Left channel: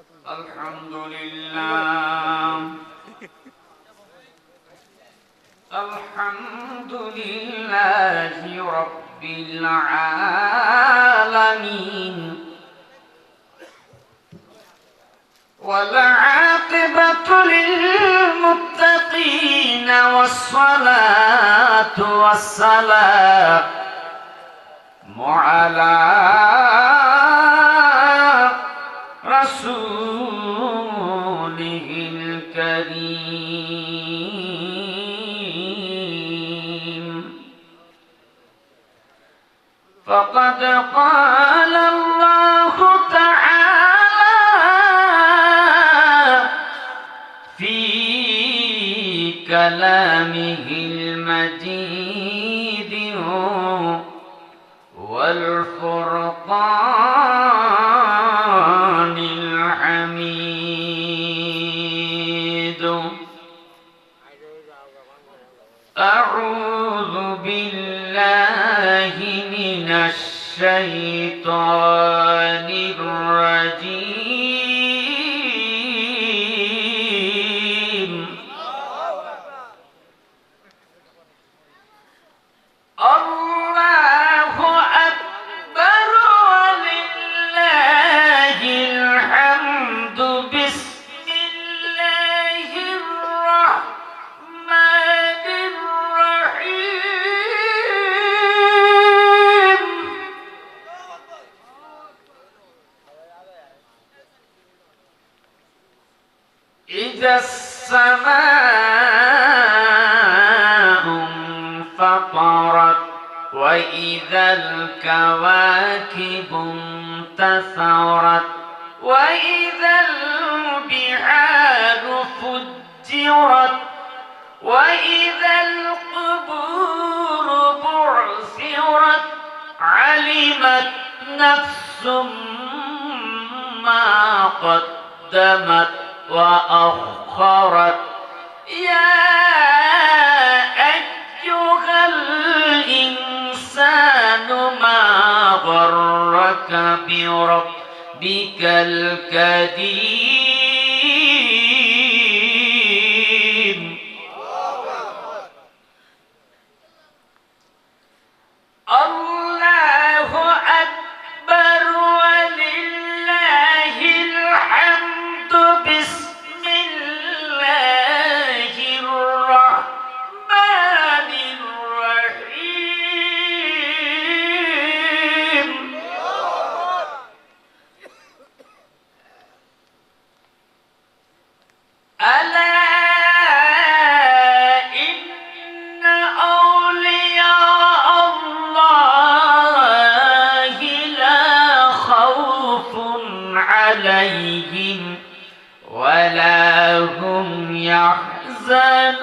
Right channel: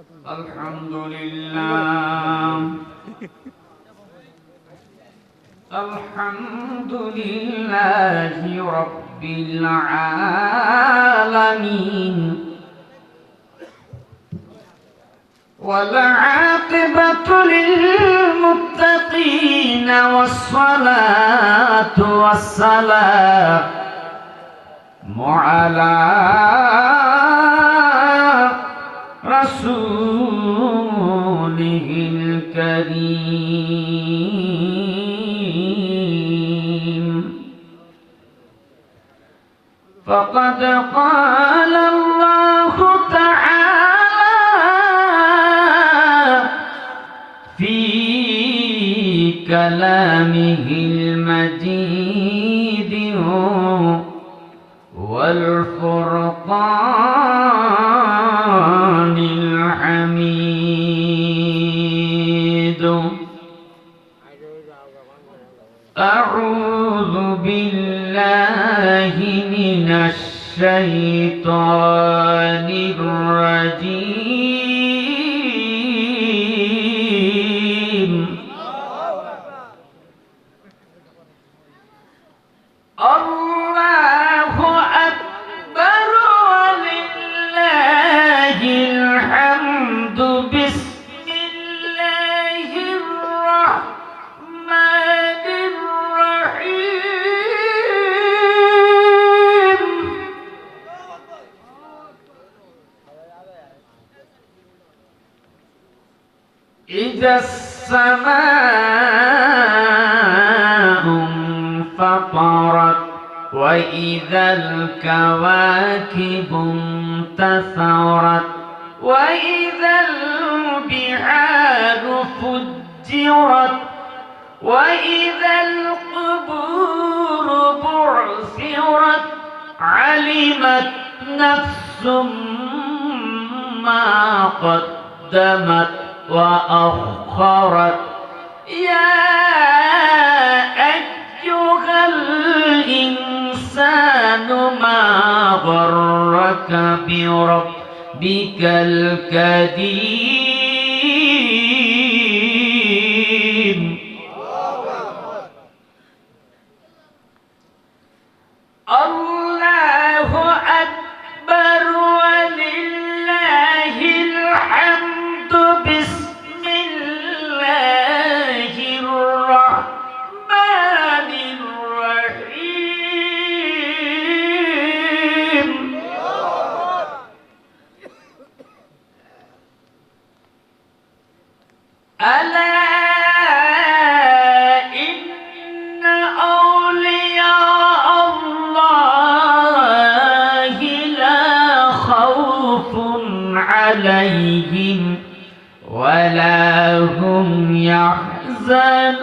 الحمد لله الحمد لله رب العالمين والعاقبة للمتقين والصلاة والسلام على رسوله الكريم فقد قال الله تعالى في كلامه المجيد والفرقان الحميد أعوذ بالله من الشيطان الرجيم الله أكبر ولله الحمد بسم الله الرحمن الرحيم إذا السماء انفطرت وإذا الكواكب انتثرت وإذا البحار فجرت وإذا القبور بعثرت علمت نفس ما قدمت وأخرت يا أيها الإنسان ما غرك بربك الكريم الله أكبر ولله الحمد بسم الله الرحمن الرحيم ألا إن أولياء الله لا خوف عليهم ولا هم يحزنون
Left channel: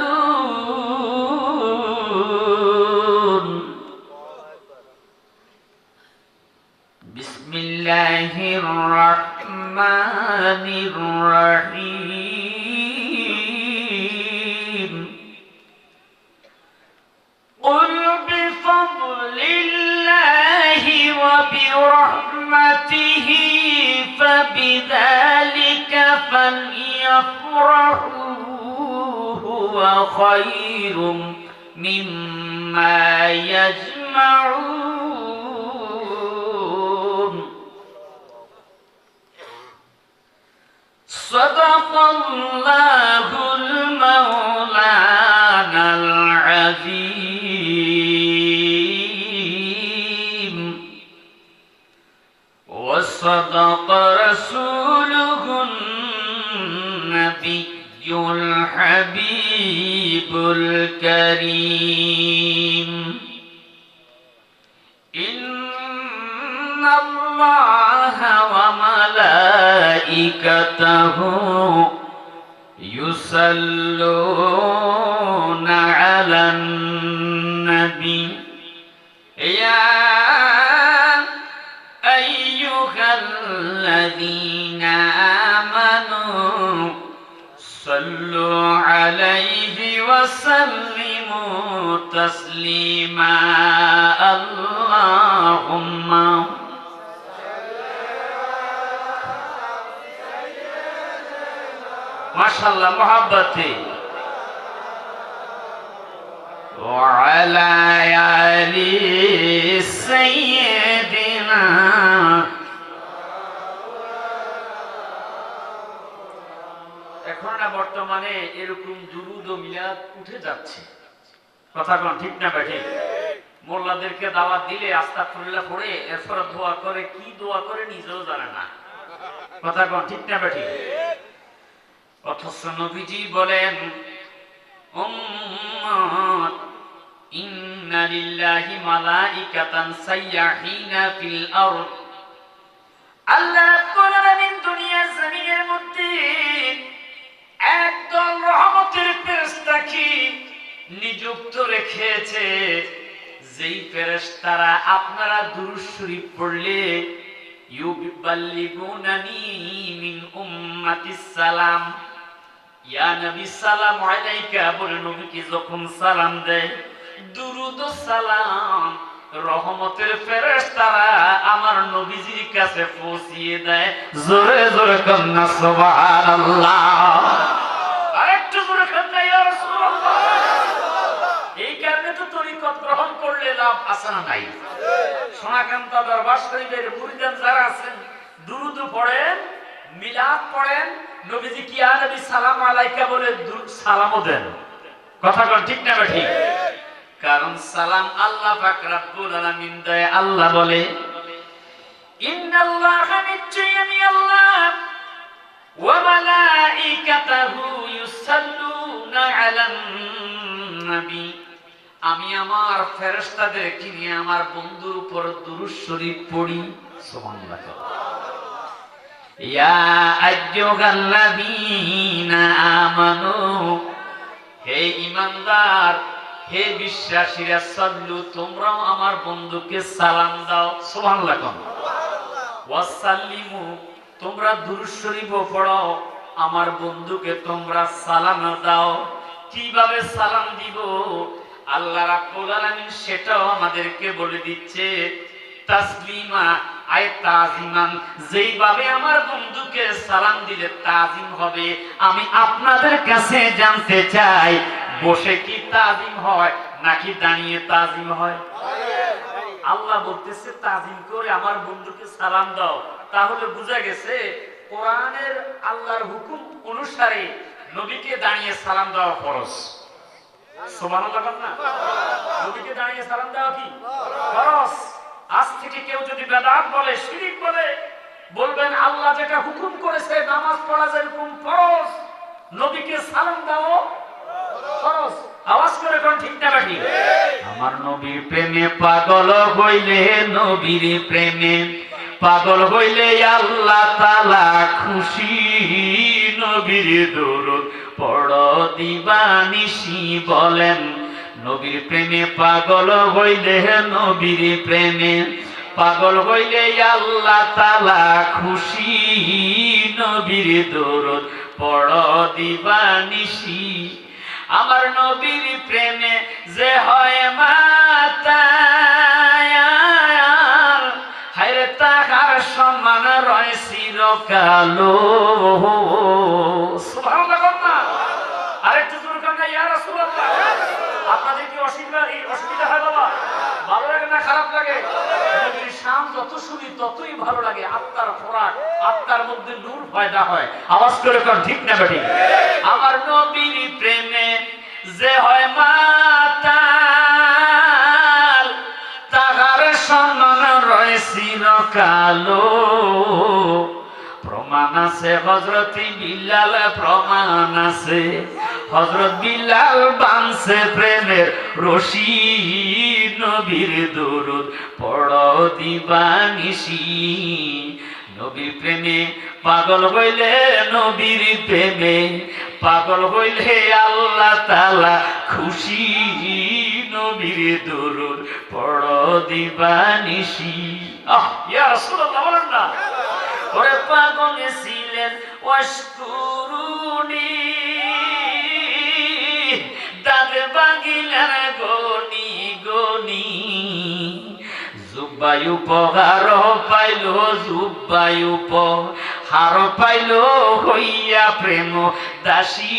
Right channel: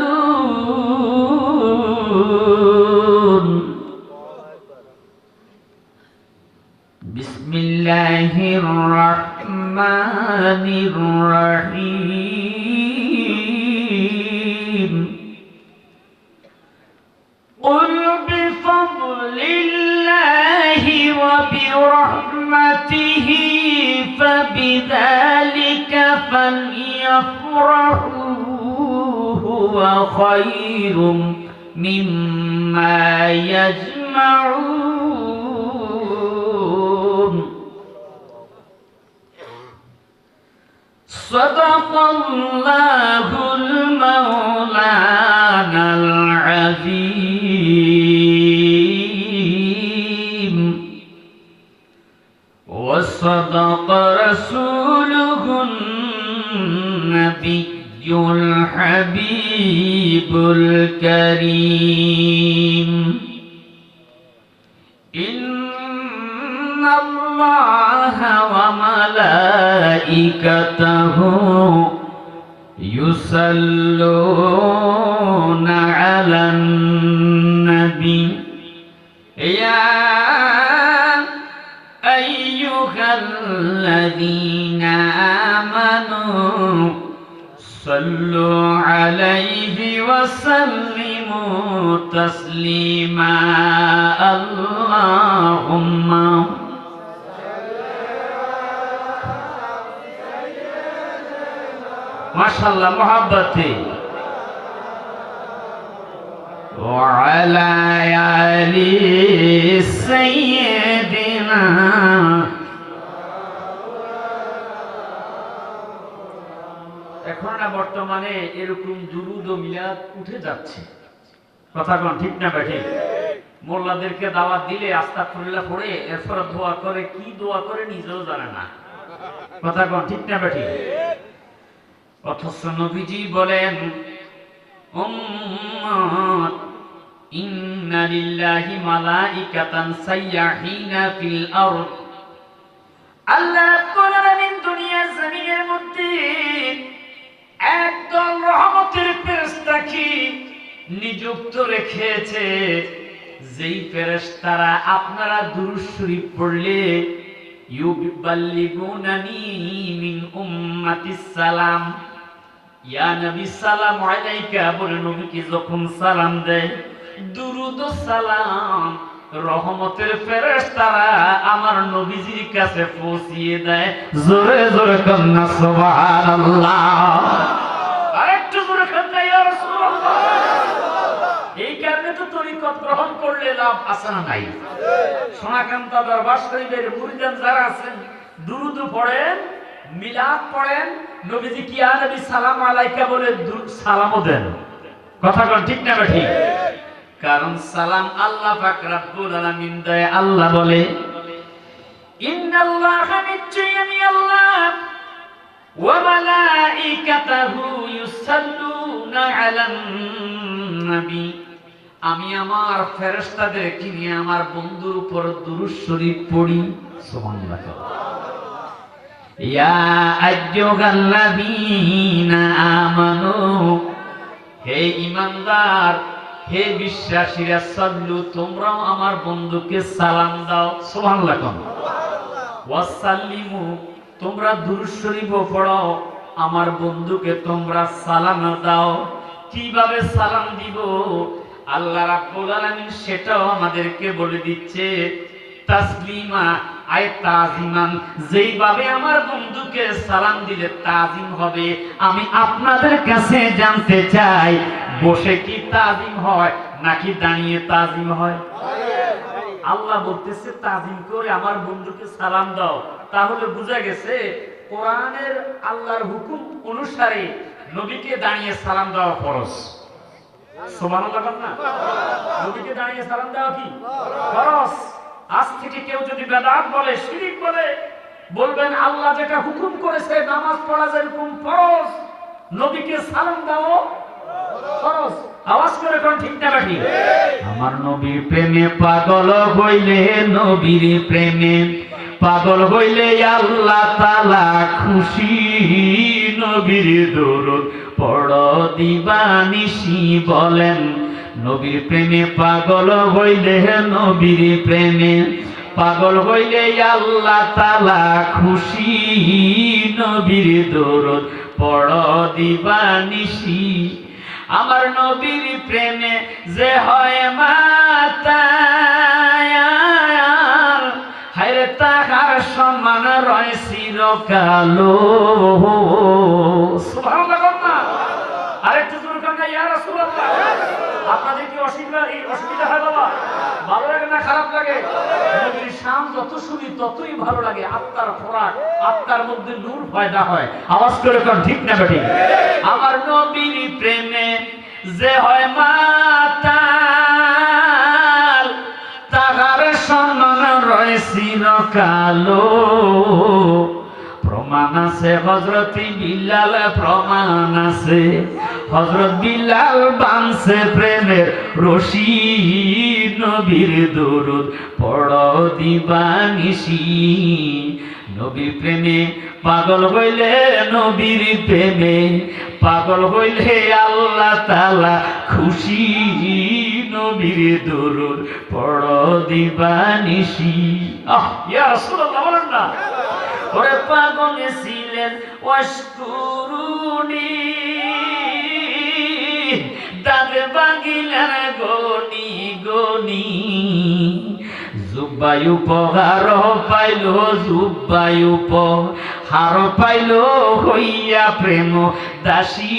بسم الله الرحمن الرحيم قل بفضل الله وبرحمته فبذلك فليفرحوا هو خير مما يجمعون صدق الله المولانا العظيم وصدق رسوله النبي الحبيب الكريم إن الله وملائكته يصلون على النبي يا أيها الذين آمنوا صلوا عليه وسلموا تسليما اللهم মাশাআল্লাহ মোহাব্বতে وعلى آل سيدنا এখন না বর্তমানে এরকম দুরুদ ও মিলাদ উঠে যাচ্ছে, কথা কোন ঠিক না বেঠিক? মোল্লাদেরকে দাওয়াত দিলে আস্তাগফিরুল্লাহ পড়ে এরপর দোয়া করে, কি দোয়া করে নিজেও জানে না, কথা কোন ঠিক না বেঠিক? অথচ নবীজি বলেন উম্মত ইন্না লিল্লাহি মালাইকাতান সাইয়াহিনা ফিল আরদ, আল্লাহ রাব্বুল আলামিন দুনিয়ার জমিনের মধ্যে একদল রহমতের ফেরেশতাকে নিযুক্ত রেখেছে, যেই ফেরেশতারা আপনারা দুরূদ শরীফ পড়লে ইউবাল্লিগুনানি মিন উম্মাতিস সালাম, ইয়া নবী সালাম আলাইকা বলে নবীকে যখন সালাম দেয় দুরুদ ও সালাম রহমতের ফেরেশতারা আমার নবীজির কাছে পৌঁছিয়ে দেয়। জোরে জোরে কন্না সুবহানাল্লাহ, আরেকটু জোরে কন্না ইয়া রাসূলুল্লাহ। এই কারণে তো তরিকত গ্রহণ করলে লাভ আছে না নাই? সোনাকান্তা দরবার শরীফের মুরিদান যারা আছেন দুরুদ পড়েন, মিলাদ পড়েন, নবীজি কি ইয়া নবী সালাম আলাইকা বলে সালামও দেন, কথা কোন ঠিক না ঠিক? কারণ সালাম আল্লাহ পাক রব্বুল আলামিন দেয়। আল্লাহ বলে ইন্নাল্লাহা নিশ্চয়ই আল্লাহ ওয়া মালাইকাতাহু ইউসাল্লুনা আলান নবী, আমি আমার ফেরেশতাদেরকে নিয়ে আমার বন্ধুর উপর দুরূদ শরীফ পড়ি। সুবহানাল্লাহ। ইয়া আইয়ুহাল্লাযীনা আমানু, হে ঈমানদার, হে বিশ্বাসীরা, সাল্লু তোমরাও আমার বন্ধুকে সালাম দাও। সুবহানাল্লাহ। ওয়াসাল্লিমু তোমরা দুরূদ শরীফ পড়ো, আমার বন্ধুকে তোমরা সালাম দাও। কিভাবে সালাম দিব আল্লাহ রাব্বুল আলামিন সেটাও আমাদেরকে বলে দিচ্ছে। তাসলিমা আয় তাজিমান, যেইভাবে আমার বন্ধুকে সালাম দিলে তাজিম হবে আমি আপনাদের কাছে জানতে চাই, বসে কি তাজিম হয় নাকি দাঁড়িয়ে তাজিম হয়? আল্লাহ বলতেছে তাজিম করে আমার বন্ধুকে সালাম দাও। তাহলে বোঝা গেছে কোরআনের আল্লাহর হুকুম অনুসারে নবীকে দাঁড়িয়ে সালাম দেওয়া ফরজ। সুবহানাল্লাহ না? নবীকে দাঁড়িয়ে সালাম দেওয়া কি ফরজ? আজ থেকে কেউ যদি বেদাত বলে, শিরক বলে, বলবেন আল্লাহ যেটা হুকুম করেছে নামাজ পড়া যেরকম ফরজ, নবীকে সালাম দাও ফরজ। আওয়াজ করে কোন ঠিক না ঠিক? আমার নবীর প্রেমে পাগল হইলে, নবীর প্রেমে পাগল হইলে আল্লাহ তাআলা খুশি। নবীর দরুদ পড়ো দিবানিশি, বলেন নবীর প্রেমে পাগল হইলে, নবীর প্রেমে পাগল হইলে আল্লাহ তাআলা খুশি। নবীর দরুদ পড়ো দিবানিশি, আমার নবীর প্রেমে যে হয় মাতায়ার, হায়রে তাহার সম্মান রয় চিরকালো। সুবহানাল্লাহ। আরেকটু জোরে কান্না ইয়া রাসূলুল্লাহ। আপনাদের কি অসুবিধা হয় বাবা? ভালো লাগে না খারাপ লাগে? নবীর শান যত শুনি ততই ভালো লাগে, আত্মার খোরাক, আত্মার মধ্যে নূর পয়দা হয়। আওয়াজ করে কোন ঠিক না বেঠিক? আমার নবীর প্রেমে যে হয় মাতাল, তাহার সম্মান রয় চিরকালো। প্রমাণ আছে হযরত বিলাল, প্রমাণ আছে হযরত বিলাল বানছে প্রেমের রশি। নবীর দরুদ পড়ো দিবানিশি, নবীর প্রেমে পাগল হইলে, নবীর প্রেমে পাগল হইলে আল্লাহ তাআলা খুশি। নবীর দরুদ পড়ো দিবানিশি। ইয়া রাসূলুল্লাহ বলেন না, ওরে পাগল ছিলেন ওয়াশকুরুনি, দাঁত ভাঙিলেন গনি গনি। জুব্বাই উপহার পাইল, জুব্বাই হার পাইল হইয়া প্রেম দাসী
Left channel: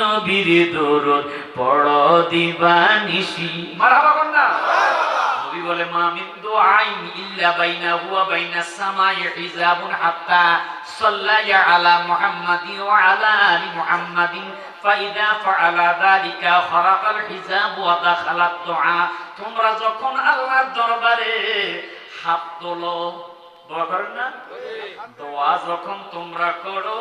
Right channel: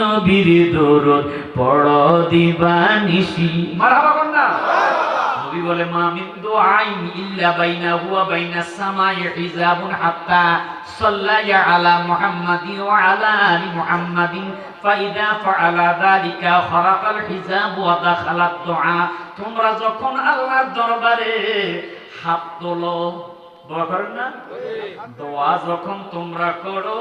নবীর দরুদ পড় দিবানিশি। মারহাবা কন্যা। নবী বলে মা মিন দুআইন ইল্লা বাইনাহু ওয়া বাইনাস সামাই হিজাবুন হাত্তা সাল্লায়া আলা মুহাম্মাদিন ওয়া আলা আলি মুহাম্মাদিন ফাইদা ফাআলা যালিকা খারাকাল হিজাব ওয়া দাখালাত দুআ। তোমরা যখন আল্লাহর দরবারে হাত তোলো, দোয়া করেন না? দোয়া যখন তোমরা করো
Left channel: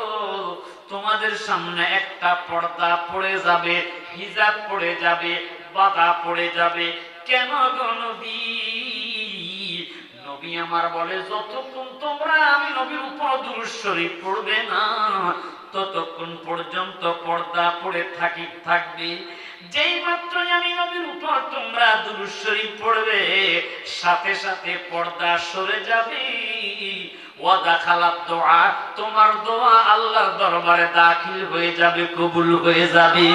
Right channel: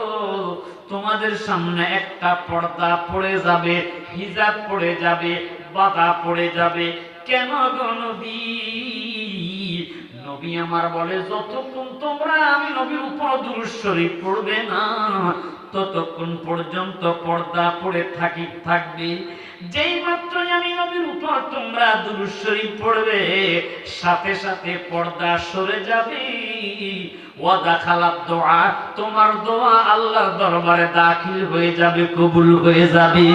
তোমাদের সামনে একটা পর্দা পড়ে যাবে, হিজাব পড়ে যাবে, বাধা পড়ে যাবে। কেন গো নবী? নবী আমার বলে যতক্ষণ তোমরা আমি নবীর উপর দুরূদ শরীফ পড়বে না ততক্ষণ পর্যন্ত পর্দা পড়ে থাকবে। যেই মাত্র আমি নবীর উপর তোমরা দুরূদ শরীফ পড়বে সাথে সাথে পর্দা সরে যাবে। ওয়া দাখালাত দুআ, তোমার দোয়া আল্লাহর দরবারে দাখিল হয়ে যাবে, কবুল হয়ে যাবে।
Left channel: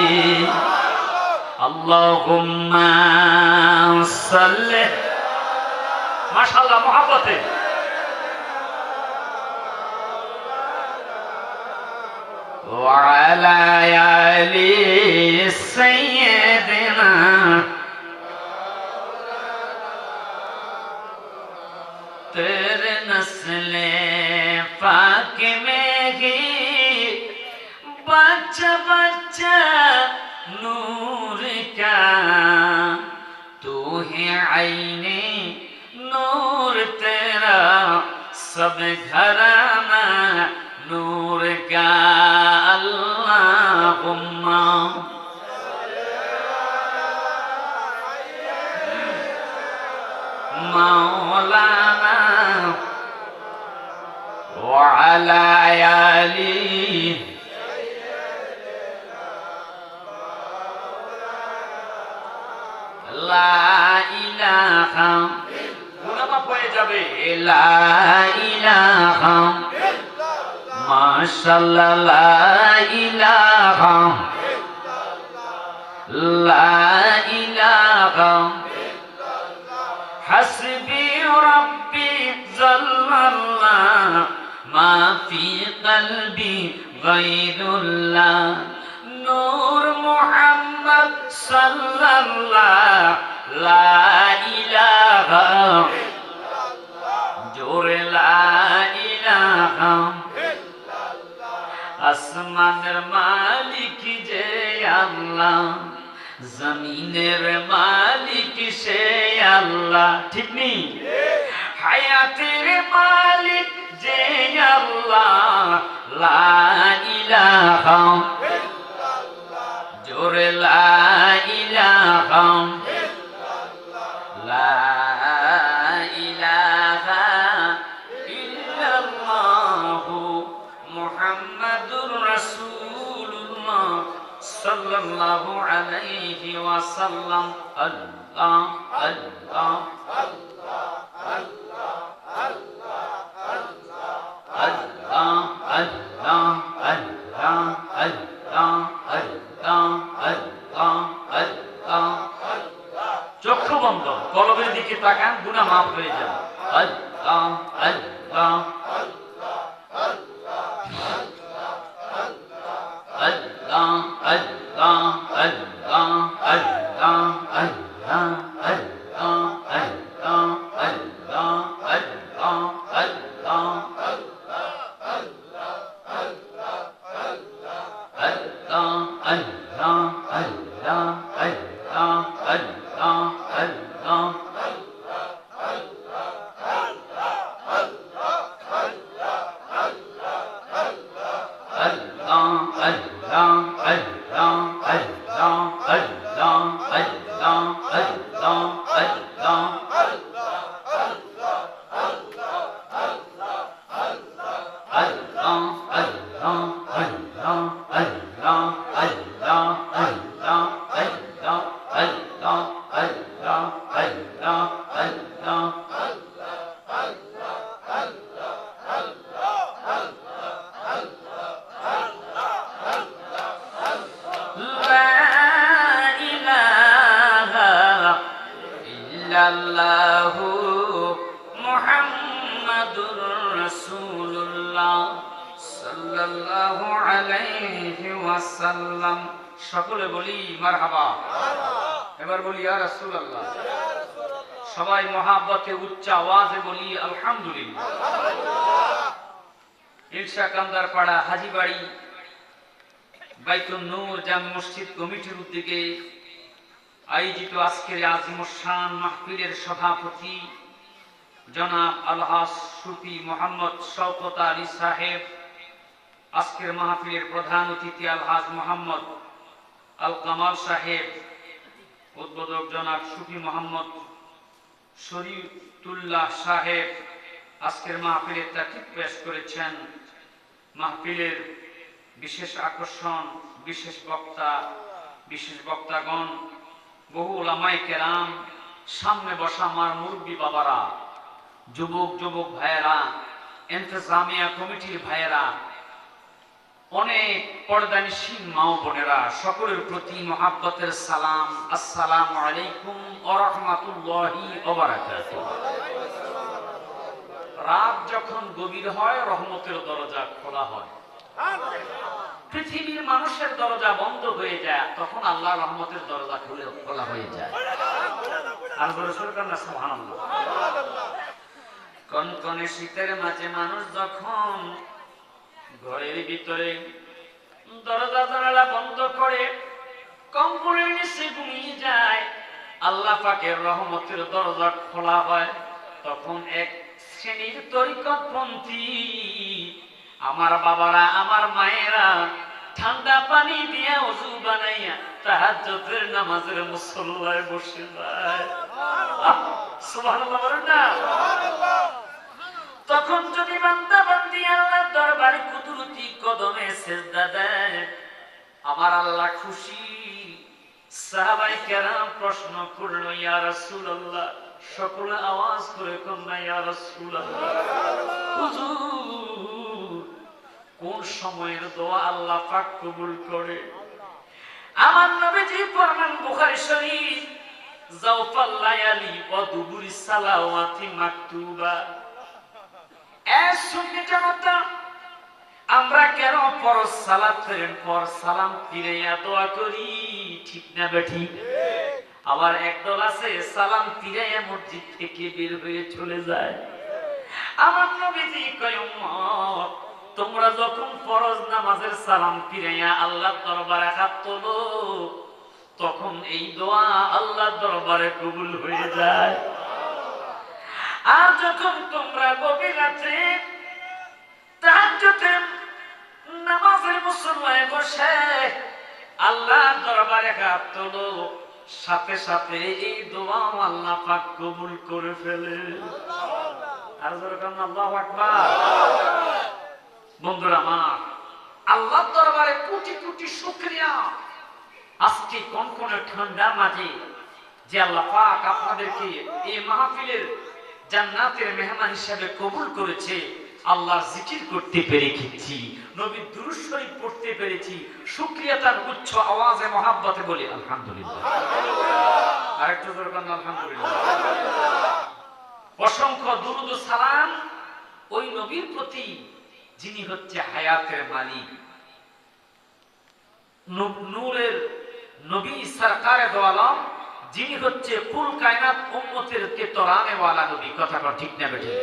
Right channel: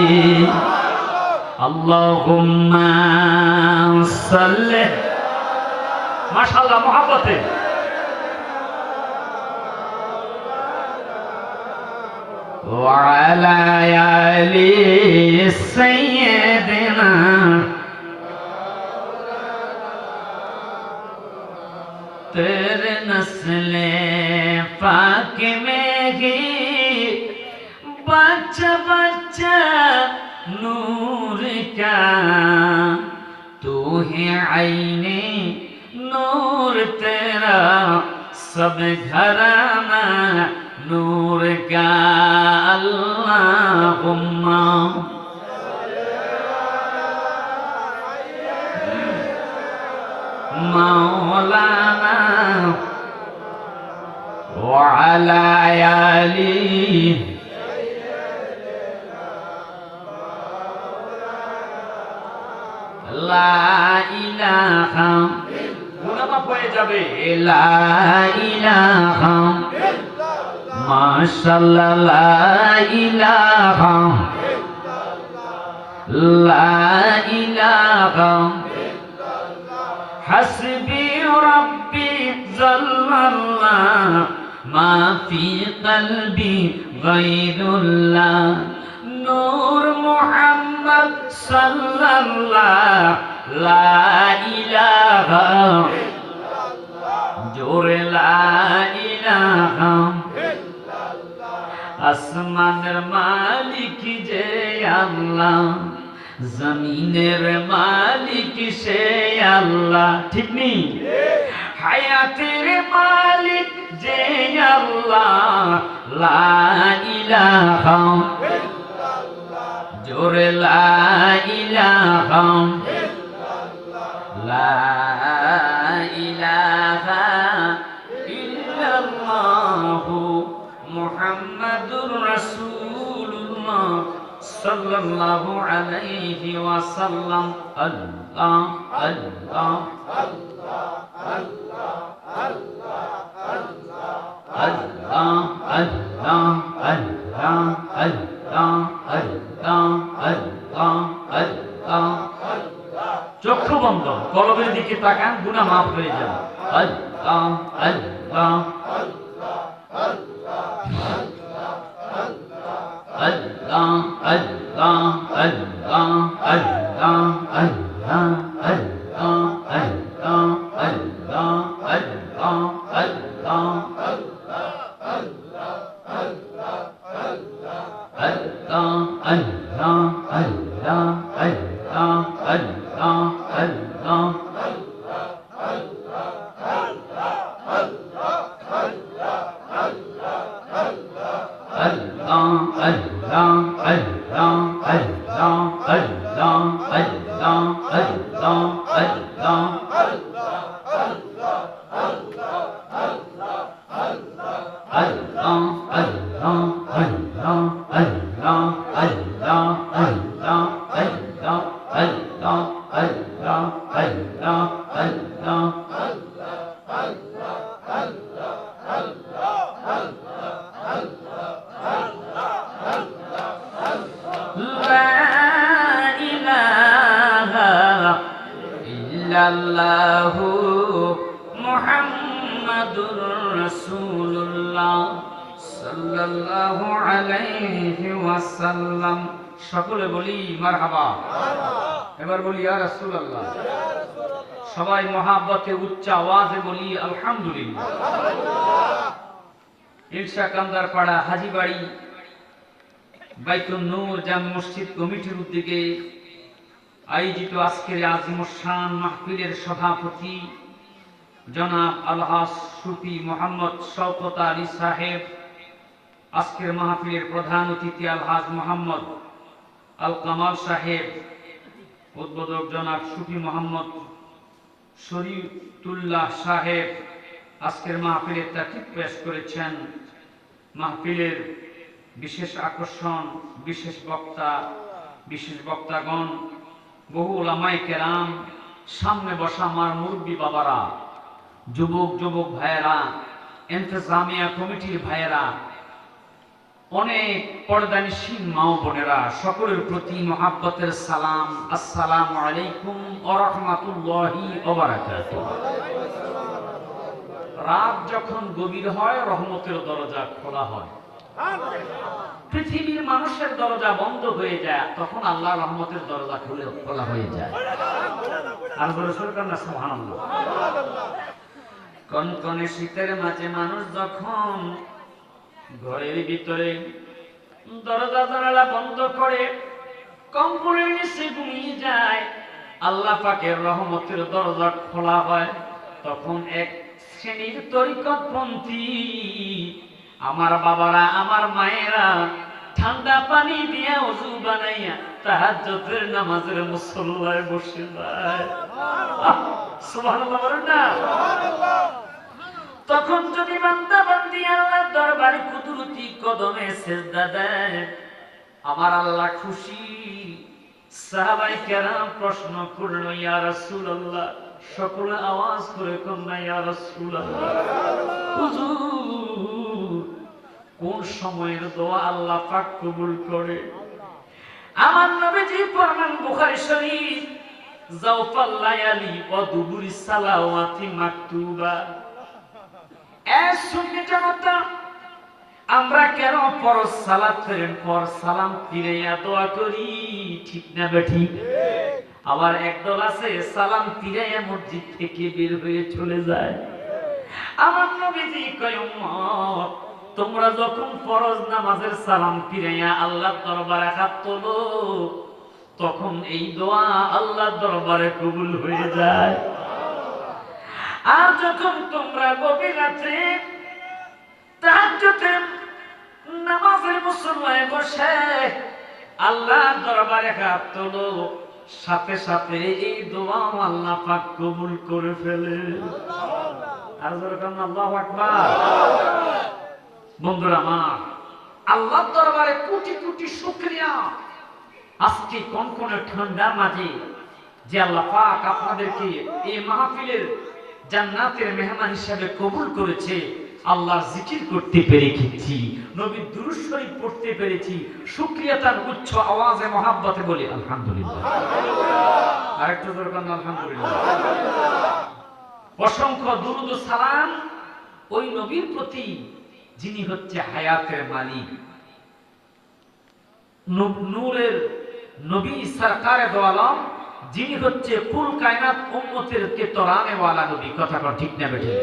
আল্লাহুম্মা সাল্লি, মাশাআল্লাহ মহব্বতে ওয়া আলা আলি সাইয়্যিদিনা तेरे नस्ले पाक में ही बच्चा बच्चा नूर का तू है आईने नूर तेरा सब घराना नूर का अल्लाहुम्मा मौलाना वअला आली লা ইলাহা, গুনাহ হয়ে যাবে, লা ইলাহা মাশাআল্লাহ, লা ইলাহা, লা ইলাহা হাসবি রব্বি জাল্লাল্লাহ মা ফি কলবি গায়রুল্লাহ নূর মুহাম্মদ সাল্লাল্লাহ লা ইলাহা জোরে লা ইলাহা। আসমানের মালিক যে আল্লাহ, জমিনের মালিক সে আল্লাহ, ঠিক নেই? হায়াতের মালিক যে আল্লাহ লা ইলাহা জোরে লা ইলাহা, লা ইলাহা ইল্লাল্লাহু মুহাম্মাদুর রাসূলুল্লাহ সাল্লাল্লাহু আলাইহি ওয়াসাল্লাম। আল্লাহ আল্লাহ আল্লাহ আল্লাহ আল্লাহ আল্লাহ আল্লাহ আল্লাহ আল্লাহ আল্লাহ। চক্ষু বন্ধ, কলবের দিকে তাকান, গুনাহ মাফ হয়ে যাবে। আল্লাহ আল্লাহ Allah, Allah, Allah, Allah, Allah, Allah, Allah, Allah, Allah, Muhammadur Rasulullah সাল্লাল্লাহু আলাইহি ওয়াসাল্লাম। সকলে বলি মারহাবা। এবার বলি ইয়া রাসূলুল্লাহ। সবাই মহাব্বতে উচ্চ আওয়াজে বলি আলহামদুলিল্লাহ। ইরশা কান্দার পাড়া হাজীবাড়ি বাইতুন নূর জামে মসজিদ কমিটির উদ্যোগে আয়োজিত আজকের আজিমুশান মাহফিলের সভাপতি জনাব আলহাজ সুফি মোহাম্মদ শওকত আলী সাহেব, আজকের মাহফিলের প্রধান অতিথি আলহাজ মোহাম্মদ আল কামাল সাহেব, উদ্বোধক জনাব সুফি মোহাম্মদ শরীফুল্লাহ সাহেব আজকের মাহফিলের তাকিদ পেশ করেছেন। মাহফিলের বিশেষ আকর্ষণ, বিশেষ বক্তাগণ, বহু উলামায়ে কেরাম, সামনে বসা আমার মুরব্বী বাবারা, যুবক ভাইয়েরা, ইন্তেজামিয়া কমিটির ভাইয়েরা, অনেক পর্দানিসীন মা ও বোনেরা, সকলের প্রতি মহাব্বতের সালাম। আসসালামু আলাইকুম ওয়া রাহমাতুল্লাহি ওয়া বারাকাতুহু। রাত যখন গভীর হয় রহমতের দরজা খোলা হয়, পৃথিবীর মানুষের দরজা বন্ধ হয়ে যায়, তখন আল্লাহ রহমতের দরজা খোলা হয়ে যায়। আর বলছেন না সুবহানাল্লাহ। কনকনে শীতের মাঝে মানুষ যখন ঘরের ভিতরে দরজা জানালা বন্ধ করে কম্বলের নিচে ঘুমিয়ে যায়, আল্লাহ পাকের রহমতের দরজা খোলা হয়। তখন এক শ্রেণীর তরিকতপন্থী আমার বাবারা, আমার মায়েরা ঠান্ডা পানি দিয়ে ওযু বানাইয়া তাহাজ্জুদের নামাজের মুসল্লায় বসে যায়। সুবহানাল্লাহ বলেন না? তখন যদি বান্দা বান্দি আল্লাহর দরবারে কুদরতি কদমে সিজদা দেয়, আমার আল্লাহ খুশি। সাহাবায়ে কেরাম প্রশ্ন করল, ইয়া রাসূলুল্লাহ, সকলে আওয়াজ করে কন্যা ইয়া রাসূলুল্লাহ, হুজুর কোন সময়ের দোয়া আল্লাহ পাক কবুল করে? আমার নবীজি ফরমান বুখারী শরীফ, জাওফাল লায়ালি ওয়া দুবুরিস সালাওয়াতি মাকতুবা। সুন্নি জামাতা, আমরা কেন ফরজ সালাতের পর সালাম ফিরাইয়া দোয়া করি? ঠিক না বেঠিক? আবার একদল আছে সালাম ফিরাইয়া মসজিদ থেকে বের হয়ে চলে যায়। আমার নবীজি কয়, উম্মত, তোমরা যখন ফরজ নামাজের সালাম ফিরাইয়া আল্লাহর দরবারে হাত তোলো, তখন এই দোয়া আল্লাহর দরবারে কবুল হয়ে যায়। আর যখন তোমরা গভীর রাতে তাহাজ্জুদের নামাজের মুসল্লায় বসে আল্লাহর দরবারে হাত তোলো, সাথে সাথে এই দোয়া আল্লাহ পাক কবুল করে ফেলে। আর যখন আল্লাহু আকবার। বন্ধুরা আমার, আল্লাহর দরবারে কোটি কোটি শুকরিয়া। আজকে কনকনে ঠান্ডা মাঝে যে আল্লাহ পাক আপনাদেরকে এই মাহফিলের জান্নাতের মেহমান হিসেবে কবুল করেছে, আল্লাহর জিকির করতে পেরেছি, নবীর দুরূদ শরীফ পড়তে পেরেছি, শুকরিয়া তার উচ্চ আওয়াজে মহাব্বতে বলি আলহামদুলিল্লাহ। আরেকটু জোরে বলেন আলহামদুলিল্লাহ। অসংখ্য দুরূদ ও সালাম ওই নবীর প্রতি যিনি হচ্ছে হায়াতের মালিক, নূরের নবী সরকারে দো আলম, যিনি হচ্ছে কুল কায়নাত উম্মতের কে তরানে ওয়ালা নবী। কথা ঠিক না বেঠিক?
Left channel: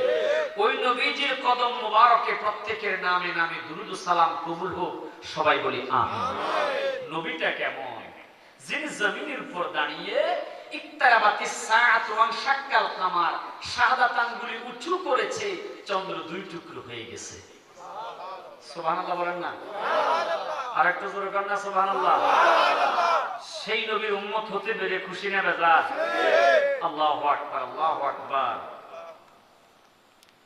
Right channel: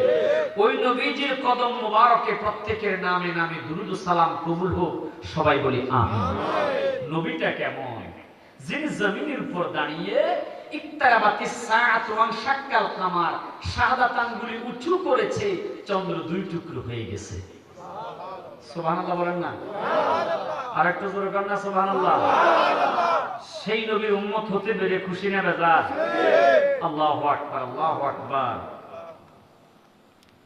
ওই নবীজির কদম মোবারকে প্রত্যেকের নামে নামে দুরূদ ও সালাম কবুল হোক। সবাই বলি আমিন। নবীটা কেমন? যিনি জমিনের উপর দাঁড়িয়ে ইকতারাবাতিস সাআতু ওয়া শাক্কাল কামার, শাহাদাত আঙ্গুলি উঁচু করেছে, চন্দ্র দুই টুকরো হয়ে গেছে। সুবহানাল্লাহ বলেন না? আরেকটু জোরে বলেন না সুবহানাল্লাহ। সেই নবীর উম্মত হতে পেরে খুশি না বেজার? আল্লাহু আকবার, আল্লাহু আকবার।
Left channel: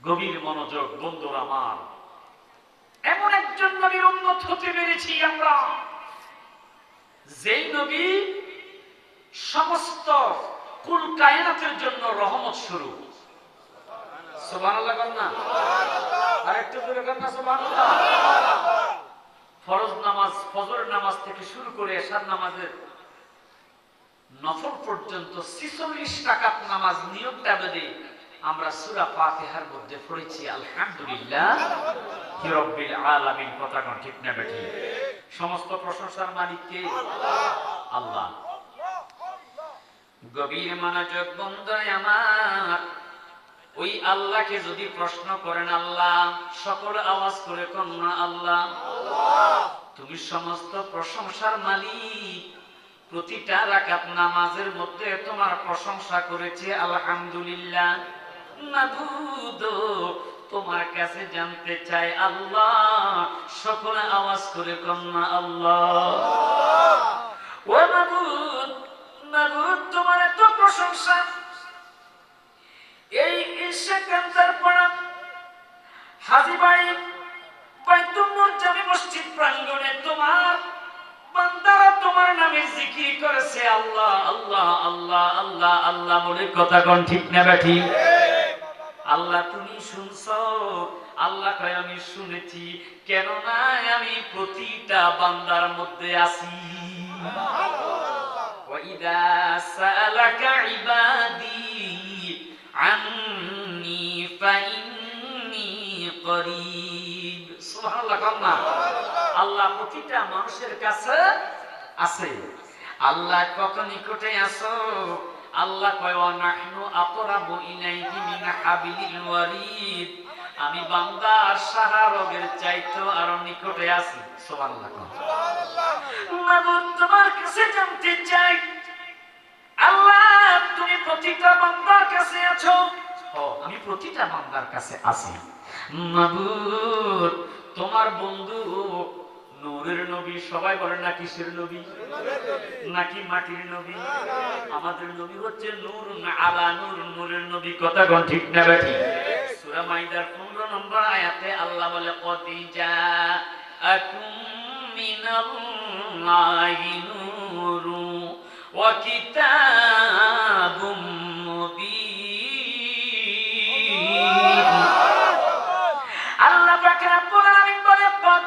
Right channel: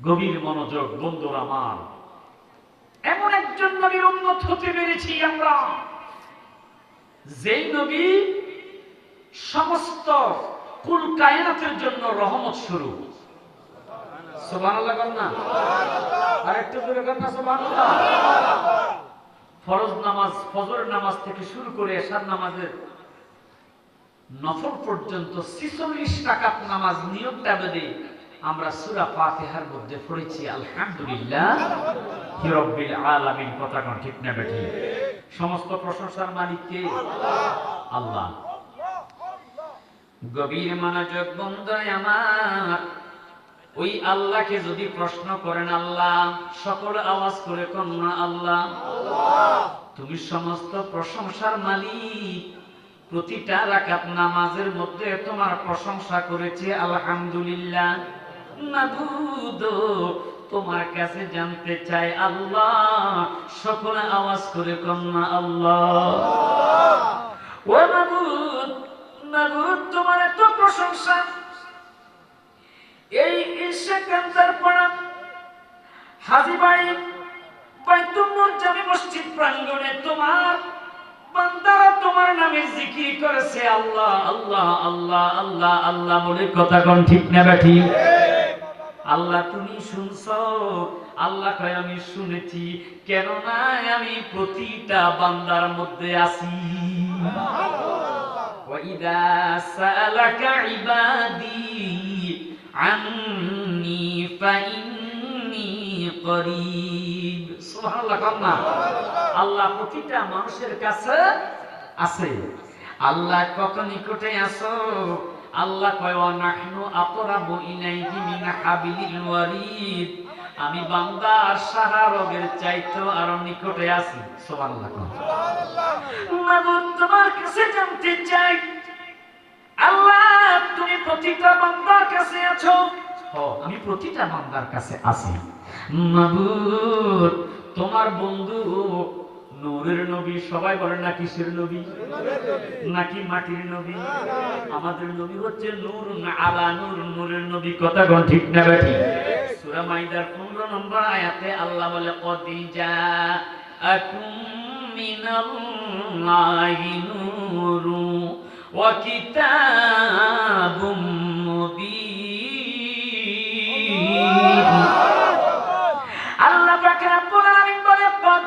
গভীর মনোযোগ বন্ধুরা আমার, এমন একজন নবীর উম্মত হতে পেরেছি আমরা, যেই নবী সমস্ত কুল কায়নাতের জন্য রহমত স্বরূপ। সুবহানাল্লাহ বলেন না? আরেকটু জোরে বলেন না সুবহানাল্লাহ। ফরজ নামাজ, ফজর নামাজ থেকে শুরু করে এশার নামাজের নফল পর্যন্ত 46 রাকাত নামাজ নিয়মটা বেঁধে আমরা সূরা ফাতিহার মধ্যে পড়েছি আলহামদুলিল্লাহ রাব্বিল আলামিন। কথা কোন ঠিক না বেঠিক? সমস্ত প্রশংসার মালিক কে? আল্লাহ। গভীর মনোযোগ বন্ধু আমার, ওই আল্লাহকে যদি প্রশ্ন করেন আল্লাহ, সকল আওয়াজ করে কন্যা আল্লাহ, তুমি সমস্ত প্রশংসার মালিক, প্রতিটা রাকাত নামাজের মধ্যে তোমার প্রশংসা করেছে আলহামদুলিল্লাহ। মাবুদ, তোমার কাছে জানতে চাই আল্লাহ, সকল আওয়াজ করে কন্যা আল্লাহ। ও মাবুদ, মাবুদ তোমার এত প্রশংসা, এই ইশাকান্তার পাড়া হাজীবাড়ি বাইতুল মুজাম্মি মসজিদ প্রাঙ্গণে তোমার বান্দারা তোমার নামে জিকির করেছে আল্লাহ আল্লাহ আল্লাহ আল্লাহ আল্লাহ বলে। কথা কোন ঠিক না বেঠিক? আল্লাহ তুমি শুনছো? আল্লাহ কয় আমি শুনেছি, কেননা আমি প্রতিটা বান্দার মধ্যে আছি। وَإِذَا سَأَلَكَ عِبَادِي عَنِّي فَإِنِّي قَرِيبٌ। সুবহানাল্লাহ কান্না। আল্লাহ প্রতিটা মানুষের কাছে আছে। আল্লাহ কত নিকটে আছো? আল্লাহ কয় ওয়া নাহনু আকরাবু ইলাইহি মিন হাবিলিল ওয়ারিদ। আমি বান্দার সাহারগের চাইতেও আরো নিকটে আছি। সুবহানাল্লাহ। মাবুদ তোমার কাছে জানতে চাই আল্লাহ, তুমি প্রতিটা বান্দার কাছে আছো? আমি প্রতিটা বান্দার কাছে আছি। মাবুদ তোমার বন্ধু নূরের নবী, সবাই বলে না কিসের নবী? নাকি মাটির নবী? আমাদের নবী হচ্ছে নূর আলা নূর, নূরের নবী। কথা কোন ঠিক না বেঠিক? সূরা মাইদার 15 নম্বর আয়াতে আল্লাহ বলে কদ জাআকুম মিনাল্লাহি নূরুন ওয়া কিতাবুম মুবিন। আল্লাহ পাক রব্বুল আলামিন বলে কদ,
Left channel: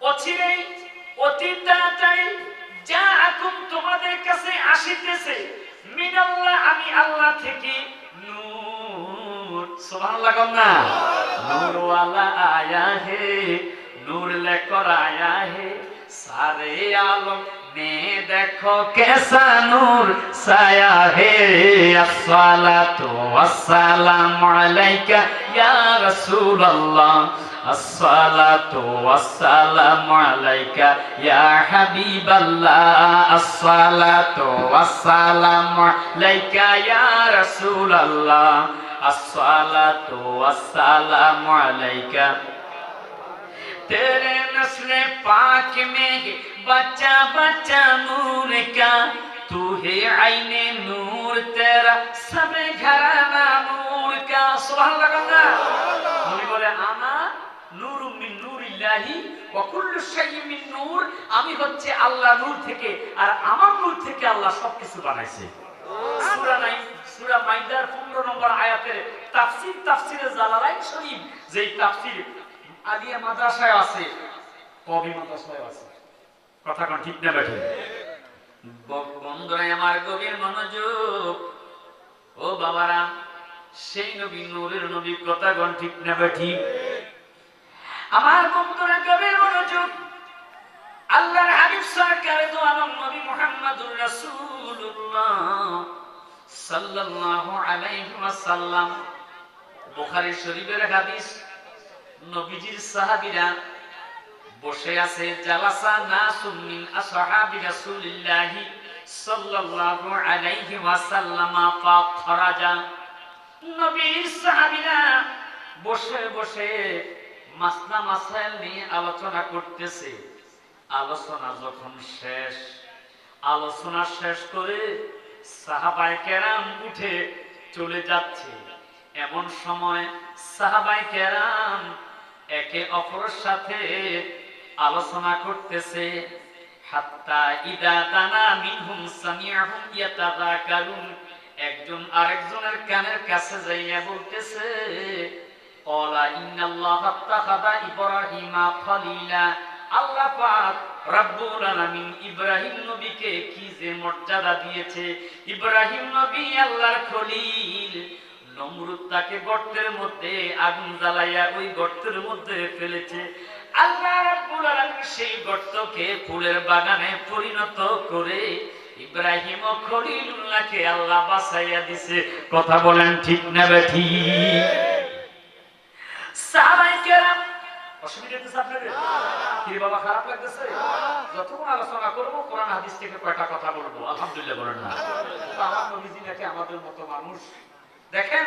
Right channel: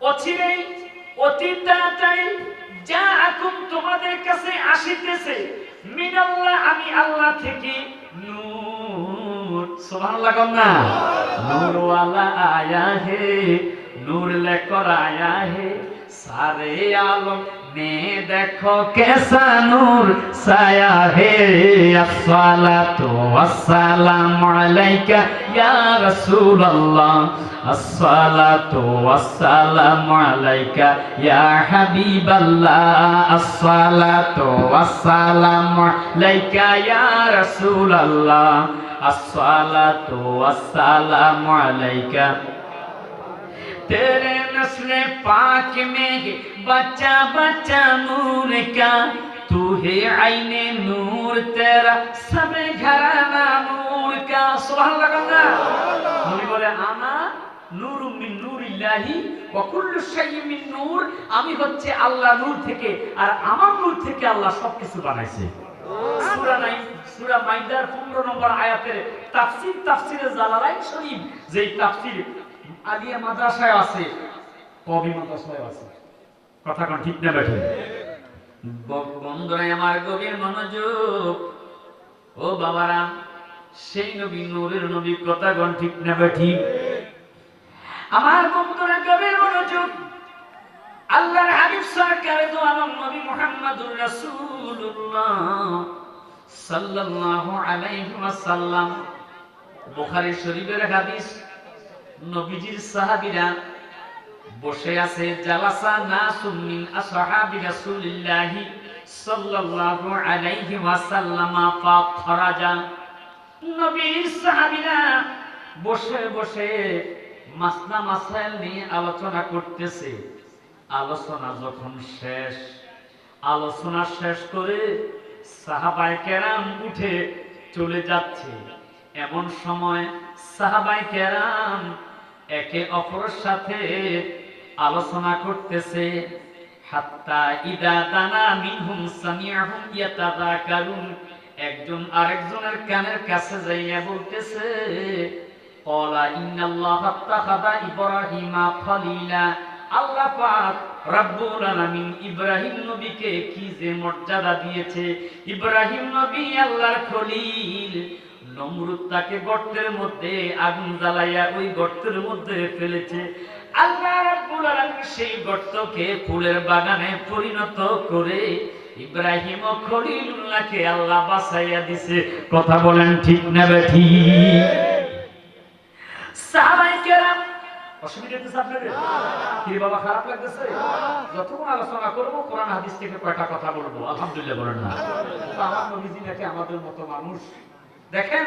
অচিরেই অতি তাড়াতাড়ি, জাআকুম তোমাদের কাছে আসিতেছে, মিনাল্লাহ আমি আল্লাহ থেকে, নূর। সুবহানাল্লাহ কন্না। নূর ওয়ালা আয়া হে, নূর লেकर आया है सारे आलम में, देखो कैसा नूर साया है। अस्सलातु वस्सलामु अलैका या रसूल अल्लाह, अस्सलातु वस्सलामु अलैका या हबीब अल्लाह, अस्सलातु वस्सलामु अलैका या रसूल अल्लाह, अस्सलातु वस्सलामु अलैका। तेरे नस्ल पाक में बच्चा बच्चा नूर का, तू है आईने नूर, तेरा सब घराना नूर का। सुबहानाल्लाह। नूरी बोले आना नूर मिन नूरिल्लाहि ওয়া কুল্লু শাইইন মিন নূর, আমি হচ্ছে আল্লাহ নূর থেকে, আর আমার নূর থেকে আল্লাহ সবকিছু বানাইছে। সূরা মাইদার 15 নম্বর আয়াতের তাফসীর, তাফসীরে জালালাইন শরীফ, যেই তাফসীর আলিয়া মাদ্রাসায় আছে, কবি মাদ্রাসায় আছে। কথা কোন ঠিক না বেঠিক? বন্ধুরা আমার গভীর মনোযোগ, ও বাবারা, সেই নবী নূরের নবী। কথা কোন ঠিক না বেঠিক? আমার বন্ধুরা গভীর মনোযোগ, আল্লাহর হাবিব সরকার দো আলম নবী মুহাম্মদুর রাসূলুল্লাহ সাল্লাল্লাহু আলাইহি ওয়াসাল্লাম, বুখারী শরীফের হাদিস, নবীজির সাহাবীরা বসে আছে। জালাসা নাসুম মিন আসহাবি রাসূলিল্লাহি সাল্লাল্লাহু আলাইহি ওয়াসাল্লাম ফাখরাজা। নবীর সাহাবীরা বসে বসে মাসনা মাসাইল নিয়ে আলোচনা করতেছে। আলোচনা শেষ করে সাহাবায়ে কেরাম উঠে চলে যাচ্ছে। এমন সময় সাহাবায়ে কেরাম একে অপরের সাথে আলোচনা করতেছে। হাত্তা ইদা দানা মিনহুম সামিআহুম ইয়াতাযাকারুন, একজন আরেকজনের কানের কাছে যাইয়া বলতেছে, ক্বালা ইন্নাল্লাহা আত্তাখাযা ইব্রাহিমা খলিলা। আল্লাহ পাক রব্বুল আলামিন ইব্রাহিম নবীকে কি যে মর্যাদা দিয়েছে। ইব্রাহিম নবী আল্লাহর খলিল। নমরুদ তাকে গর্তের মধ্যে আগুন জ্বালাইয়া ওই গর্তের মধ্যে ফেলেছে। আল্লাহ রাব্বুল আলামিন সেই গর্তকে ফুলের বাগানে পরিণত করে ইব্রাহিম ও খলিলুল্লাহকে আল্লাহ বাঁচাইয়া দিছে। কথা বলেন ঠিক না বেঠিক? সাহাবায়ে কেরাম অসুবিধা হচ্ছে আপনাদের? কি বাবা খারাপ লাগতেছে? যতক্ষণ আলোচনা করবো কোরআন হাদিস থেকে কয়টা কথা বলবো, আলহামদুলিল্লাহ বলেন না? আমার নবীজি নাকি আমাদের মতো মানুষ। দেখেন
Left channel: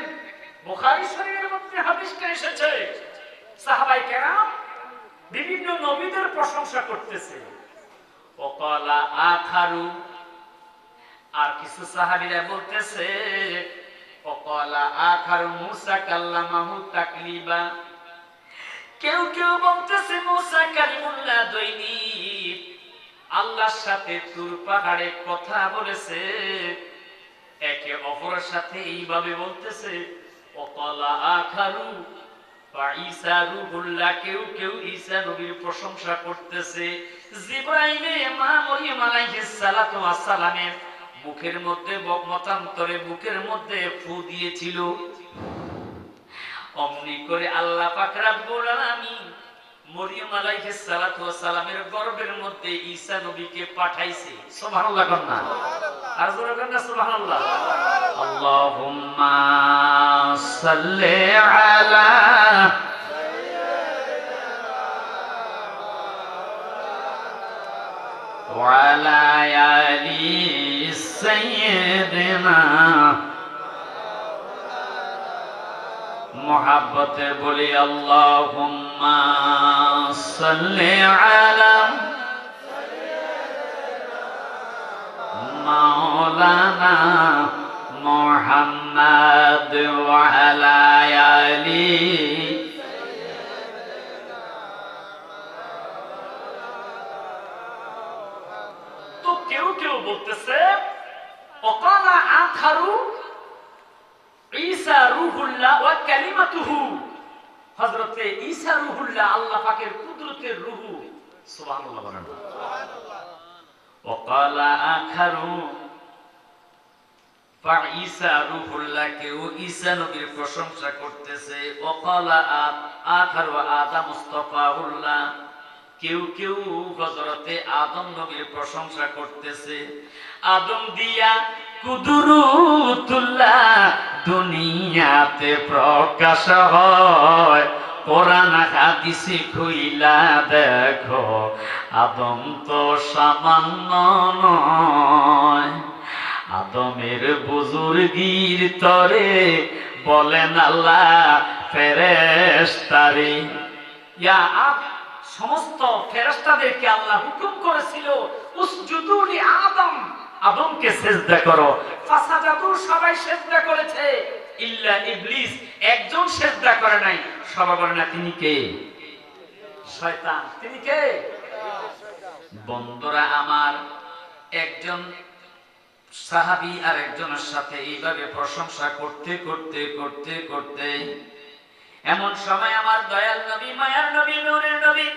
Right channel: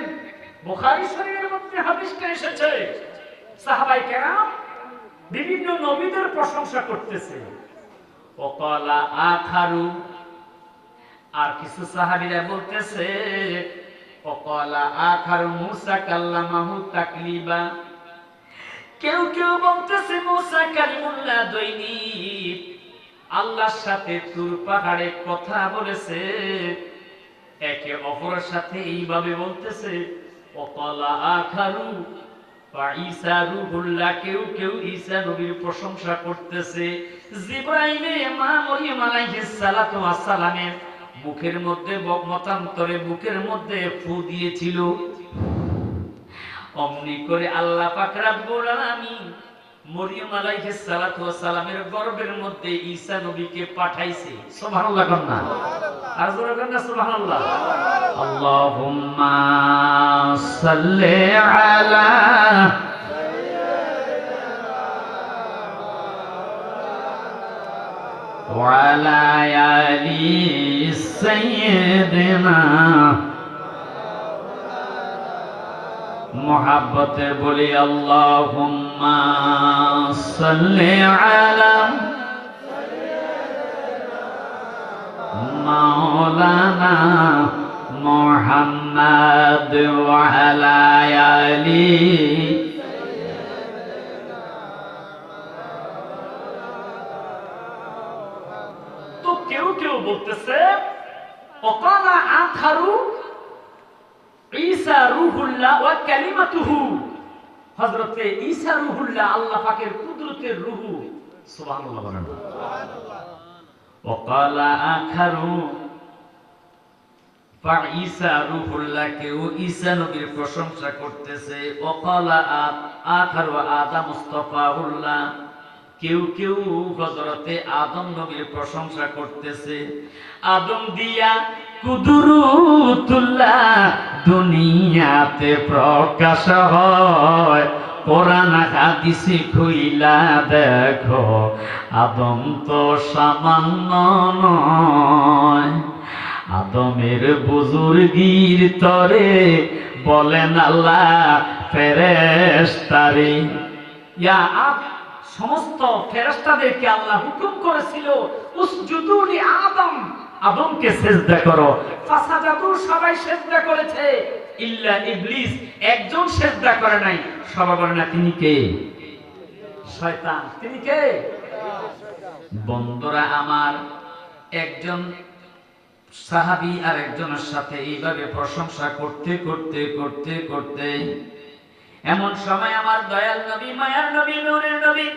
বুখারী শরীফের মধ্যে হাদিসটা এসেছে, সাহাবায়ে কেরাম বিভিন্ন নবীদের প্রশংসা করতেছে। ওয়াকালা আখারু, আর কিছু সাহাবীরা বলতেছে ওয়াকালা আখারু মুসা কাল্লামাহু তাকলিবা। কেউ কেউ বলতেছে মুসা কালিমুল্লাহ দৈনিক আল্লাহর সাথে তুর পাহাড়ে কথা বলেছে, একে অপরের সাথে এইভাবে বলতেছে। ওয়াকালা আখারু ঈসা রূহুল্লাহ, কেউ কেউ ঈসা নবীর প্রশংসা করতেছে। জিবরাইলে মা মরিয়ম আলাইহিস সালাতু ওয়াস সালামের মুখের মধ্যে মতান্তরে বুকের মধ্যে ফু দিয়েছিল, অমনি করে আল্লাহ পাক রব্বুল আলামিন মরিয়ম আলাইহিস সালাতু ওয়াস সালামের গর্ভের মধ্যে ঈসা নবীকে পাঠাইছে। সুবহানাল্লাহ কন্না, আর জোরে কন্না সুবহানাল্লাহ। আল্লাহুম্মা সাল্লি আলা ওয়া আলা আলি সাইয়্যিদিনা, মোহাব্বতে বলি আল্লাহুম্মা সাল্লি আলা মাওলানা মুহাম্মাদ ওয়া আলা আলি। তো কেউ কেউ বলতেছে ওয়াকালা আখারু ঈসা রূহুল্লাহ ওয়া কালিমাতুহু, হযরতে ঈসা রূহুল্লাহ আল্লাহ পাকের কুদরতের রূহ। সুবহানাল্লাহ বলেন। ওয়াকালা আখারু ঈসা রূহুল্লাহ, কেউ ঈসা নবীর প্রশংসা করতেছে। ওয়াকালা আখারু আদম মুস্তাফাহুল্লাহ, কেউ কেউ হযরতে আদম নবীর প্রশংসা করতেছে। আদম দিয়া কুদরতুল্লাহ দুনিয়াতে প্রকাশ হয়, কোরআন হাদিসে খুইলা দেখো আদম তো সামান্য নয়। আদমের বুজুর্গির তরে বলেন আল্লাহ ফেরেশতারে, ইয়া সমস্ত ফেরেশতাদেরকে আল্লাহ হুকুম করেছিল উসজুদু লি আদম, আদমকে সিজদা করো। ফাসাদাতু, সবাই সিজদা করেছে, ইল্লা ইবলিস একজন সিজদা করে নাই। সবাই বলে না তিনি কে? শয়তান। তিনি কে? বন্ধুরা আমার, একজন সাহাবী আর একজনের সাথে এইভাবে প্রশংসা করতে করতে করতে করতে এমন সময় আমার দয়াল নবী, মায়ার নবী, নূরের নবী,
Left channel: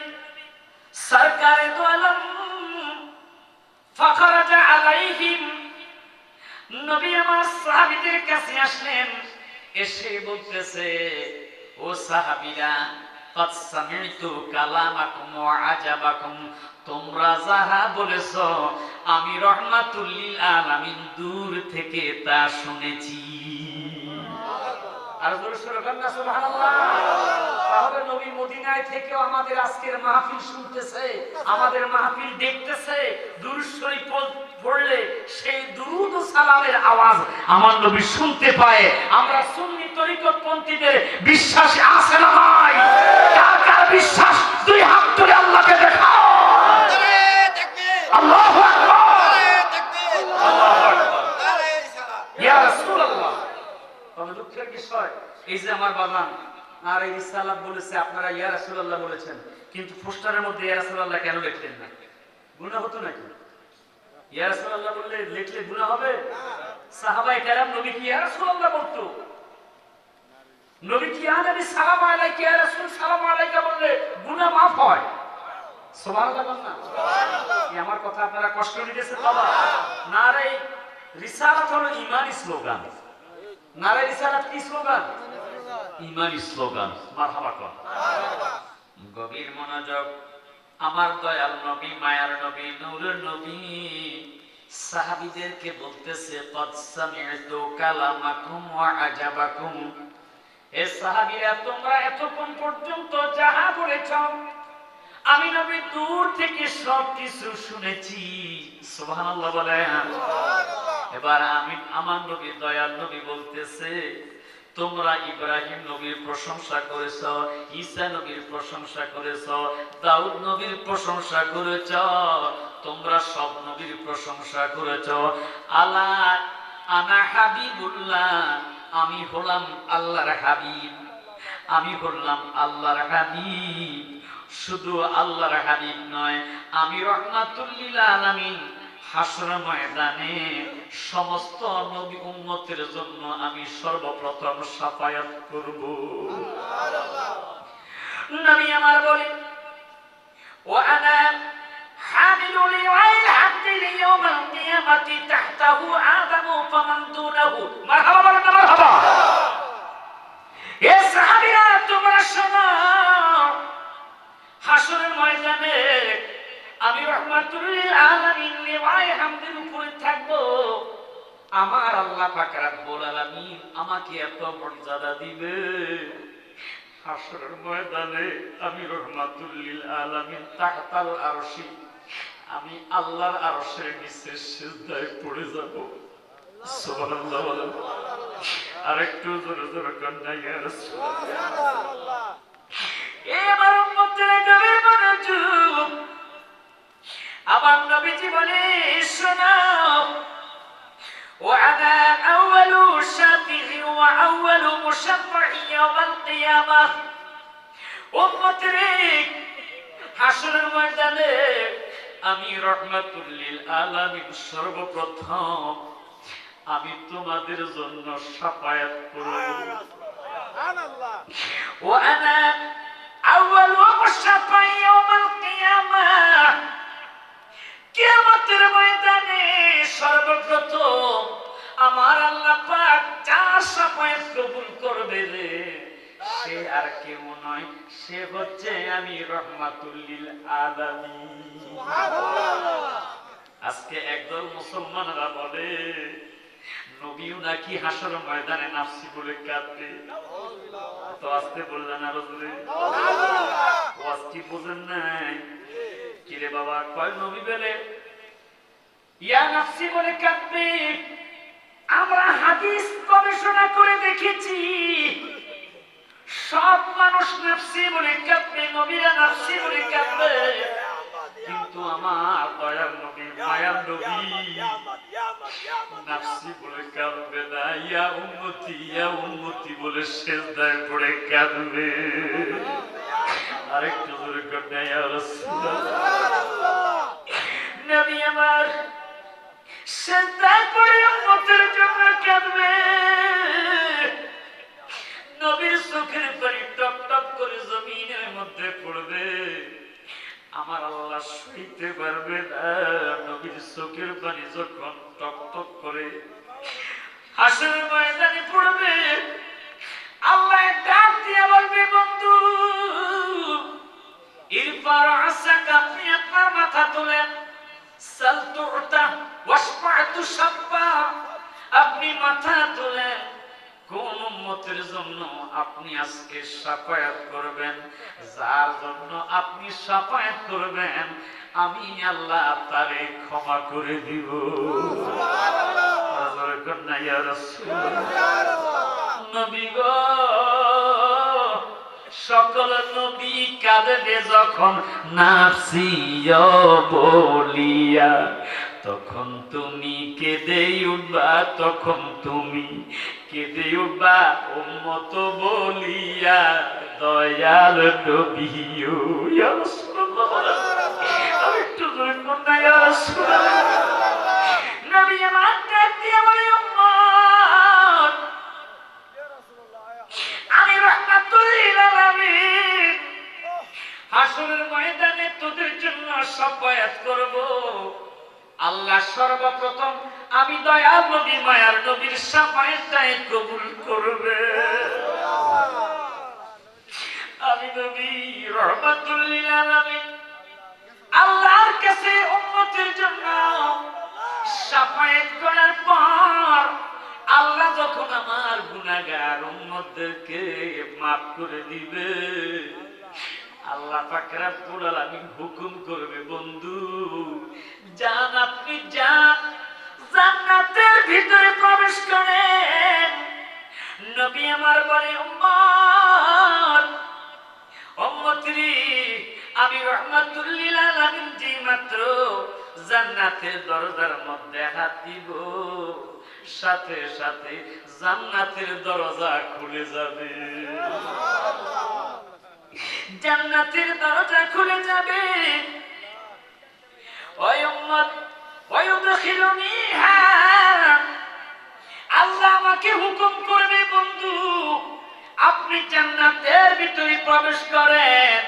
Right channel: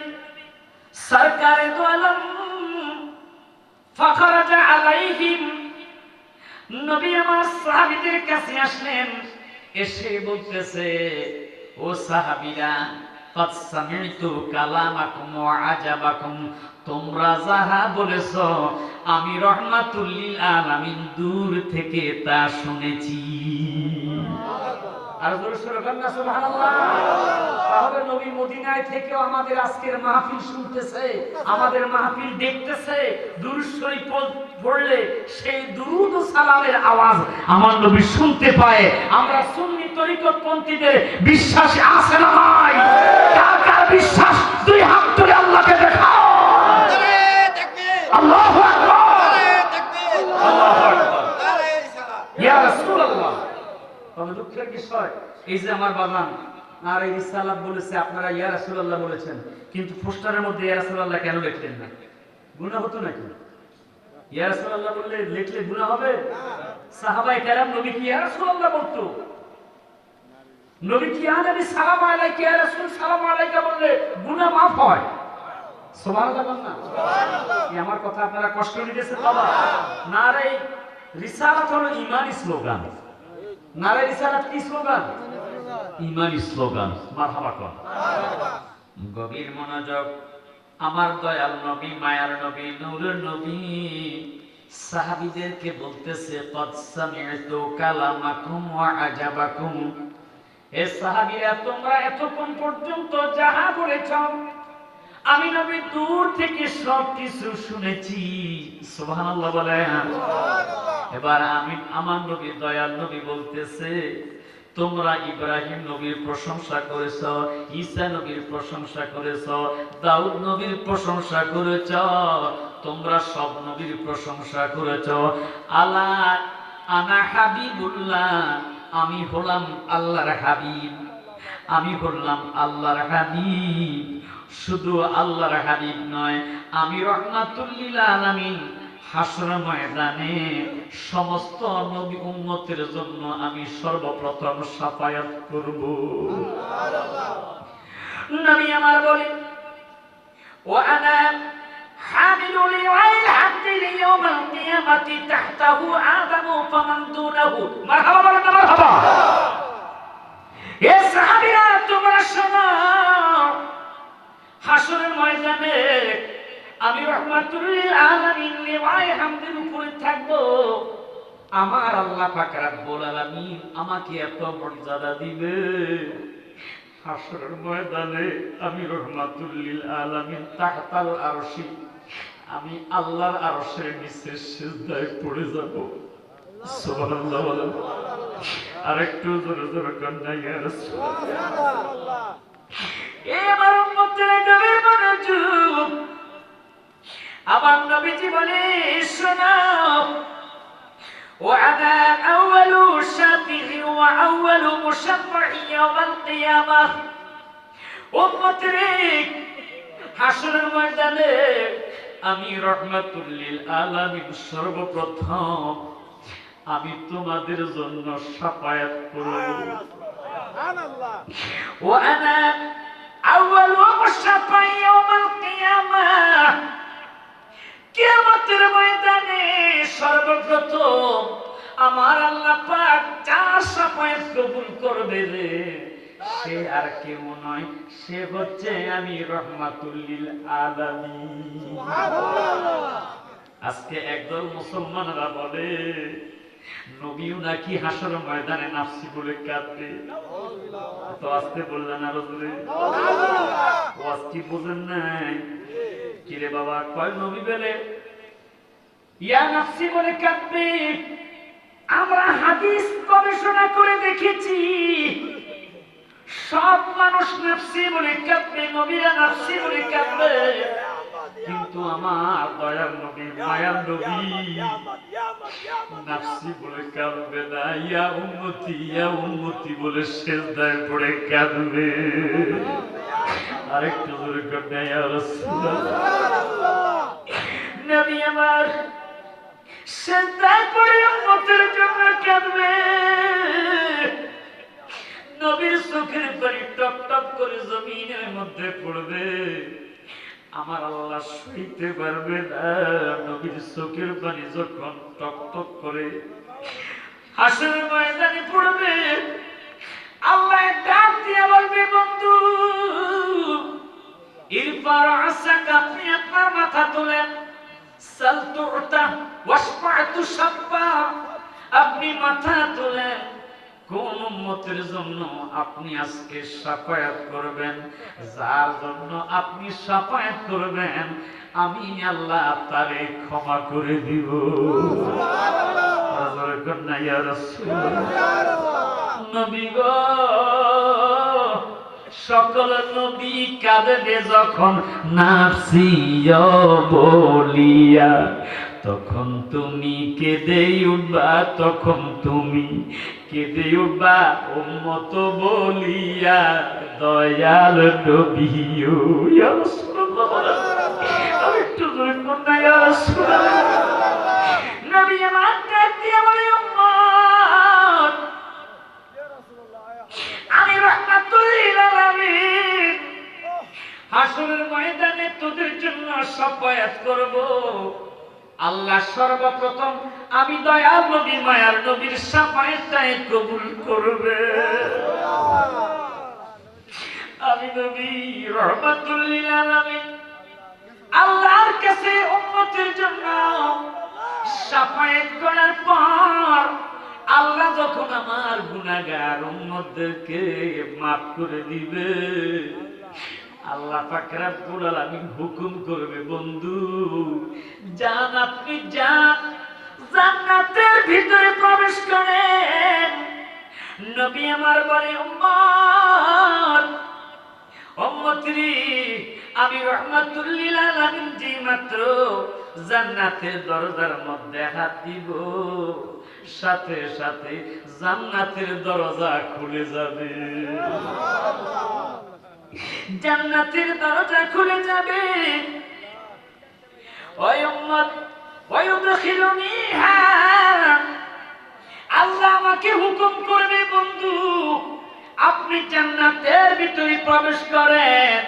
সরকারে দো আলম ফাখরাজা আলাইহিম, নবী আমার সাহাবীদের কাছে আসলেন, এসে বলতেছে ও সাহাবীরা, قد سمعت كلامكم وعجبكم, তোমরা যাহা বলেছো আমি রহমাতুল লিল আলামিন দূর থেকে তা শুনেছি। আর জোরে সরে বলেন না সুবহানাল্লাহ। তাহলে নবী মদিনায় থেকেও আমাদের আজকের মাহফিল শুনতেছে, আমাদের মাহফিল দেখতেছে। দুরূদ শরীফ পড়লে সেই দুরূদ ও সালামের আওয়াজ আমার নবী শুনতে পায়। আমরা সুন্নি তরিকত পন্থীদের বিশ্বাসে আছে না নাই? কার কার বিশ্বাস দুই হাত তুলে আল্লাহকে দেখাও। আল্লাহু আকবার, আল্লাহু আকবার, ইয়া রাসূলুল্লাহ। তবে দুঃখের বিষয় এই যে আমার বাবান আর এই রিসালাত বলেছে, আপনারা ইয়া রাসূলুল্লাহ বলেছেন, কিন্তু পোস্টারের মধ্যে ইয়া রাসূলুল্লাহ কেন লিখলেন না? গুনাহ হতো নাকি? ইয়া রাসূলুল্লাহ বললে লিখলে গুনাহ হবে? সাহাবায়ে কেরাম নবী কি ইয়া রাসূলুল্লাহ বলতো? নবী কি ইয়া নবী সালাম আলাইকা ইয়া রাসূল সালাম আলাইকা বললে গুনাহ মাফ হয়? সুবহানাল্লাহ না? সুবহানাল্লাহ। এই আমার কথা আপনারা কষ্ট নিতেছেন বাবা? না রে, রিসালাত হলো ঈমানি স্লোগান। নারে রিসালাত কি স্লোগান? ইমানি স্লোগান। মারহাবা কর। গভীর মনোযোগ। আমার দয়াল নবী, মায়ার নবী, নূরের নবী সাহাবীদেরকে বলতেছে, কদ সামি'তু কালামাকুম ওয়া আজাবাকুম। এ সাহাবীরা, তোমরা এতক্ষণ পর্যন্ত যাহা বলেছ আমি নবী দূর থেকে সবকিছু শুনেছি। সুবহানাল্লাহ বলেন। এবার আমার নবী, দয়াল নবী বলতেছে, তোমরা ইব্রাহিম নবীর প্রশংসা করেছ, ঈসা নবীর প্রশংসা করেছ, দাউদ নবীর প্রশংসা করেছ, তোমরা সব নবীর প্রশংসা করেছ। আলা আনা হাবিবুল্লাহ, আমি হলাম আল্লাহর হাবিব, আমি হলাম আল্লাহর হাবিব। শুধু আল্লাহর হাবিব নয়, আমি রাহমাতুল লিল আলামিন। হাসর ময়দানে সমস্ত নবী উম্মতের জন্য আমি সর্বপ্রথম শাফায়াত করব। নবী আমার বলেন, ওয়া আনা হামিলু লিওয়াইল হামদি লিয়াউমিল কিয়ামাতি তাহতাহু আদামু ফামান দুনাহু। মারহাবা বলেন না মারহাবা। এ সাহাবীরা, তোমরা শোনো, হাসরের ময়দানে আমি রাহমাতুল লিল আলামিন লিওয়ায়ে হামদের উপরে থাকব। আমার আল্লাহ পাক রব্বুল আলামিন আমাকে এত মর্যাদা দিবে, হাসরের ময়দানে আমি রাহমাতুল লিল আলামিন তাহতাল আরশি, আমি আল্লাহর আরশের নিচে সিজদায় পড়ে যাব। সুবহানাল্লাহ বলেন। আরেকটু জোরে জোরে কন্যা ইয়া রাসূলুল্লাহ। এবার উম্মতের গভীর মনোযোগ। আমার নবীজি বলে, শোনো, ওয়ানা আউয়ালু শাফিঈ ওয়া আউয়ালু মুশাফফিঈ ইয়াওমাল কিয়ামাহ। উম্মতের হাসরের ময়দানে আমি রাহমাতুল লিল আলামিন সর্বপ্রথম আমি তোমাদের জন্য শাফায়াত করব। সুবহানাল্লাহ। ওয়ানা আউয়ালু মুশাফফিঈ ইয়াওমাল কিয়ামাহ। কিয়ামতের ময়দানে সর্বপ্রথম আমার আল্লাহ পাক যার শাফায়াত কবুল করবে রে, সে আর কেউ নয়, সে হচ্ছে আমি রাহমাতুল লিল আলামিন। সুবহানাল্লাহ। আজকে একদল মুসলমানরা বলে নবীও নাকি হাসর ময়দানে নাফসি বলে কাঁদবে। তো আস্তে বললেন আর জোরে। ওয়াজ কি বুঝেন নাই? কিরে বাবা, কয় নবী বলে ইয়া নাফসি বলে কাঁদবে। আমরা হাদিস গবেষণা করে দেখেছি, সব মানুষ নাফসি বলে কাঁদবে, নবীরা নাফসি বলে কাঁদবে, কিন্তু আমার দয়ার নবী, মায়ার নবী নাফসি বলে কাঁদবে না, ইয়া উম্মতি বলে সিজদায় পড়ে কাঁদবে। আরেকটু জোরে করে ইয়া রাসূলুল্লাহ। নবী আমার সিজদায় পড়ে উম্মতের জন্য কাঁদবে। নবীর চোখের পানি টপ টপ করে জমিনের মধ্যে পড়বে। আমার আল্লাহ সইতে পারবে না, নবীর চোখের পানি যখন টপ টপ করে হাসরের ময়দানে পড়বে, আল্লাহ ডাক দিয়ে বলবে, বন্ধু ইরফা রাসাকা, আপনি আপনার মাথা তোলেন, সাল তুতা ওয়াশফা'তু শাফা, আপনি মাথা তোলেন, কোন উম্মতের জন্য আপনি আজকে শাফায়াত করবেন? যার জন্য আপনি শাফায়াত করবেন আমি আল্লাহ তারে ক্ষমা করে দিব। সুবহানাল্লাহ। ইয়া রাসূলুল্লাহ। নবী গো, সকল নবী কাঁদবে যখন নাফসি বলিয়া, তখন তুমি কেঁদে উঠবা, তখন তুমি কেঁদে উঠবা উম্মত বলিয়া, দয়াল নবী। ইয়া রাসূলুল্লাহ। আরেকটু জোরে বলুন ইয়া রাসূলুল্লাহ। নবী আমার ডাক দিয়ে বলে, উম্মত আমি রাহমাতুল লিল আলামিন হাসরের ময়দানে তোদের জন্য শাফায়াত করব। আল্লাহ সর্বপ্রথম আমি দয়াল নবী মায়ার নবীর শাফায়েতটাই কবুল করবে। আমি নবী রহমাতুল লিল আলামিন আল্লাহর কাছে উম্মতের জন্য শাফায়েত করার পর আল্লাহ যখন আমার গুনাহগার উম্মতদেরকে মাফ করে দিবে, আল্লাহ পাক রব্বুল আলামিন হুকুম করবে, বন্ধু যান, আপনি যান, জান্নাতের ভিতরে প্রবেশ করেন। নবী আমার বলে, উম্মতরি আমি রহমাতুল লিল আলামিন যে মাত্র জান্নাতের দরজার মধ্যে হাত দিব, সাথে সাথে জান্নাতের দরজা খুলে যাবে, জান্নাতের দরজা খুলে যাবে। ওই উম্মত ওয়ায়ুদখিলুনিহা, আল্লাহ আমাকে হুকুম করবে, বন্ধু আপনি জান্নাতের ভিতরে প্রবেশ করেন।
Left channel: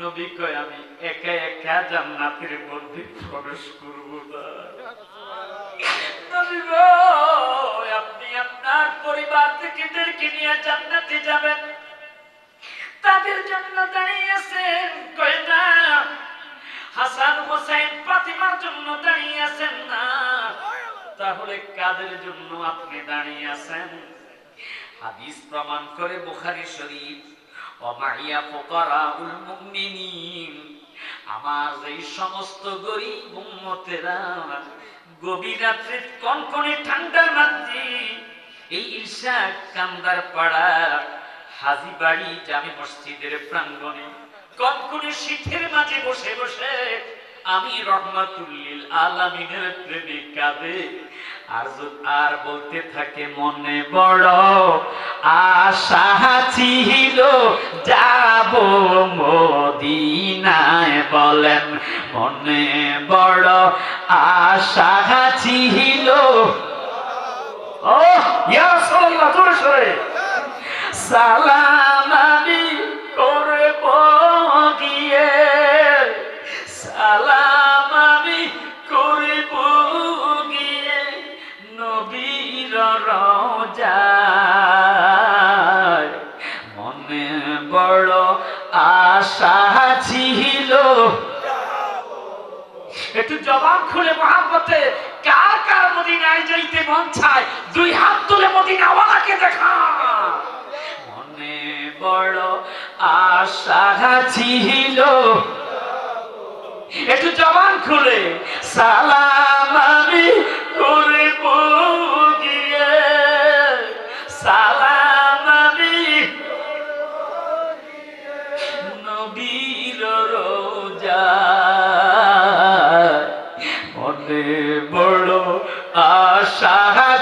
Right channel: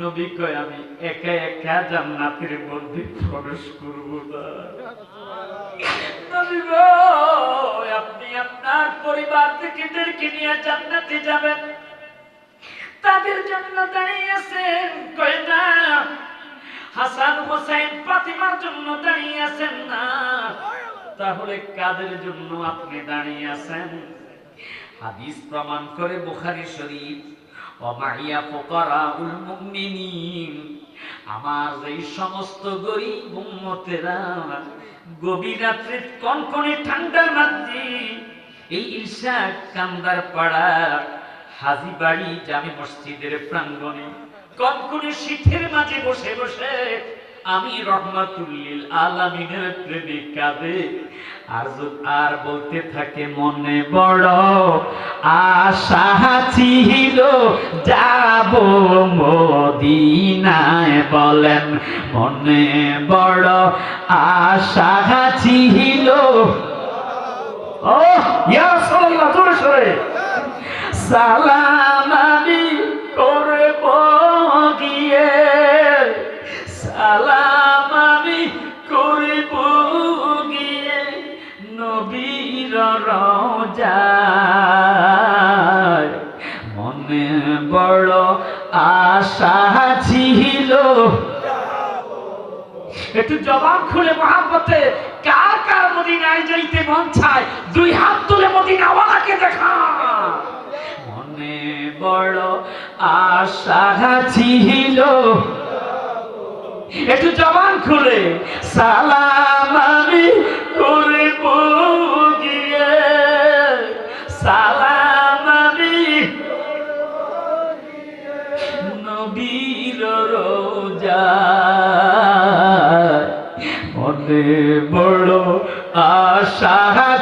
নবী কয়, আমি একা একা জান্নাতের মধ্যে প্রবেশ করব না। নবী গো, আপনি আপনার পরিবার থেকেদেরকে নিয়ে জান্নাতে যাবেন, তাদের জন্য দাঁড়িয়ে আছেন। কয় না, হাসান হোসেন ফাতিমার জন্য দাঁড়িয়ে আছেন না, তাহলে কাদের জন্য আপনি দাঁড়িয়ে আছেন? হাদিস প্রমাণ করে বুখারী শরীফ, ওমাইয়া ফুকারাউল মুমিনিন, আমার এই সমস্ত গরীব উম্মতেরা গভীর রাত্রে কনকনে ঠান্ডার মধ্যে এই ঈশা কান্দার পাড়া হাজীবাড়ি জামে মসজিদের প্রাঙ্গণে কনকনে শীতের মাঝে বসে বসে আমি রহমাতুল লিল আলামিনের প্রেমে কাঁদে আর বলতে থাকে, মনে বড় আশা ছিল যাব মদিনায়। বলেন, মনে বড় আশা ছিল। ও ইয়া রাসূলুল্লাহ, জোরে সরে সালাম আমি করব গিয়ে, সালাম আমি করব গিয়ে নবীর রওজায়। মনে বড় আশা ছিল। একটু জবান খুলে মহাব্বতে কার কার মদিনায় যাইতে মন চায়, দুই হাত তুলে মদিনাওয়ালাকে দেখা। মনে বড় আশা ছিল, একটু জবান খুলে সালাম আমি করব গিয়ে, সালাম আমি নবীর রওজায়। মনে বড় আশা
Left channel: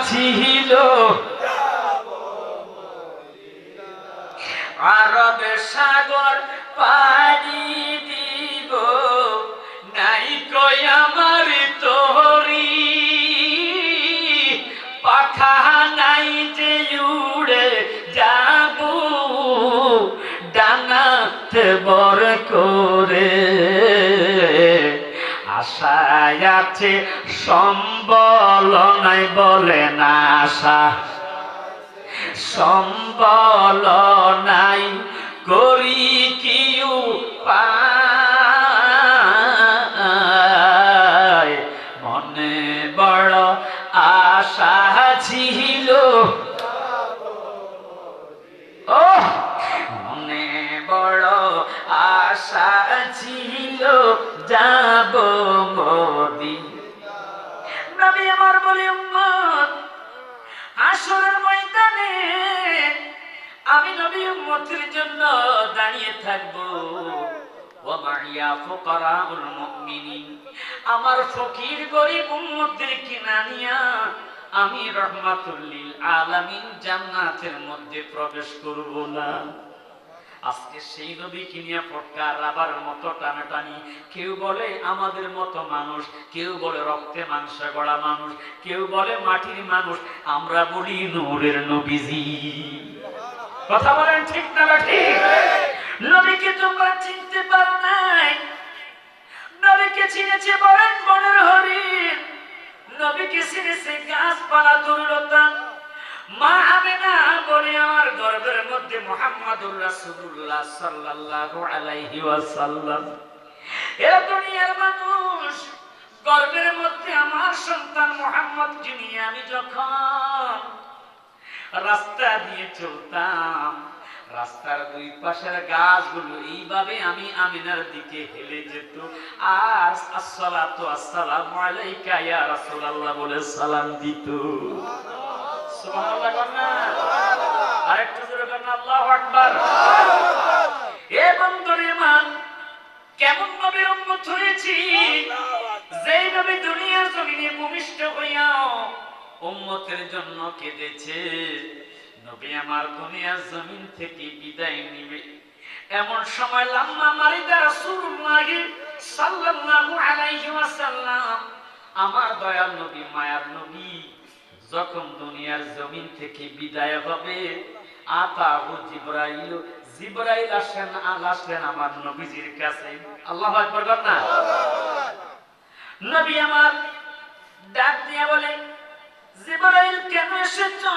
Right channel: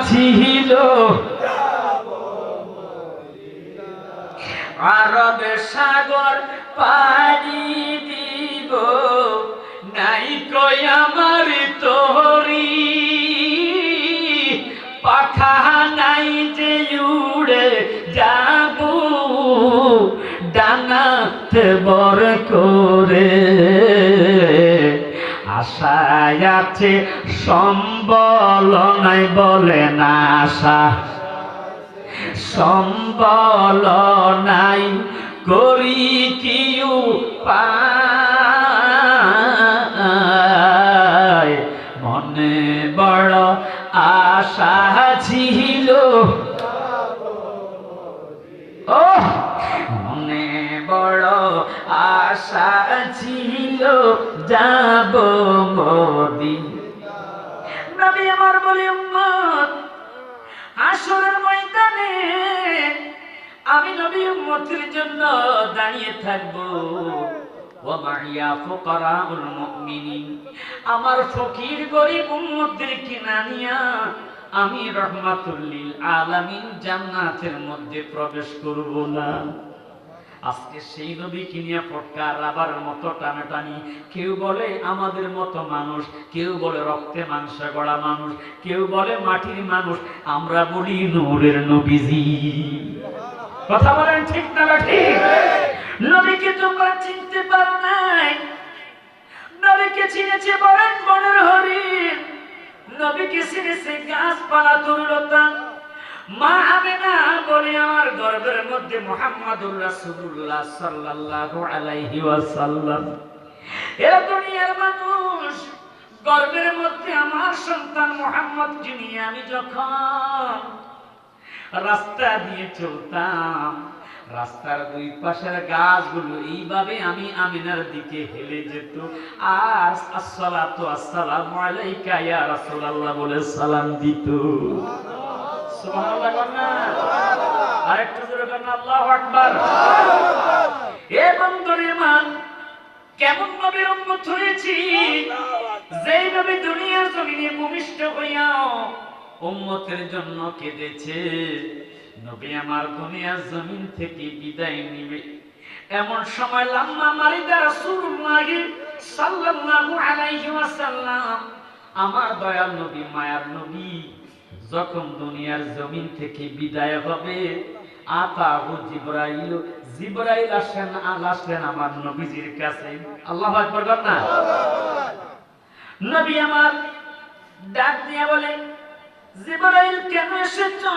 ছিল আরবে সাগর পাড়ি দিব, নাই কই আমার তোরি পাখা নাই যে উড়ে যাব ডানাতে বর করে। আশায় আছে সম্বল নাই, বলে না আশা সম্বল নাই, করি কি উপায়। মনে বড় আশা ছিল, ও মনে বড় আশা ছিল যাব মদিনা। নবী আমার বলে, উম্মত হাসরের ময়দানে আমি নবী উম্মতের জন্য দাঁড়িয়ে থাকবো। ওমাইয়া ফুকারাউল মুমিনিন, আমার ফকির গরীব উম্মতদেরকে না নিয়া আমি রহমাতুল লিল আলামিন জান্নাতের মধ্যে প্রবেশ করব না। আজকে সেই নবীকে নিয়ে ফটকার রাবার মতো টানাটানি, কেউ বলে আমাদের মতো মানুষ, কেউ বলে রক্তে মাংসে গড়া মানুষ, কেউ বলে মাটির মানুষ, আমরা বলি নূরের নবীজি। কথা বলেন ঠিক না ঠিক? নবীকে তোমরা চিনতে পারো নাই, নবীকে চিনেছে বলেন বনের হরি। নবীকে চিনেছে গাছপালা তরুলতা। মা আমেনা বলে আমার গর্ভের মধ্যে মুহাম্মাদুর রাসূলুল্লাহ সাল্লাল্লাহু আলাইহি ওয়াসাল্লাম। এ দুনিয়ার মানুষ, গর্ভের মধ্যে আমার সন্তান মুহাম্মদকে নিয়ে আমি যখন রাস্তা দিয়ে চলতাম, রাস্তার দুই পাশের গাছগুলো এইভাবে আমি আমিনার দিকে হেলে যেত, আর আসসালাতু আসসালামু আলাইকা ইয়া রাসূলুল্লাহ বলে সালাম দিত। সুবহানাল্লাহ না? আরেকটু জোরে বলেন আল্লাহু আকবার। এ বন্ধুরে মান, কেমন নবীর উম্মত হয়েছি, যেই নবী দুনিয়ার জমিনে ভূমিষ্ঠ হইয়াও উম্মতের জন্য কেঁদেছে। নবী আমার দুনিয়ার জমিন থেকে বিদায় নিবে, এমন সময় লাম্মা মারিদা রাসূলুল্লাহ সাল্লাল্লাহু আলাইহি ওয়াসাল্লাম, আমার দয়াল নবী, মায়ার নবী যখন দুনিয়ার জমিন থেকে বিদায় হবে, আতাহু জিবরাইল, জিবরাইল আসলেন আমার নবীজির কাছে। আল্লাহু আকবার বলেন না? নবী আমার ডাক দিয়ে বলে, জিবরাইল কেন এসেছো?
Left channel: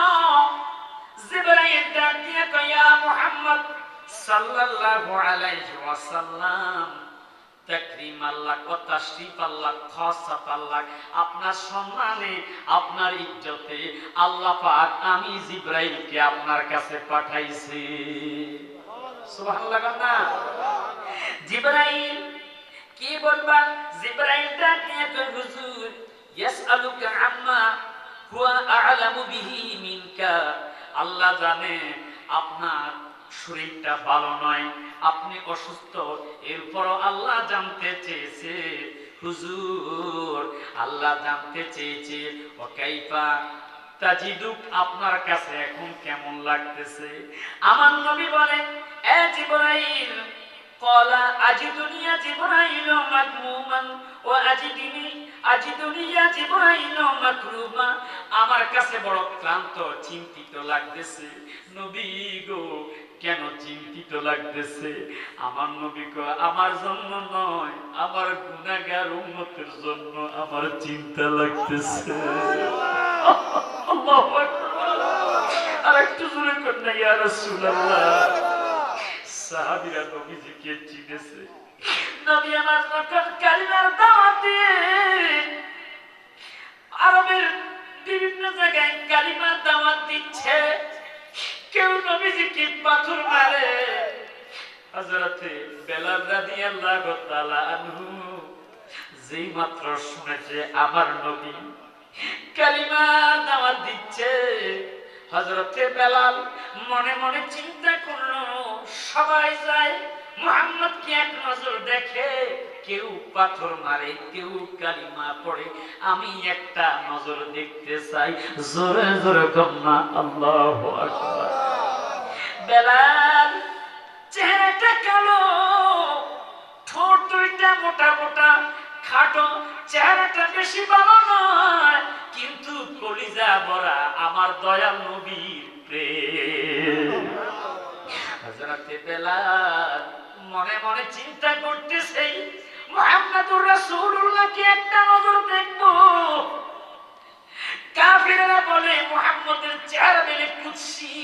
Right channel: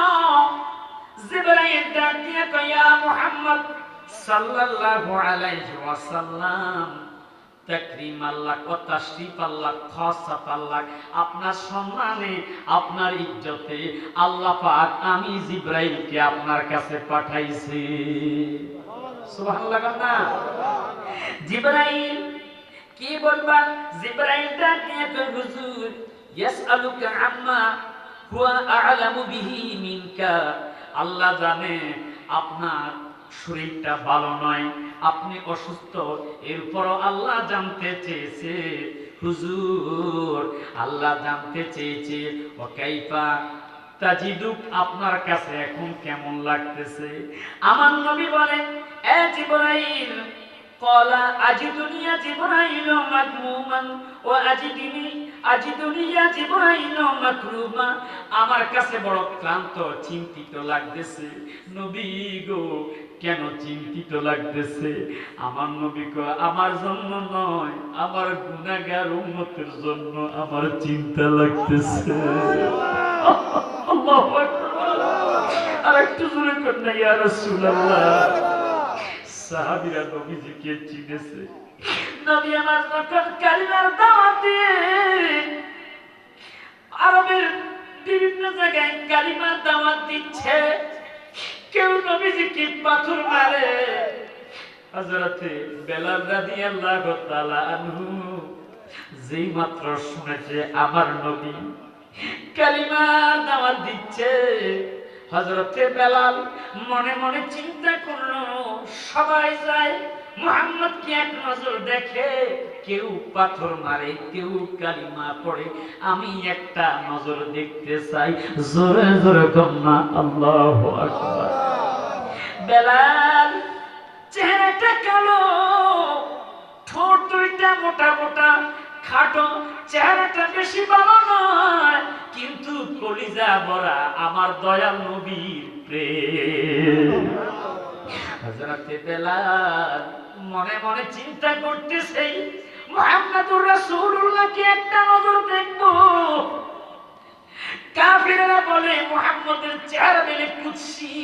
জিবরাইল ডাক দিয়ে কয়, ইয়া মুহাম্মদ সাল্লাল্লাহু আলাইহি ওয়াসাল্লাম, তাকরীম আল্লাহ ও তাশরীফ আল্লাহ, খাসাত আল্লাহ, আপনার সম্মানে, আপনার ইজ্জতে আল্লাহ পাক আমি জিবরাইলকে আপনার কাছে পাঠাইছি। সুবহানাল্লাহ না? জিবরাইল কি বলবা? জিবরাইল ডাক দিয়ে কয়, হুজুর ইয়াসআলুকা আম্মা হুয়া আ'লামু বিহি মিনকা, আল্লাহ জানে আপনার শরীরটা ভালো নয়, আপনি অসুস্থ, এরপরও আল্লাহ জানতে চেয়েছে, হুজুর আল্লাহ জানতে চেয়েছে ও কাইফা তাজিদুক, আপনার কাছে এখন কেমন লাগতেছে? আমার নবী বলে, এ জিবরাইল, ক্বালা আজিদুনি ইয়া জিবরাইল মাগমুমান ওয়া আজিদুনি ইয়া জিবরাইল মাকরুমা, আমার কাছে বড় ক্লান্ত, চিন্তিত লাগতেছে। নবী গো, কেন চিন্তিত লাগতেছে? আমার নবী কয়, আমার জন্য নয়, আমার গুনাহগার উম্মতের জন্য আমার চিন্তা লাগতেছে। আল্লাহু আকবার। আরেকটু জোরে কর ইয়া রাসূলুল্লাহ। সাহাবীরা নবীজিকে চিনেছে। নবী আমার যখন কালিমার দাওয়াত দিয়ে আরবের বিভিন্ন জায়গায় কালিমার দাওয়াত দিচ্ছে, কেউ নবীজিকে পাথর মারে। হযরতে বেলাল রাদিয়াল্লাহু তাআলা আনহু যেই মাত্র শুনেছে আমার নবী কালিমার দাওয়াত দিচ্ছে, হযরতে বেলাল মনে মনে চিন্তা করলো, সবাই যায় মুহাম্মদকে এক নজর দেখে, কেউ পাথর মারে, কেউ কালিমা পড়ে, আমি একটা নজর দেখতে চাই। জোরে জোরে কন্যা আল্লাহু আকবার। বেলাল চেহারাটা কালো, ঠোঁট দুইটা মোটা মোটা, খাটো, চেহারাটা বেশি ভালো নয়, কিন্তু কলিজা ভরা আমার দয়াল নবীর প্রেম। হযরতে বেলাল মনে মনে চিন্তা করতেছে, মুহাম্মাদুর রাসূলুল্লাহকে একটা নজর দেখবো। কাফিররা বলে মুহাম্মদের চেহারা দিলে কুৎসি।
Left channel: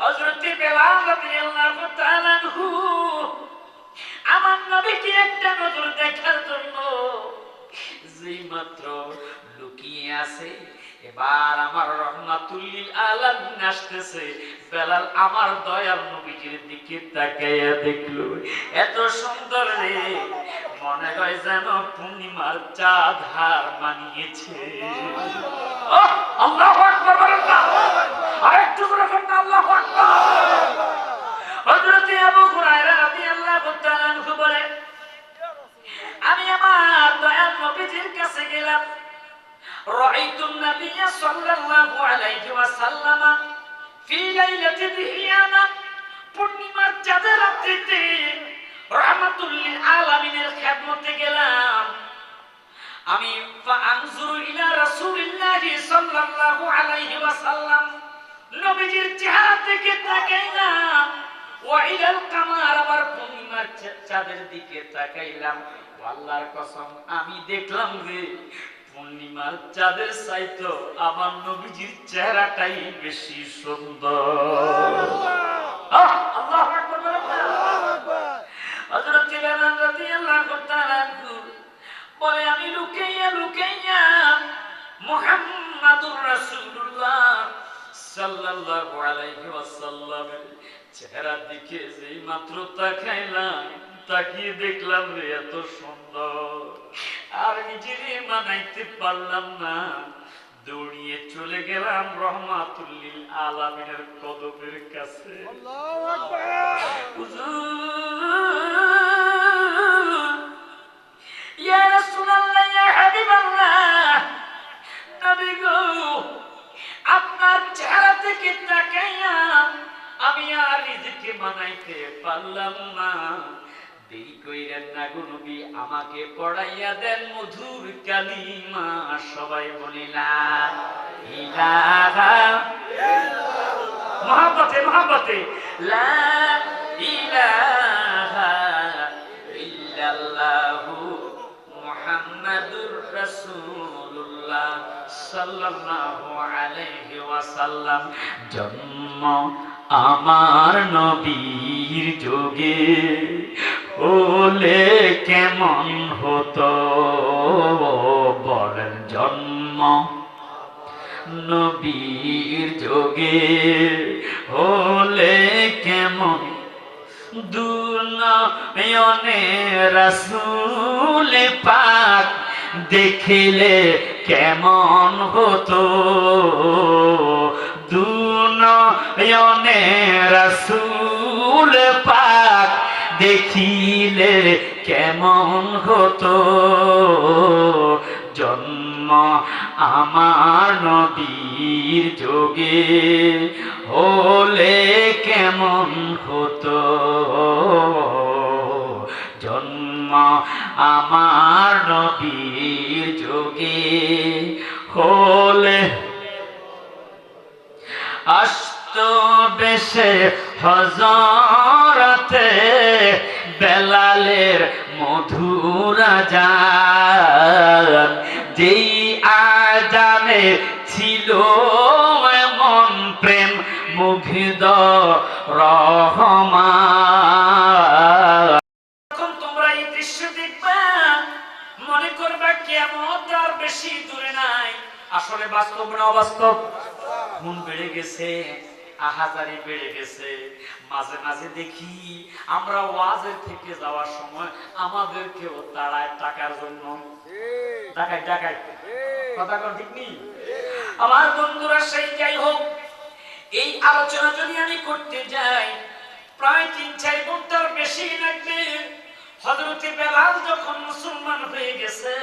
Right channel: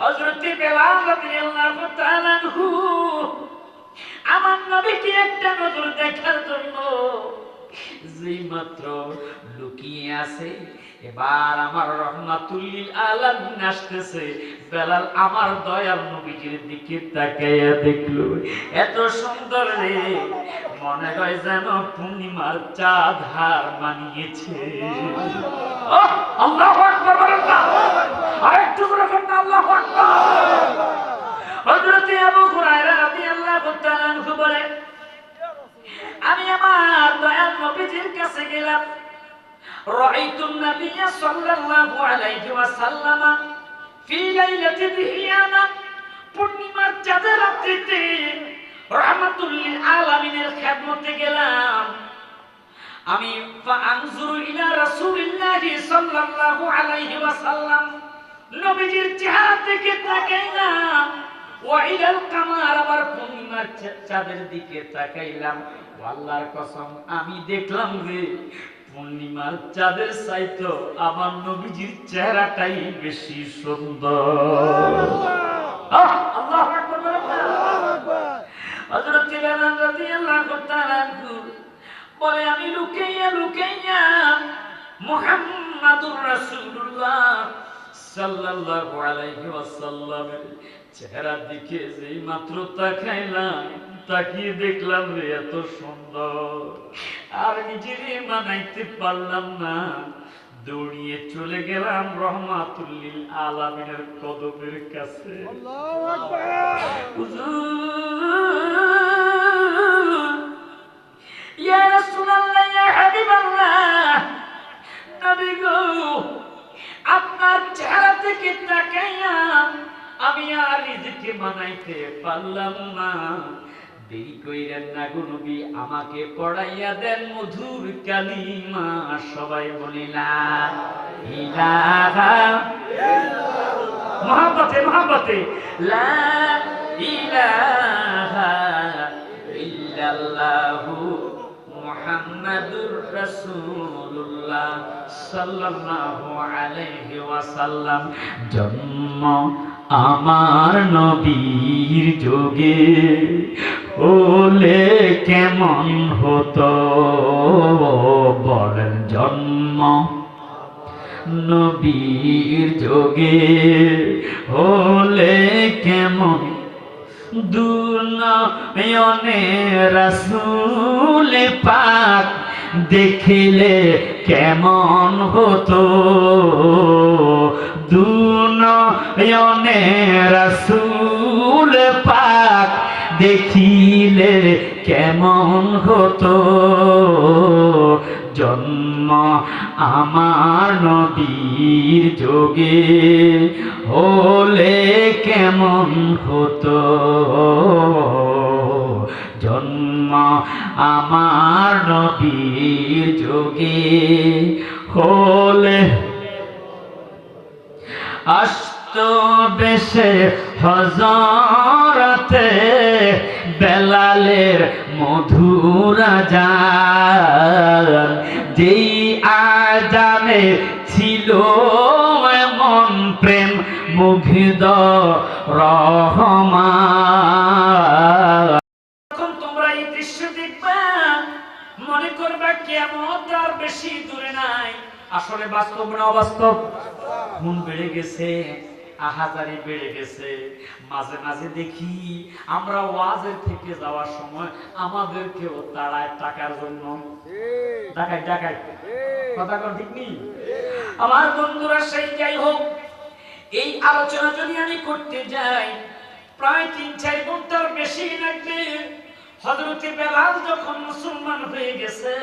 হযরতে বেলাল রাদিয়াল্লাহু তাআলা আনহু আমার নবীকে একটা নজর দেখার জন্য যেই মাত্র লুকিয়ে আছে, এবার আমার রাহমাতুল লিল আলামিন আসতেছে, বেলাল আমার দয়াল নবীজির দিকে তাকাইয়া দেখলো, এত সুন্দর রে, মনে হয় যেন পূর্ণিমার চাঁদ হার মানিয়েছে। আল্লাহু আকবার বলেন না? আরেকটু জোরে বলেন আল্লাহু আকবার। হযরত আবু হুরায়রা রাদিয়াল্লাহু তাআলা আনহু বলেন, আমি আমার দয়াল নবীজির কাছে গেলাম, রাআইতুন নাবিয়্য সাল্লাল্লাহু আলাইহি ওয়াসাল্লাম ফি লাইলাতি দিহিয়ানা, পূর্ণিমার চাঁদের রাত্রিতে রাহমাতুল লিল আলামিনের খেদমতে গেলাম। আমি ফাআনজুরু ইলা রাসূলিল্লাহি সাল্লাল্লাহু আলাইহি ওয়াসাল্লাম, নবীজির চেহারা থেকে তাকাইলাম, ওয়া ইলাল কামার, আবার পূর্ণিমার চাঁদের দিকে তাকাইলাম। আল্লাহর কসম, আমি দেখলাম রে, পূর্ণিমার চাঁদের চাইতো আমার নবীজির চেহারাটাই বেশি সুন্দর। আল্লাহু আকবার বলেন না? হযরত বেলাল রাদিয়াল্লাহু তাআলা বলে আমি লুকাইয়া মুহাম্মাদুর রাসূলুল্লাহ সাল্লাল্লাহু আলাইহি ওয়াসাল্লামের চেহারার দিকে যেই মাত্র তাকাইলাম, তাকিয়ে দেখলাম রে এত সুন্দর, আর নিজেরে মানাইতে পারলাম না, দৌড়িয়ে চলে গেলাম রহমাতুল লিল আলামিনের কদমের কাছে। আল্লাহু আকবার। ইয়া রাসূলুল্লাহ, ইয়া হাবিবাল্লাহ, নবী গো, আপনার চেহারা থেকে তাকাইয়া আমি আর নিজেকে মানাইতে পারলাম না, দেরি কইরেন না গো নবী, আমাকে পড়াইয়া দেন মধুর কালিমা। সবাই বলি লা ইলাহা ইল্লাল্লাহ, মহব্বতে মহব্বতে লা ইলাহা ইল্লাল্লাহু মুহাম্মাদুর রাসূলুল্লাহ সাল্লাল্লাহু আলাইহি ওয়াসাল্লাম। জন্ম আমার নবীর যোগে হলে কেমন হতো, বলেন জন্ম নবীর যোগে হলে কেমন, দুনয়নে রাসূল পাক দেখিলে কেমন হতো, দুনয়নে রাসূল পাক দেখিলে কেমন হতো, জন্ম আমার নবীর যোগে হলে কেমন হতো, জন্ম আমার নবীর যোগে হলে। আসত বেশে হযরতে বেলালের মধুর আযান, যেই আযানে ছিল এমন প্রেম মুগ্ধ রহমান। যখন তোমরা এই দৃশ্য দেখবা মনে করবা কিয়ামত আর বেশি দূরে নাই। আসলে বাস্তব না অবাস্তব? খুন বেড়ে গেছে, আহাজারি বেড়ে গেছে। মাঝে মাঝে দেখি আমরা ওয়াজের থেকে যাওয়ার সময় আমাদেরকেও তাড়ায় টাকার জন্য। ডাকাই ডাকাই, কথা কোন ঠিক নেই? আমার বন্ধুরা, সেই যাই হোক, এই আলোচনা যদি আমি করতে যাই প্রায় ৩-৪ ঘন্টার বেশি লাগবে। হযরতে বেলাল যখন মুসলমান হয়ে গেছে,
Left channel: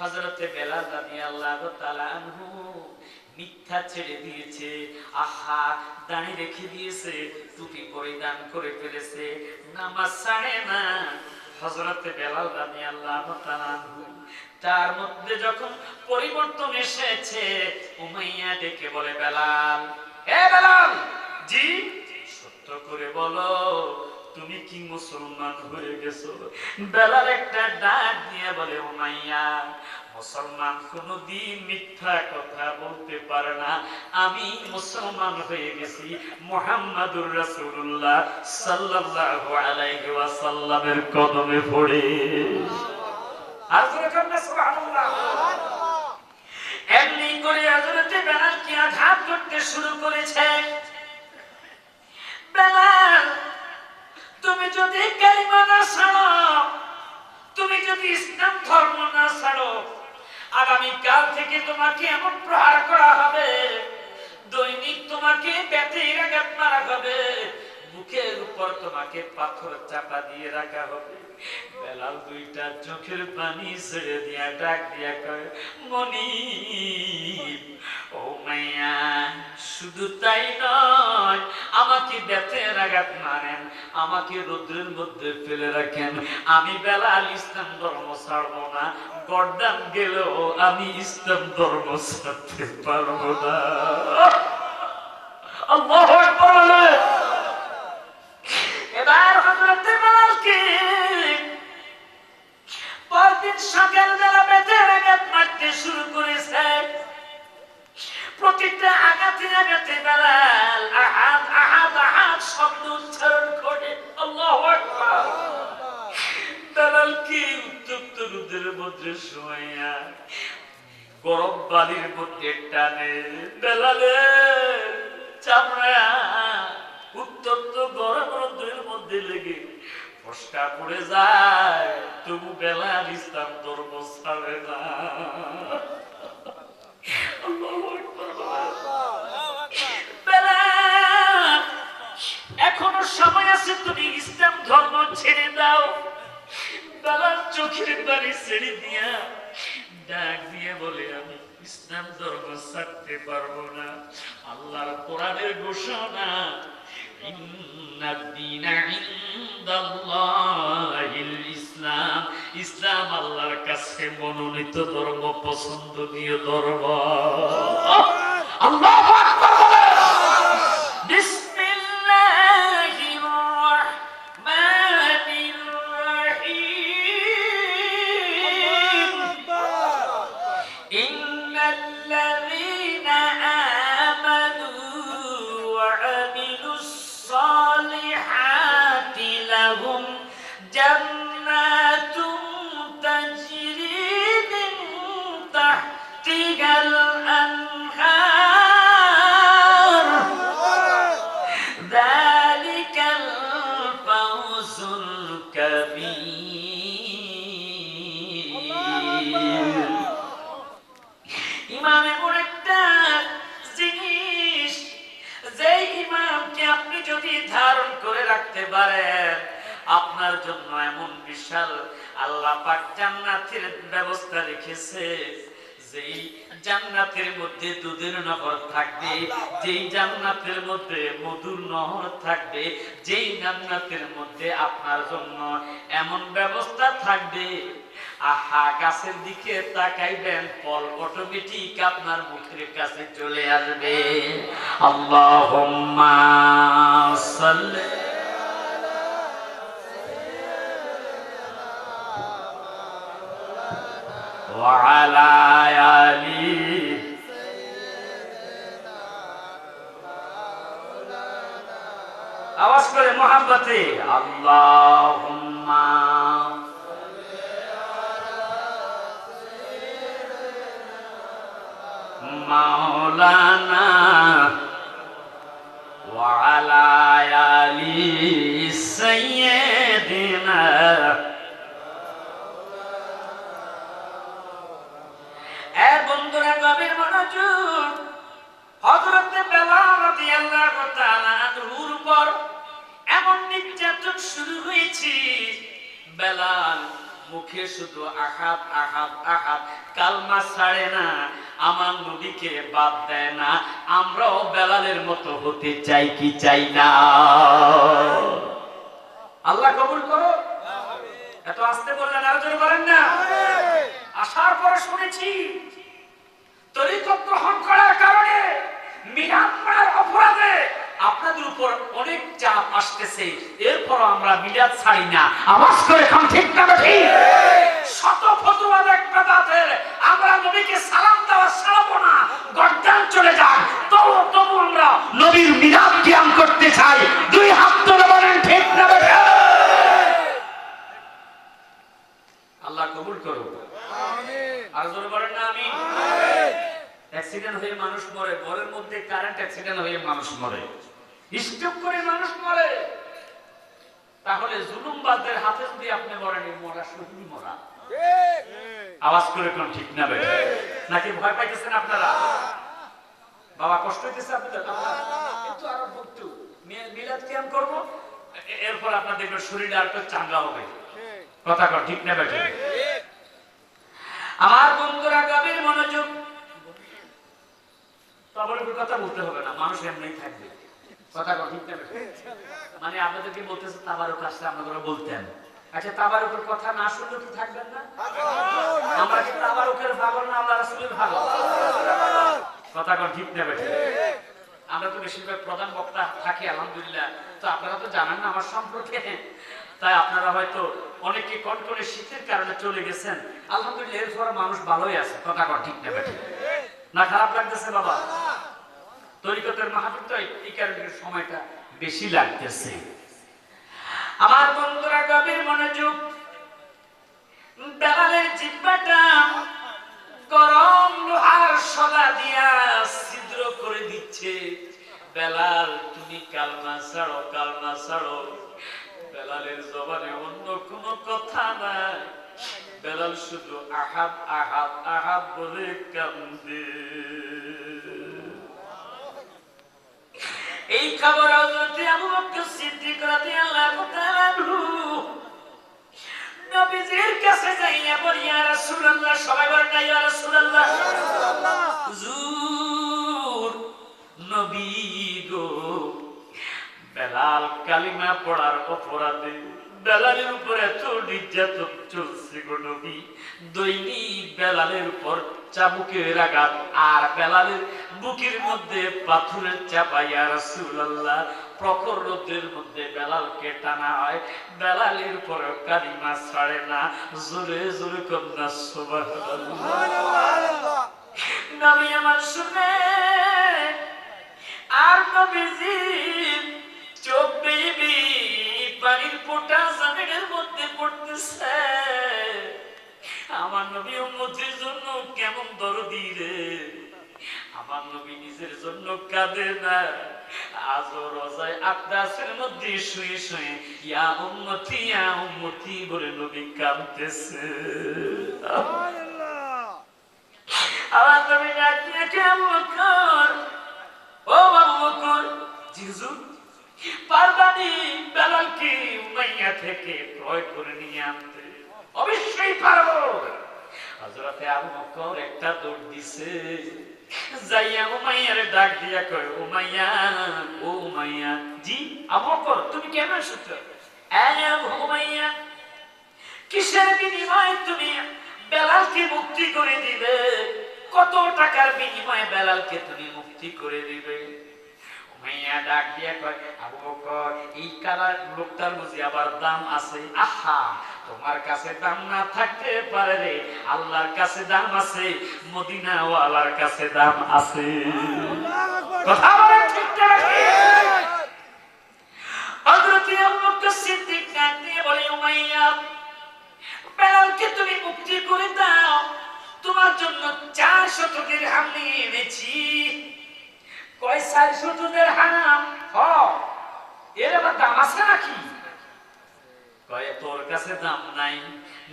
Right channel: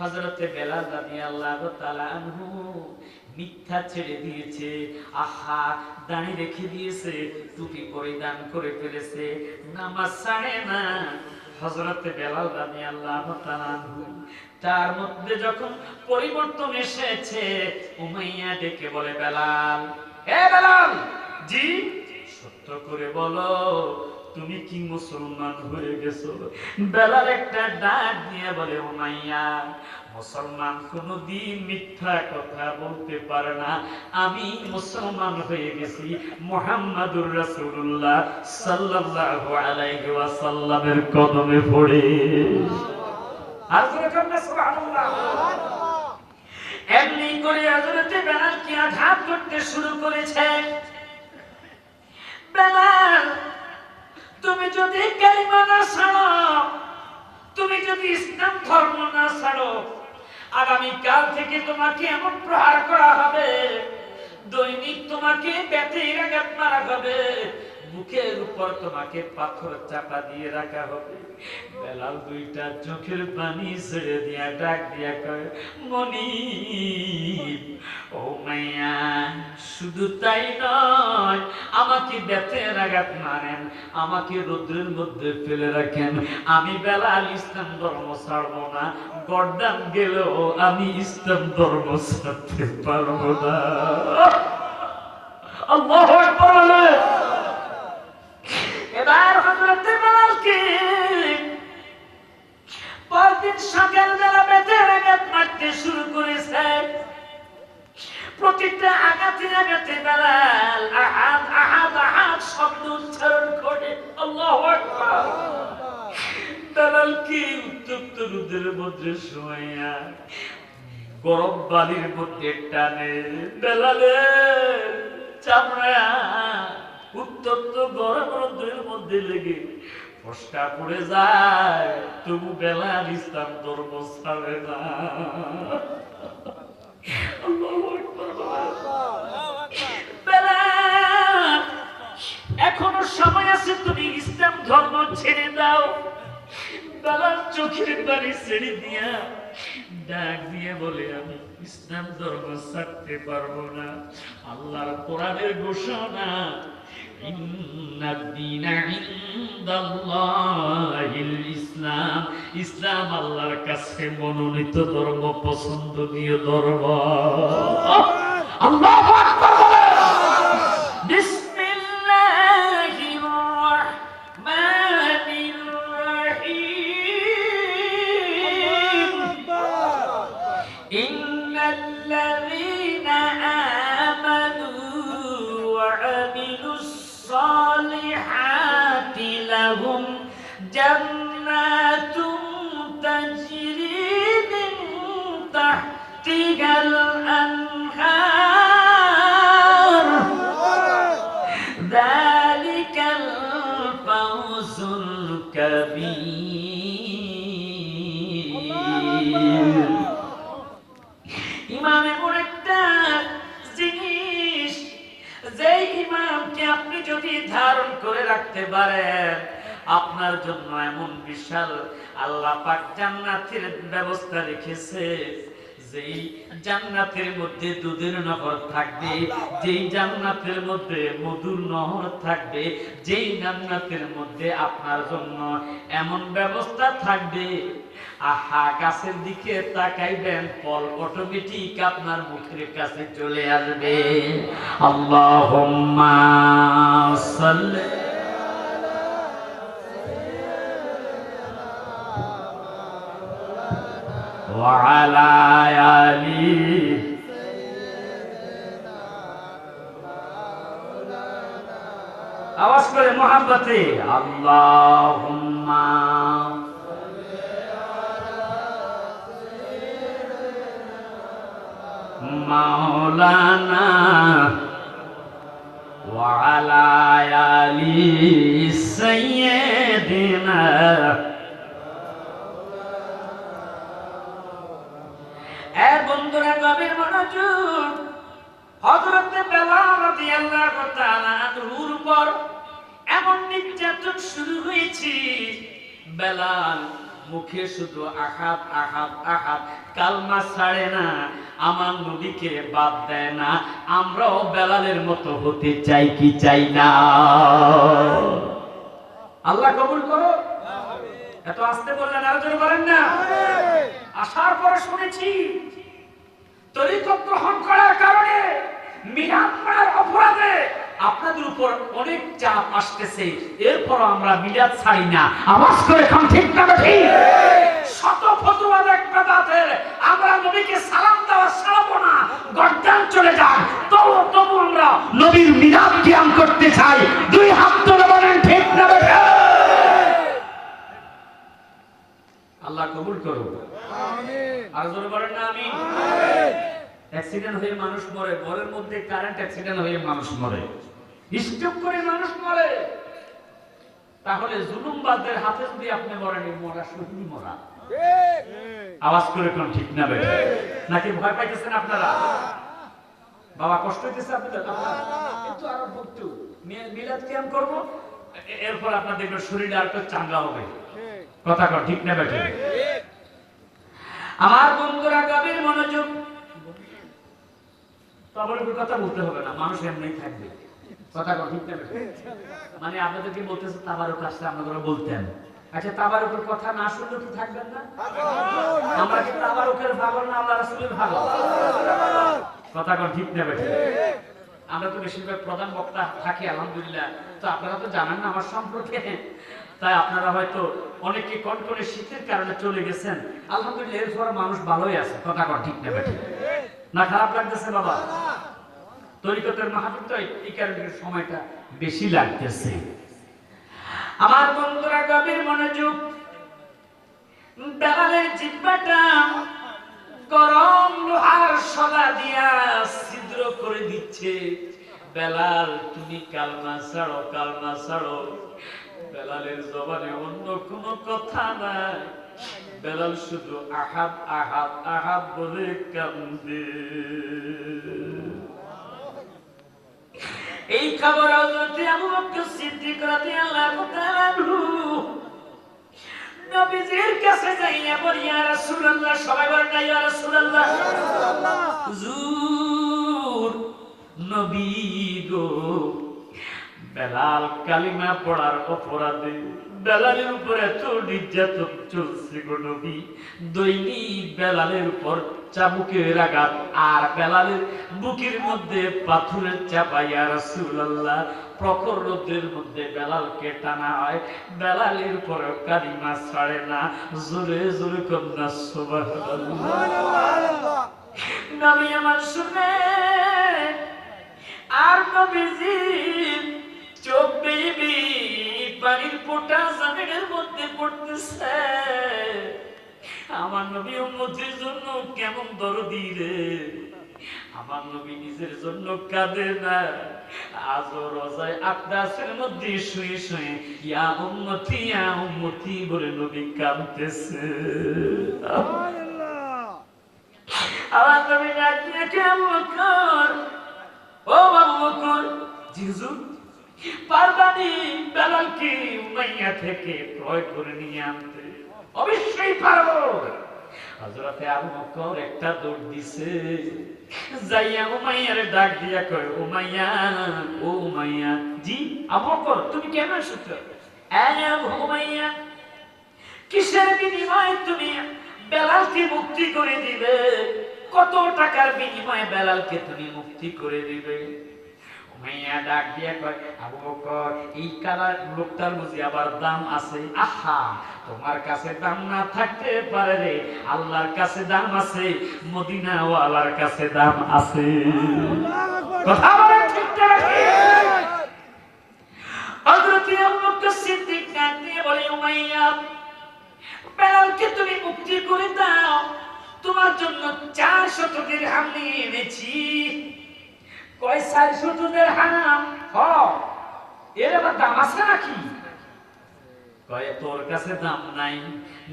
হযরতে বেলাল রাদিয়াল্লাহু তাআলা আনহু মিথ্যা ছেড়ে দিয়েছে, আহা দাড়ি রেখে দিয়েছে, টুপি পরিধান করে ফেলেছে, নামাজ ছাড়ে না। হযরতে বেলাল রাদিয়াল্লাহু তাআলা আনহু তার মধ্যে যখন পরিবর্তন এসেছে, উমাইয়া ডেকে বলে, বেলাল, এ বেলাল, জি সত্য করে বলো তুমি কি মুসলমান হয়ে গেছো? বেলাল একটা ডাক দিয়ে বলে, উমাইয়া, মুসলমান কোনদিন মিথ্যা কথা বলতে পারে না, আমি মুসলমান হয়ে গেছি মুহাম্মাদুর রাসূলুল্লাহ সাল্লাল্লাহু আলাইহি ওয়াসাল্লামের কদমে পড়ে। আর সুবহানাল্লাহ। এমনি করে হযরতে বেলাল কি আঘাত করতে শুরু করেছে। বেলাল, তুমি যদি কালিমা না ছাড়ো, তুমি যদি ইসলাম ধর্ম না ছাড়ো, আগামী কাল থেকে তোমাকে এমন প্রহার করা হবে, দৈনিক তোমাকে বেতের আঘাত মারা হবে, মুখের উপর তোমাকে পাথর চাপা দিয়ে রাখা হবে। বেলাল দুইটা চোখের পানি ছেড়ে দিয়া ডাক দিয়া কয়, মনিব, ও মাইয়া, শুধু তাই নয়, আমাকে বেতের আঘাত মারেন, আমাকে রৌদ্রের মধ্যে ফেলে রাখেন, আমি বেলাল ইসলাম ধর্ম ছাড়বো না, গর্দান গেলেও আমি ইসলাম ধর্ম ছাড়তে পারবো না। আল্লাহু আকবার। এবার হযরতে বেলালকে পরদিন সকালবেলা বেতের আঘাত মারতে প্রতিটা আঘাতে আঘাতে বেলাল আহাদ আহাদ আহাদ শব্দ উচ্চারণ করে আল্লাহু আকবার। বেলাল কি উত্তপ্ত রোদের মধ্যে শোয়া গরম বালির মধ্যে টানে, বেলালের চামড়া উত্তপ্ত গরম রোদের মধ্যে লেগে ফসকা পড়ে যায়, তবু বেলাল ইসলাম ধর্ম ছাড়ে না। বেলাল এখনো সময় আছে, তুমি ইসলাম ধর্ম ছেড়ে দাও। বেলাল চোখের পানি ছেড়ে দিয়া ডাক দিয়ে বলে, আমি ইসলাম ধর্ম ছাড়তে পারবো না। আল্লাহর কোরআনের ঘোষণা, ইসলাম, ইসলাম আল্লাহর কাছে মনোনীত ধর্ম, পছন্দনীয় ধর্ম। আল্লাহু আকবার। বিসমিল্লাহির রাহমানির রাহিম। ইন্নাল্লাযীনা আমানু ওয়া আমিলুস সালিহাতি লাহুম জান্নাতুন তাজরি মিন তাহতিহাল আনহার যালিকাল ফাওজুল কাবীর। ইমান এমন একটা জিনিস, যে ইমানকে আপনি যদি ধারণ করে রাখতে পারেন, আপনার জন্য এমন বিশাল আল্লাহ পাক জান্নাতের ব্যবস্থা রেখেছে। যেই জান্নাতের মধ্যে দুধের নহর থাকবে, যেই জান্নাতের মধ্যে মধুর নহর থাকবে, যেই জান্নাতের মধ্যে আপনার জন্য এমন ব্যবস্থা থাকবে, আহা গাছের দিকে তাকাইবেন, ফল অটোমেটিক আপনার মুখের কাছে চলে আসবে। আল্লাহুম্মা সাল্লি ওয়া আলা আলি। আওয়াজ করে মোহাব্বতে আল্লাহুম্মা মাওলানা ওয়া আলা আলি সাইয়্যিদিনা। এ বন্ধুরা গভীর মনোযোগ। হযরত বেলাল রাদিয়াল্লাহু তাআলা আনহুর উপর এমন নির্যাতন শুরু হয়েছে, বেলাল মুখে শুধু আহাদ আহাদ আহাদ কালমা ছাড়ে না, আমার নবীকে বাদ দেয় না। আমরাও বেলালের মতো হতে চাই কি চাই না? আল্লাহ কবুল করো। এত আস্তে বললেন, আরো জোরে বলেন না। আসার পরে শুনেছি তরিকত গ্রহণ করার কারণে মিলাদ অপরাধে আপনাদের উপর অনেক চাপ আসতেছে, এরপর আমরা মিলাদ ছাড়ি না। আওয়াজ করে এখন ঠিক না ঠিক? শত ফতোয়া একটা দাঁতে আমরা নবীকে সালাম দেওয়া ছাড়বো না, গর্দান চলে যায়, তবু আমরা নবীর মিলাদ কিয়াম করতে চাই। দুই হাত তুলে বলেন ঠিক না ঠিক? আল্লাহ কবুল করুন। আমিন। আর জোরে বলেন না আমিন। অ্যাক্সিডেন্ট হয়ে মানুষ মরে, ঘরের মধ্যে কারেন্ট অ্যাক্সিডেন্ট হয়ে মানুষ মরে, স্ট্রোক করে মানুষ মরে। তাহলে জুলুমবাজদের হাতে যদি আপনি মরেন, মরা শুধু মরা। আওয়াজ করে কোন ঠিক না বেটা? নাকি ভয় পাইতেছেন আপনারা? বাবা কষ্ট হইতেছে আপনাদের? কিন্তু আরো বলতো মিলাদ কিয়াম করব, এরপর আপনার দেখবেন শরীরটা আর একটু চাঙ্গা হবে। কথা কর ঠিক না বেটা? আমার বন্ধুরা গভীর মনোযোগ। তাবারুকের কথা বলতে হবে না, মানুষ এমনি থাকবে। কথা কর ঠিক না বেটা? মানে আপনাদেরকে বলতেছে তাবারুক আসলে আপনারা বলতেন, আচ্ছা তাবারুকের কথা না শুনলে কি থাকবেন না? আমরা কি তাবারুকের পাগল না আল্লাহ রাসূলের পাগল? কথা কর ঠিক না বেটা? আমরা তো বেশিরভাগ প্রধান বক্তা থাকি আলহামদুলিল্লাহ। তো আপনারা তো জানেন না আমার সম্পর্কে, তাই আপনারা হয়তো অনেকে কনকনে শীতের কারণে চলে গেছেন। আলহামদুলিল্লাহ এরপর মানুষ ভালোই আছে। কথা কর ঠিক না বেটা? না খারাপ লাগতেছে বাবা? তরিকতের মাহফিল তো এই কারণে সময়টা বেশি লাগতেছে। আমার বন্ধুরা গভীর মনোযোগ, বেলালের জিহ্বাটা গরম লোহার শলা দিয়া ছিদ্র করে দিচ্ছে। বেলাল তুমি কালমা ছাড়ো, কালমা ছাড়ো। বেলালের জবানে অন্য কোনো কথা নাই, বেলাল শুধু আহাদ আহাদ আহাদ বলে কান্দে। এই খবর হযরত আবু বকর সিদ্দিক রাদিয়াল্লাহু তাআলা আনহু নবীজির কাছে যাইয়া বলে, ইয়া রাসূলুল্লাহ, সবাই বলেন না ইয়া রাসূলুল্লাহ, হুজুর নবী গো, বেলাল কালিমা পড়ার অপরাধে বেলালের উপর এত নির্যাতন চলছে গো নবী। দৈনিক বেলালের উপর চাবুকের আঘাত আর বেলালের বুকের মধ্যে পাথরের চাপা। ইয়া রাসূলুল্লাহ, প্রখর রোদের মধ্যে বেলালকে টানা হয়, বেলালের উপর কালিমা ছাড়ে না। জোরে জোরে কন্যা সুবহানাল্লাহ। নবী আমার শুনে আর নবীজি চোখ বেবি পানির ফোঁটা জমিনের মধ্যে পড়তেছে। আমার নবী উম্মতের জন্য কেমন দরদি রে, আমার নবী নিজের জন্য কাঁদে না। আজও রোজায় আকাশের মধ্যে শুয়ে শুয়ে ইয়া উম্মতি বলে নবী কাঁদতেছে। আমার নবী ডাকিয়ে কেমন কর, ও আবু বকর, হুজুর পারবানি বেলালকে উমাইয়া থেকে ক্রয় করে নিয়ে আনতে? অবশ্যই পারবো। হযরতে আবু বকর একটা দৌড় দিছে, যাইয়া উমাইয়ারে ডাক দিয়া কয়, উমাইয়া, ও উমাইয়া। জি আবু বকর, তুমি কেন এসেছো? উমাইয়া, কিসের বিনিময়ে তুমি বেলালকে মুক্তি করে দিবে? কত টাকার বিনিময়ে বেলালকে তুমি মুক্তি করে দিবে? উমাইয়া ডাক দিয়া কয়, আবু বকর, এই কালা লোকটার বুঝি আবার দাম আছে? আহা, তোমার কাছে দাম না থাকতে পারে রে, আল্লাহর কাছে দাম আছে, মদিনা ওয়ালার কাছে দাম আছে। কথা বলেন ঠিক নাকি? হযরত আবু বকর সিদ্দিক ডাক দিয়ে বলে, উমাইয়া, বেলালকে তুমি মুক্তি করে দাও, তোমার জন্য 400 দিরহাম নিয়ে এনেছি। কয় 400 দিরহাম? এর আবার দাম আছে নাকি? কয় তোর কাছে দাম নাই,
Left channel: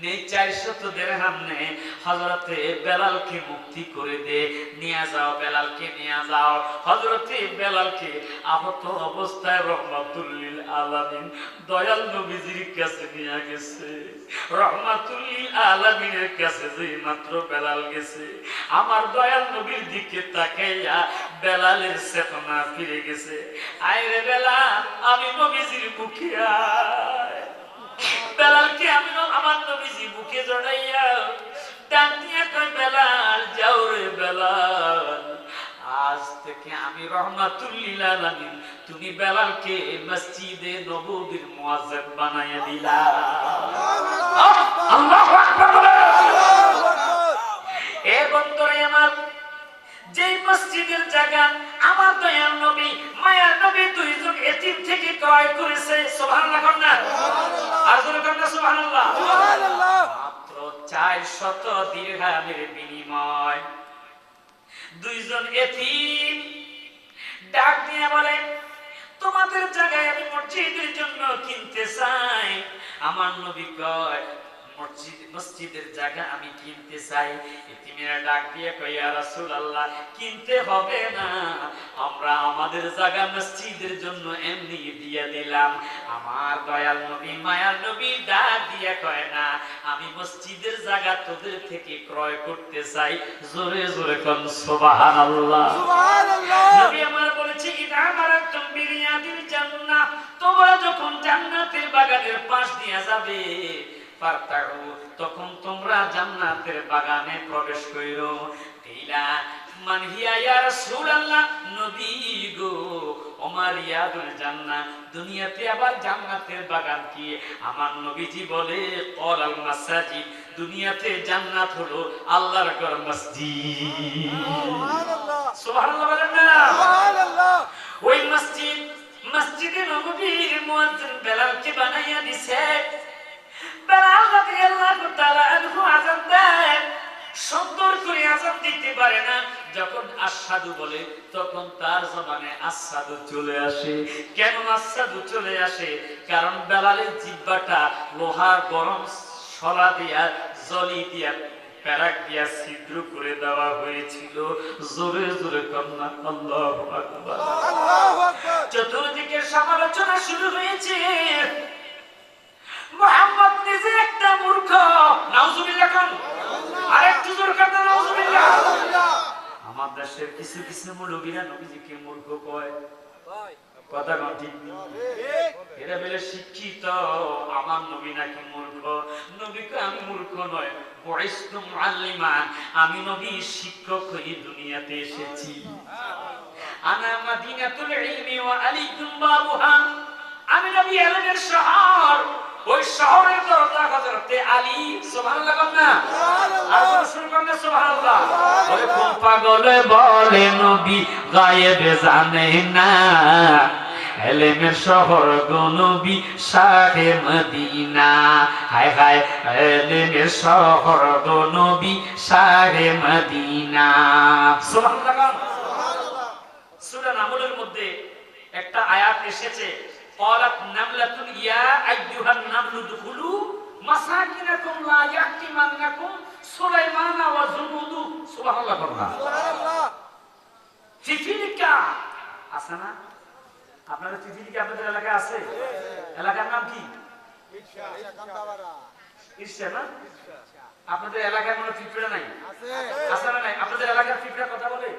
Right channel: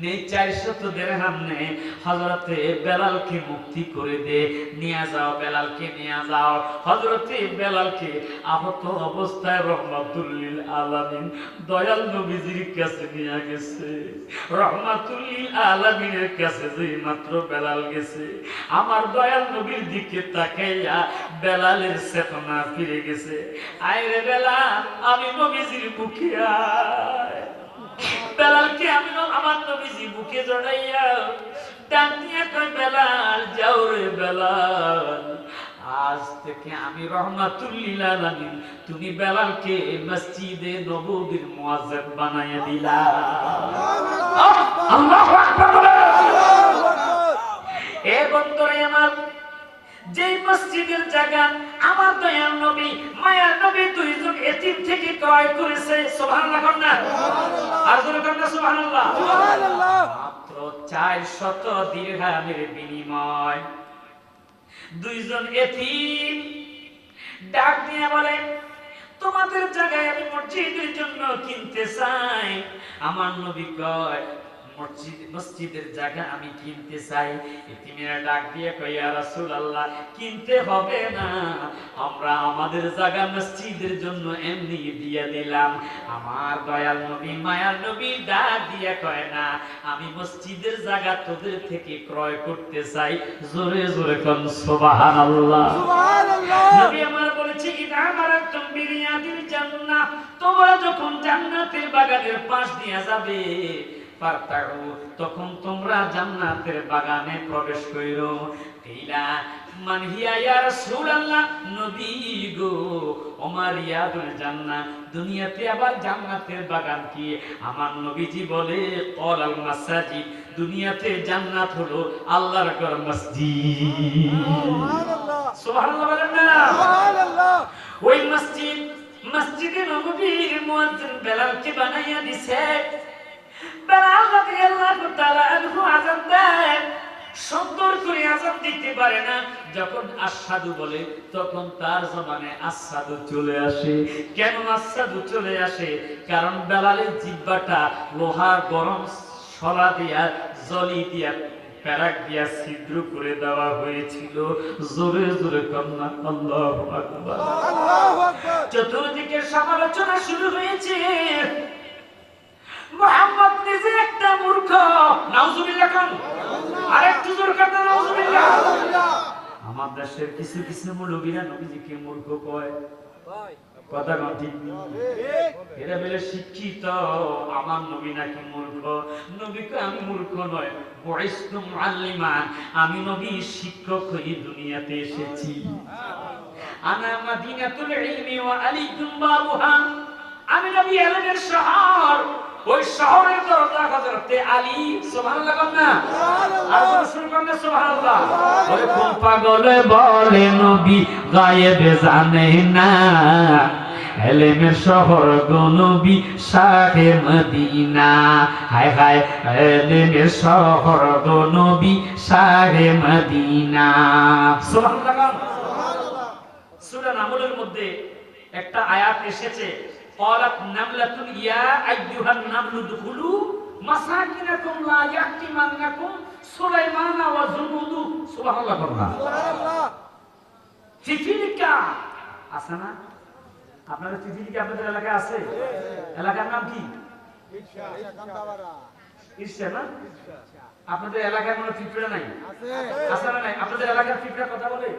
নেই 400 দিরহাম নে, হযরতে বেলালকে মুক্তি করে দে, নিয়ে যাও, বেলালকে নিয়ে যাও। হযরতে বেলালকে আহত অবস্থায় রহমাতুল লিল আলামিন দয়াল নবীজির কাছে নিয়ে গেছে। রহমাতুল লিল আলামিনের কাছে যেই মাত্র বেলাল গেছে, আমার দয়াল নবীর দিকে তাকাইয়া বেলালের চেতনা ফিরে গেছে। আয় রে বেলাল, আমি নবীজির মুখে আয়। বেলালকে আমি আমার নবীজি বুকে জড়াইয়া ডাক দিয়ে কই, বেলাল যাও রে বেলাল, আজ থেকে আমি রহমাতুল লিল আলামিন, তুমি বেলালকে মসজিদে নববীর মুয়াজ্জিন বানায়া দিলা। আল্লাহু আকবার বলে। এ বন্ধুরে আমার, যেই মসজিদের জায়গা আমার দয়াল নবী মায়ার নবী দুইজন এতিম থেকে ক্রয় করেছে, সুবহানাল্লাহ না? আর জোরে বলেন সুবহানাল্লাহ। মাত্র 400 দিরহামের বিনিময় দুইজন এতিম ডাক দিয়ে বলে, তোমাদের জায়গায় আমি মসজিদের জন্য কিনতে চাই। আমার নবী কয়, মসজিদের জায়গা আমি কিনতে চাই। এতিমেরা ডাক দিয়ে কয়, ইয়া রাসূলুল্লাহ, কিনতে হবে না, আমরা আমাদের জায়গা মসজিদের জন্য এমনি দিয়ে দিলাম। আমার দয়াল নবী মায়ার নবী ডাক দিয়ে কয়, না, আমি মসজিদের জায়গা তোদের থেকে ক্রয় করতে চাই। জোরে জোরে কোন সুবহানাল্লাহ। সুবহানাল্লাহ। নবী আমার বলেছে, ইদা মারাতুম বিরিয়াদিল জান্নাহ, তোমরা যখন জান্নাতের বাগানের পাশ দিয়ে যাবে, তখন তোমরা জান্নাতের বাগানে প্রবেশ কইরো। তেইলা মান হিয়া ইয়া রাসূলুল্লাহ, নবী গো, ওমার ইয়াদুল জান্নাহ, দুনিয়াতে আবার জান্নাতের বাগান কি? আমার নবীজি বলে, ক্বালাল মাসাজিদ, দুনিয়াতে জান্নাত হলো আল্লাহর ঘর, মসজিদ। সুবহানাল্লাহ। সুবহানাল্লাহ বলেন না? সুবহানাল্লাহ। ওই মসজিদে নববীর মুয়াজ্জিন বেলালকে বানাইয়া দিছে। বেলাল রাদিয়াল্লাহু তাআলা আনহু আযান দেয়, সুন্দর করে আযান দিতে পারে না। যখন আশহাদু বলে তখন তার জবানে আশহাদু চলে আসে। কেন আশহাদু চলে আসে? কারণ বেলালের জিহ্বাটা লোহার গরম শলা দিয়া জলি দিয়া প্যারাক দিয়া ছিদ্র করে দেওয়া হয়েছিল। জোরে জোরে কন্যা আল্লাহু আকবার, আল্লাহু আকবার। চতুর্দিকে সমালোচনা শুরু হয়েছে। মুহাম্মদ নিজে একটা মূর্খ। নাউজুবিল্লাহ কোন? আরেকটু জোরে কন্যা নাউজুবিল্লাহ। আমার দেশের কিছু কিছু মুলবিরা নবীজিকে মূর্খ কয়। কথা কোন ঠিক? এরা বলে শিক্ষিত, আমার নবী নাকি মূর্খ। নবীকে আমি মূর্খ নয়, বুইসতু মুআল্লিমান, আমি নবী শিক্ষক হয়ে দুনিয়াতে এসেছি। আনা মাদিনাতুল ইলমি ওয়া আলাইকুম বাবুহা, আমি নবী ইলমের শহর, ওই শহরের দরজা হযরতে আলী। সুবহানাল্লাহ না? আর রাসূল বলেন সুবহানাল্লাহ। ওরে কোন পাগলে বলে নবী গায়েবে জানে না, এলেমের শহর গো নবী শাহে মদিনা। হায় হায়, এলেমের শহর গো নবী শাহে মদিনা। সুবহানাল্লাহ। সূরা নামলের মধ্যে একটা আয়াত এসেছে, ক্বালাত নামলাতুন ইয়া আইয়ুহান নামলু দুখুলু মাসাকিনাকুম লা ইয়াহতিমান্নাকুম সুলাইমান ওয়া জুনুদু। সুবহানাল্লাহ। সুবহানাল্লাহ। ফিফিলিকা আছে না? আপনাদের ফিফিলিকা আপনাদের এলাকায় আছে? এলাকার নাম কি? ঈর্ষা না? আপনাদের এলাকায় কোনো পিঁপড়া নাই? আছে না নাই? আপনাদের এলাকার পিঁপড়া কথা বলে?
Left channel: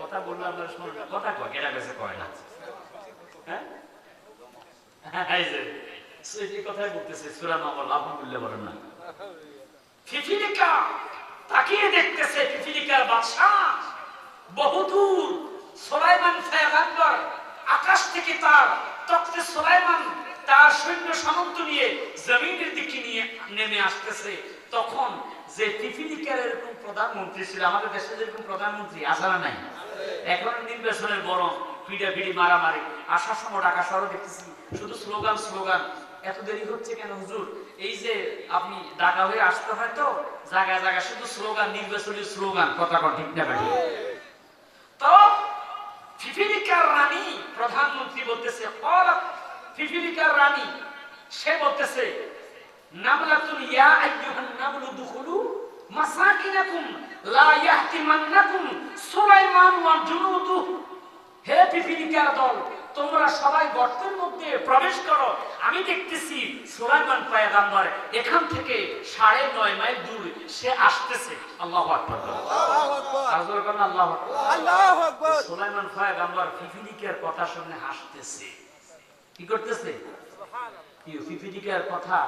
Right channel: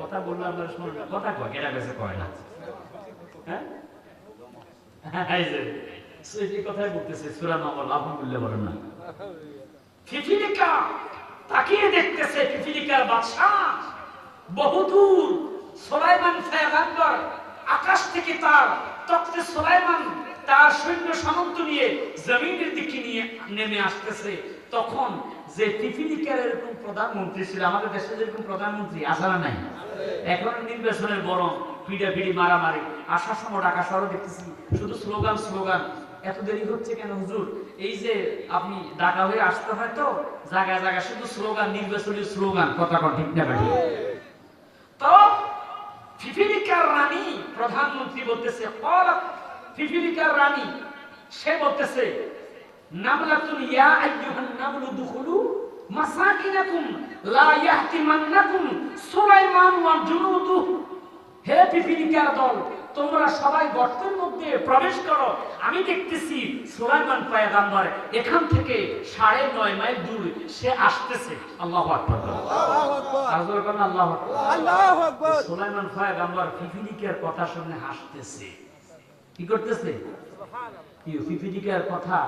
কথা বললো আপনারা শুনুন না, কথা কয় কেটা কাছে কয় না। হ্যাঁ, এই যে সেই কথাই বলতেছে সূরা নামল। আলহামদুলিল্লাহ বলেন না? ফিফিলিকা তাকিয়ে দেখতেছে, ফিফিলিকার বাদশা বহুদূর। সুলাইমান পয়গম্বর আকাশ থেকে তার তখতে সুলাইমান তার সৈন্য সামন্ত নিয়ে জমিনের দিকে নিয়ে নেমে আসতেছে। তখন যে ফিফিলিকার এরকম প্রধানমন্ত্রী ছিল, আমাদের দেশে যেরকম প্রধানমন্ত্রী আসা নাই, এখন নির্বাচনের গরম, পিড়াপিড়ি মারামারি, আসার সময় ঢাকা শহরে দেখতেছি শুধু স্লোগান স্লোগান। এত দেরি হচ্ছে কেন হুজুর? এই যে আপনি ঢাকা হয়ে আসতে হয় তো জায়গায় জায়গায় শুধু স্লোগান, নির্বাচনের স্লোগান। কথা কন ঠিক না ভাই? তো ফিফিলিকার রানী প্রধানমন্ত্রী বলতেছে, ফিফিলিকার রানী সে বলতেছে, নামলাতুন ইয়া আইয়ুহান নামলু দুখুলু মাসাকিনাকুম লা ইয়াহতিমান্নাকুম সুলাইমান ওয়া জুনুদু। হে ফিফিলিকার দল, তোমরা সবাই গর্তের মধ্যে প্রবেশ করো। আমি দেখতেছি সুলাইমান পয়গম্বর এখান থেকে 9.5 মাইল দূর সে আসতেছে। আল্লাহু আকবার, আল্লাহু আকবার, আল্লাহু আকবার, আল্লাহু আকবার। সুলাইমান পয়গম্বর ফিফিলিকার কথা শুনে হাসতেছে। কি করতেছে? ফিফিলিকার কথা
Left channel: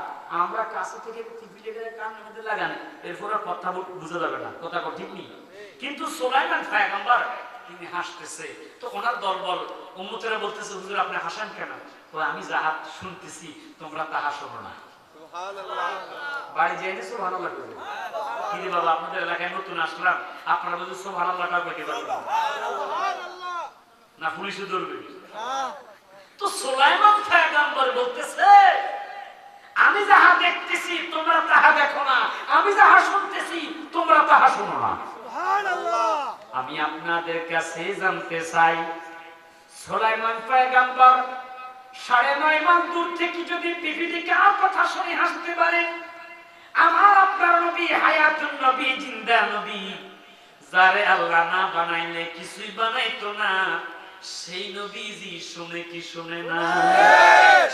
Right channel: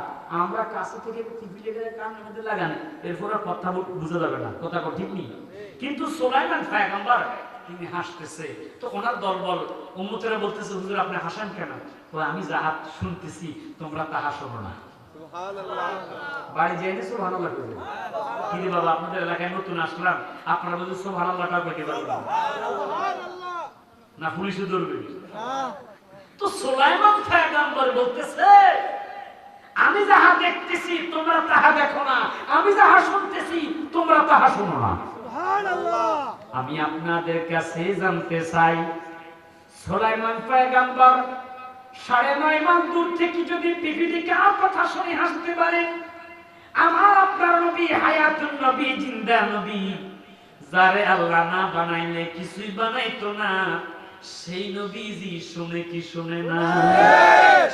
আমরা কাছে থেকে ফিফিলিকার কানের মধ্যে লাগান, এরপর কথা বুঝা যাবে না। কথা ঠিক নেই। কিন্তু সুলাইমান পয়গম্বর তিনি হাসতেছে। তো ওনার দলবল উম্মতেরা বলতেছে, হুজুর আপনি হাসেন কেন? তো আমি যাহা শুনতেছি তোমরা তাহা শোনো না। সুবহানাল্লাহ। বাড়ি যাইলে সুবহানাল্লাহ করবে। কি রে বাবা, আপনাদের এলাকায় নতুন আসলাম, আপনারা বলছেন সুবহানাল্লাহ কা কইতে পারবেন না? সুবহানাল্লাহ না, পুলিশে ধরবে না। তো সুলাইমান পয়গম্বর বলতেছে, আমি যাহা দেখতেছি তোমরা তাহা দেখো না, আমি যাহা শুনতেছি তোমরা তাহা শোনো না। সুবহানাল্লাহ। আমি আপনাদের কাছে জানতে চাই, সুলাইমান পয়গম্বর 9.5 মাইল দূর থেকে যদি ফিফিলিকার কথা শুনে হাসতে পারে, আমার আপনার নবী হায়াতুন নবী, জিন্দা নবী, যারে আল্লাহ না বানাইলে কিছুই বানাইতো না, সেই নবীজি শুনে কি শুনে না?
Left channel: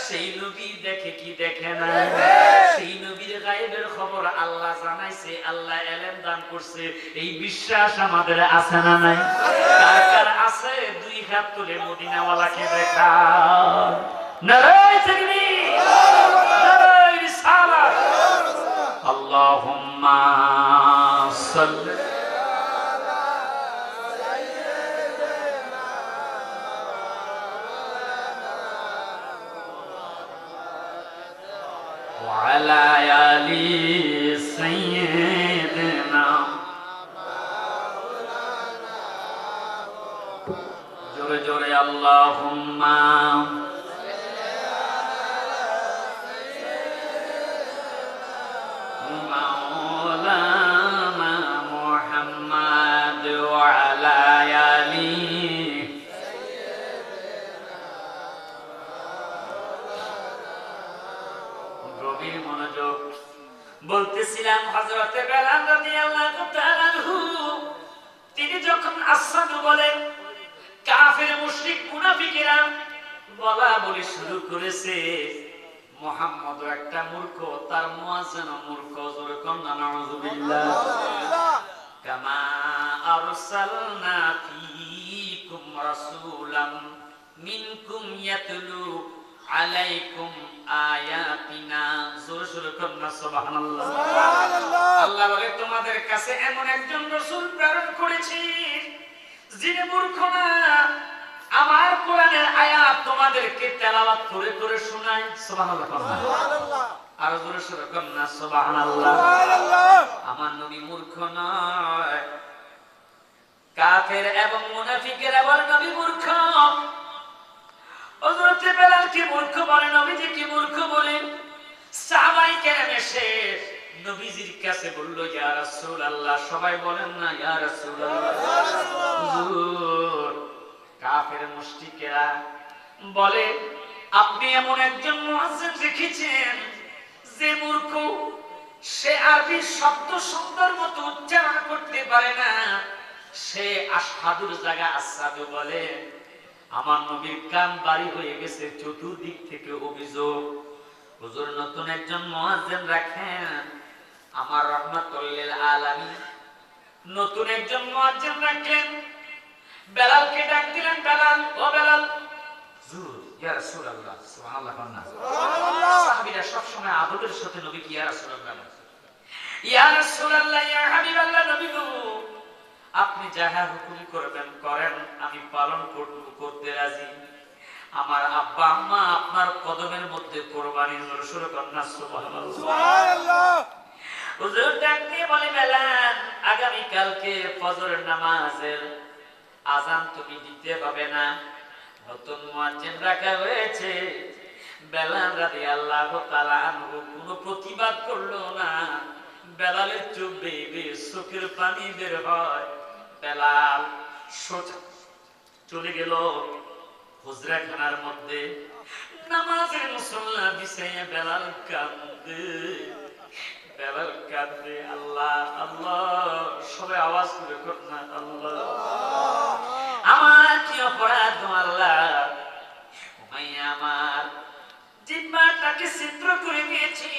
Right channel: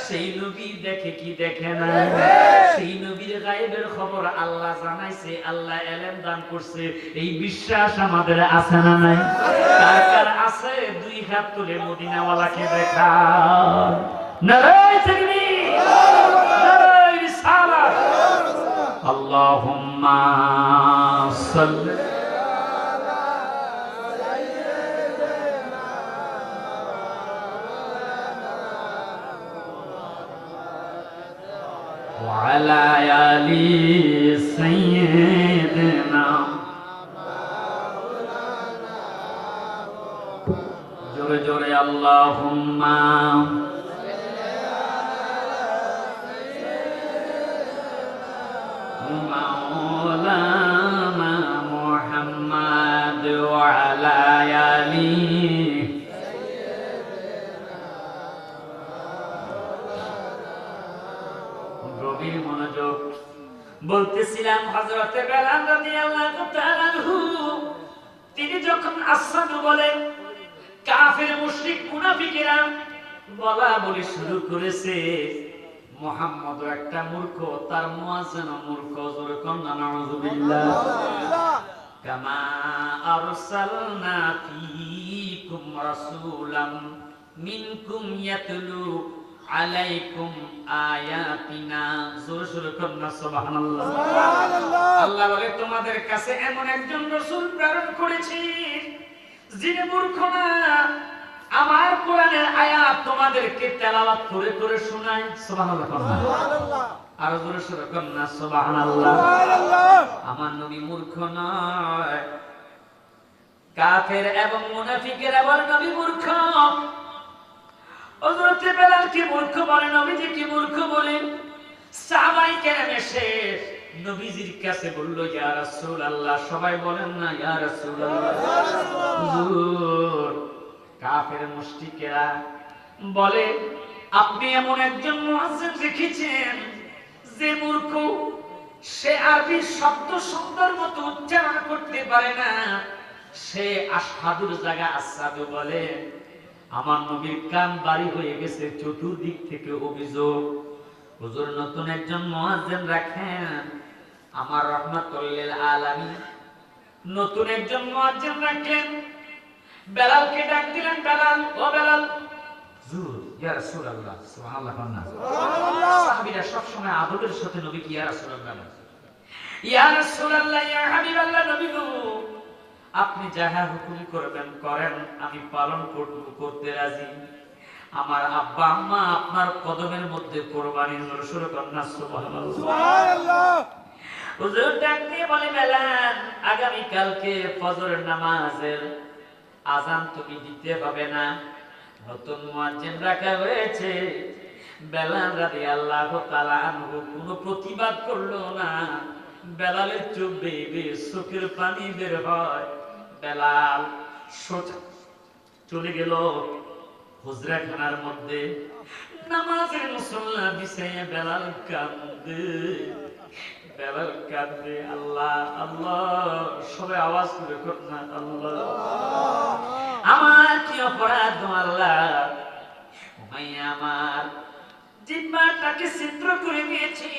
সেই নবী দেখে কি দেখে না? সেই নবীর গায়েবের খবর আল্লাহ জানাইছে, আল্লাহ ইলম দান করছে। এই বিশ্বাস আমাদের আছে না নাই? কার কার আছে? 2 হাত তুলে মদিনাওয়ালাকে দেখা। নারায়ে তাকবীর, নারায়ে রিসালাত। আল্লাহুম্মা সাল্লি وعلى آل سيدنا মাওলানা মুহাম্মদ ওয়া আলা আলিহি। গভীর মনোযোগ। বলতেছিলাম হযরতে বেলাল রাদিয়াল্লাহু তাআলা আনহু তিনি যখন আসাদু বলেন, কাফের মুশরিক মুনাফিকেরা বলা বলি শুরু করেছে মুহাম্মদ একটা মূর্খ, তার মুয়াজ্জিন মূর্খ। জোরে কন্না নাউযুবিল্লাহ। কামা আরসালনা ফীকুম রাসূলাম মিনকুম ইয়াতলু আলাইকুম আয়াতিনা। জোরে জোরে কন্না সুবহানাল্লাহ। আল্লাহ বলে তোমাদের কাছে এমন একজন রাসূল প্রেরণ করেছি যিনি মূর্খ না, আমার কোরআনের আয়াত তোমাদেরকে তেলাওয়াত করে করে শোনায়। সুবহানাল্লাহ। আর জোরে জোরে কন্না সুবহানাল্লাহ। আমার নবী মূর্খ নয়, কাফের এবং মুনাফিকের আবার নবী মূর্খ। হযরত বেলাল কি মূর্খ বলে, নবীজি কি মূর্খ বলে? সাহাবায়ে কেরাম এসে নবীজির কাছে বলল, ইয়া রাসূলুল্লাহ, সবাই বলেন না ইয়া রাসূলুল্লাহ। হুজুর, কাফের মুশরিকেরা বলে আপনি এমন একজন মুয়াজ্জিন দেখেছেন যে মূর্খ, সে আরবি শব্দ সুন্দর মতো উচ্চারণ করতে পারে না, সে আশহাদুর জায়গা আসাদু বলে। আমার নবীর কান বাড়ি হয়ে গেছে, চতুর্দিক থেকে অভিযোগ। হুজুর নতুন একজন মুয়াজ্জিন রাখেন, আমার রাহমাতুল লিল আলামিন নতুন একজন মুয়াজ্জিন রাখলেন। বেলালকে ডাক দিলেন, বেলাল, ও বেলাল। হুজুর, ইয়া রাসূলুল্লাহ। সুবহানাল্লাহ। সুবহানাল্লাহ। সাহাবীরা সব সময় আদবের সাথে নবীকে ইয়া রাসূলুল্লাহ, ইয়া রাসূলুল্লাহ, ইয়া হাবিবাল্লাহ। নবী গো, আপনি যাহা হুকুম করবেন করেন, আমি পালন করতে রাজি। আমার আব্বা আম্মা আপনার কদমের মধ্যে কোরবানি। শুরু করেন না সুবহানাল্লাহ। হুজুর ডাক দিয়ে বলে, বেলাল, আগামী কালকে ফজরের নামাজের আযান তুমি দিতে হবে না, নতুন মুয়াজ্জিন রাখা হয়েছে। বেলাল রাদিয়াল্লাহু তাআলা আনহু কোনো প্রতিবাদ করলো না। বেলালের চোখ বেয়ে চোখের পানি বের হয়। বেলাল সোজা চলে গেল হুজরাখানার মধ্যে। নামাজের মুসল্লা বিছাইয়া বেলাল কাঁদে, বেলাল কাঁদে। আল্লাহ আল্লাহ, সবাই আওয়াজ করে করুন না, আল্লাহ আমার কি অপরাধ আল্লাহ? উমাইয়া আমার জিহ্বাটাকে ছিদ্র করে দিয়েছে,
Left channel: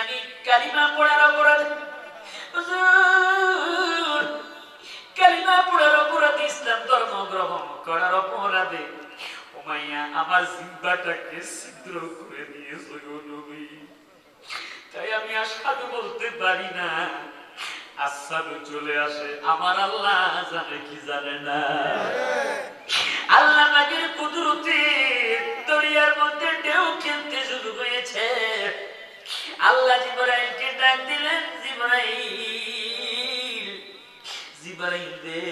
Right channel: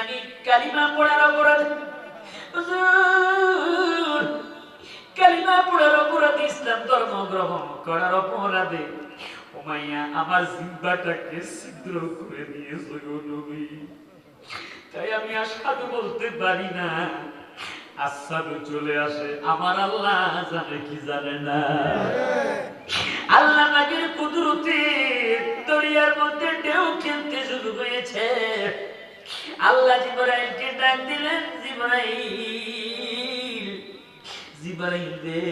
আমি কালিমা পড়ার অপরাধ। হুজুর, কালিমা পড়ার অপরাধ, ইসলাম ধর্ম গ্রহণ করার অপরাধে উমাইয়া আমার জিহ্বাটাকে ছিদ্র করে দিয়েছে গো নবী। তাই আমি আশহাদু বলতে পারি না। আসাদু চলে আসে। আমার আল্লাহ জানে কি জানে না? আল্লাহ নবীর কুদরতে দরিয়ার মধ্যে ঢেউ খেলতে শুরু হয়েছে। আল্লাহ জিবরাইলকে ডাক দিলেন, জিবরাইল, জিবরাইল রে,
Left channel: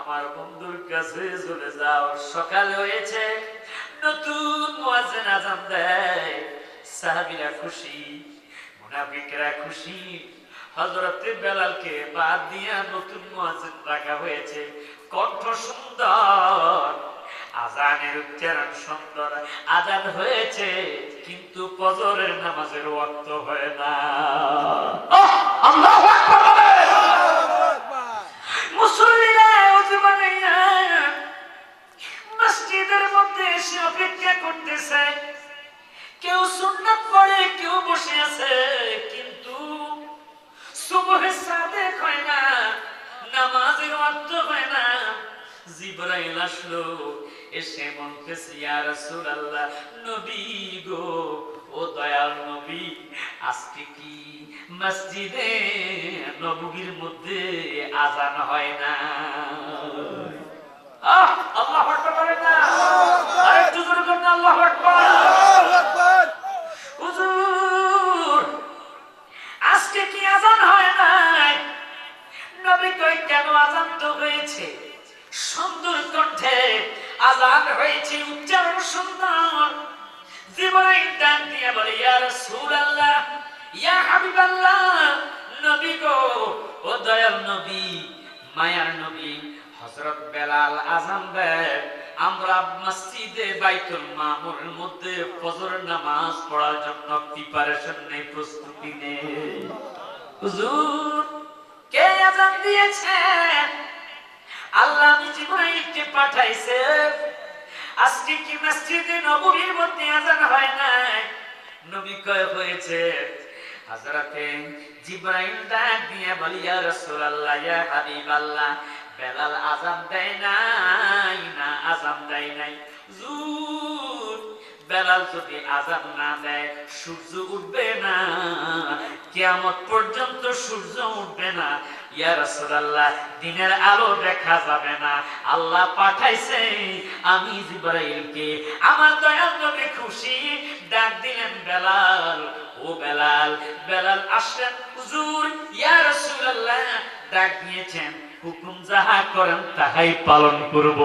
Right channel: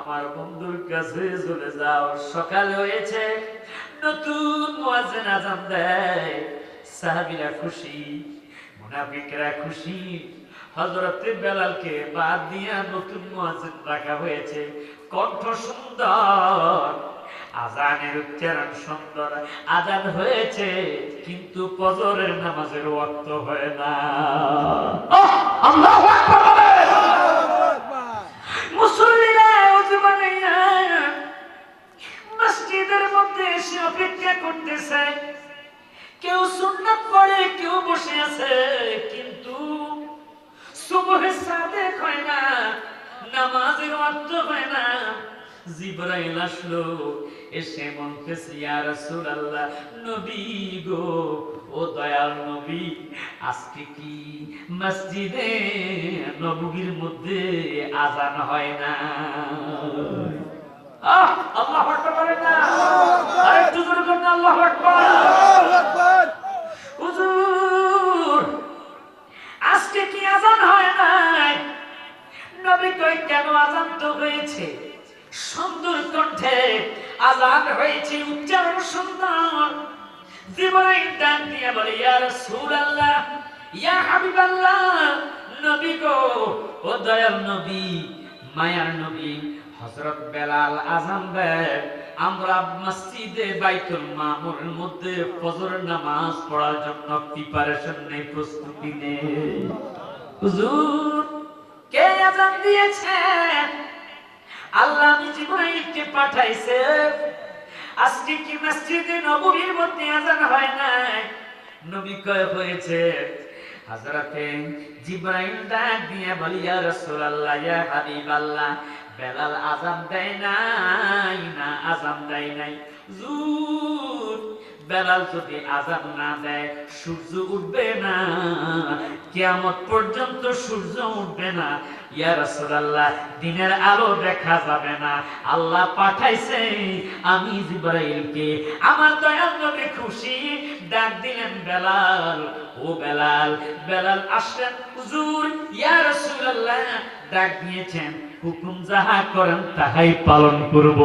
আমার বন্ধুর কাছে চলে যাও। সকাল হয়েছে, নতুন মুয়াজ্জিন আযান দেয়। সাহাবীরা খুশি, মুনাফিকরা খুশি। হযরতে বেলালকে বাদ দিয়া নতুন মুয়াজ্জিন রাখা হয়েছে। কণ্ঠ সুন্দর, আযানের উচ্চারণ সুন্দর, আযান হয়েছে, কিন্তু ফজরের নামাজের ওয়াক্ত হয় না। আল্লাহু আকবার। মুসল্লিরা ওযু বানাইয়া মসজিদের মধ্যে এসে অপেক্ষা করতেছে। কেউ সুন্নাত পড়ে, কেউ বসে আছে, কিন্তু সুবহে সাদেক হয় না, নামাজের ওয়াক্ত হয় না। জিবরাইল আসলো, এসে বলতেছে, ইয়া রাসূলুল্লাহ, নবী গো, ও দয়াল নবী, আজকে কি মসজিদে নববীর মধ্যে আযান হয় না? আল্লাহু আকবার বলেন না, আরেকটু জোরে বলেন আল্লাহু আকবার। আল্লাহু আকবার। হুজুর, আজকে কি আযান হয় না? নবী কই, কেন আযান তো হয়েছে, সুন্দর কণ্ঠে আযান হয়েছে, উচ্চারণ সুন্দর। জিবরাইল ডাক দিয়ে বলে, ইয়া রাসূলুল্লাহ, ইয়া হাবিব হাবিবাল্লাহ, নবী গো, ও দয়াল নবী, মায়ার নবী হযরত বেলাল আযান দেয়, আমরা মসজিদে বাইতুল মামুরের মধ্যে ফজরের নামাজ পড়ার জন্য প্রিপারেশন নেই, প্রস্তুতি নেই। হুজুর, কে আযান দিয়েছে? আল্লাহ জিবরাইলকে পাঠাইছে। আজকে কি মসজিদে নববীর মধ্যে আযান হয় নাই? নবী কয় হয়েছে। হযরতে জিবরাইল ডাক দিয়ে বলি, ইয়া রাসূলুল্লাহ, ইয়া হাবিবাল্লাহ, বেলাল আযান দেয় নাই না আযান দেয় নাই? হুজুর, বেলাল যদি আযান না দেয় সূর্য উঠবে না, কিয়ামত পর্যন্ত সূর্য উঠবে না। ইয়া রাসূলুল্লাহ, দিনের আলো দেখা যাবে না। আল্লাহ পাঠাইছে আমি জিবরাইলকে। আমার দয়াল নবী খুশি, ডাক দিলেন বেলাল, ও বেলাল। বেলাল আসলেন, হুজুর, ইয়া রাসূলুল্লাহ, ডাক দিয়েছেন, হুকুম যাহা করেন তাহাই পালন করব।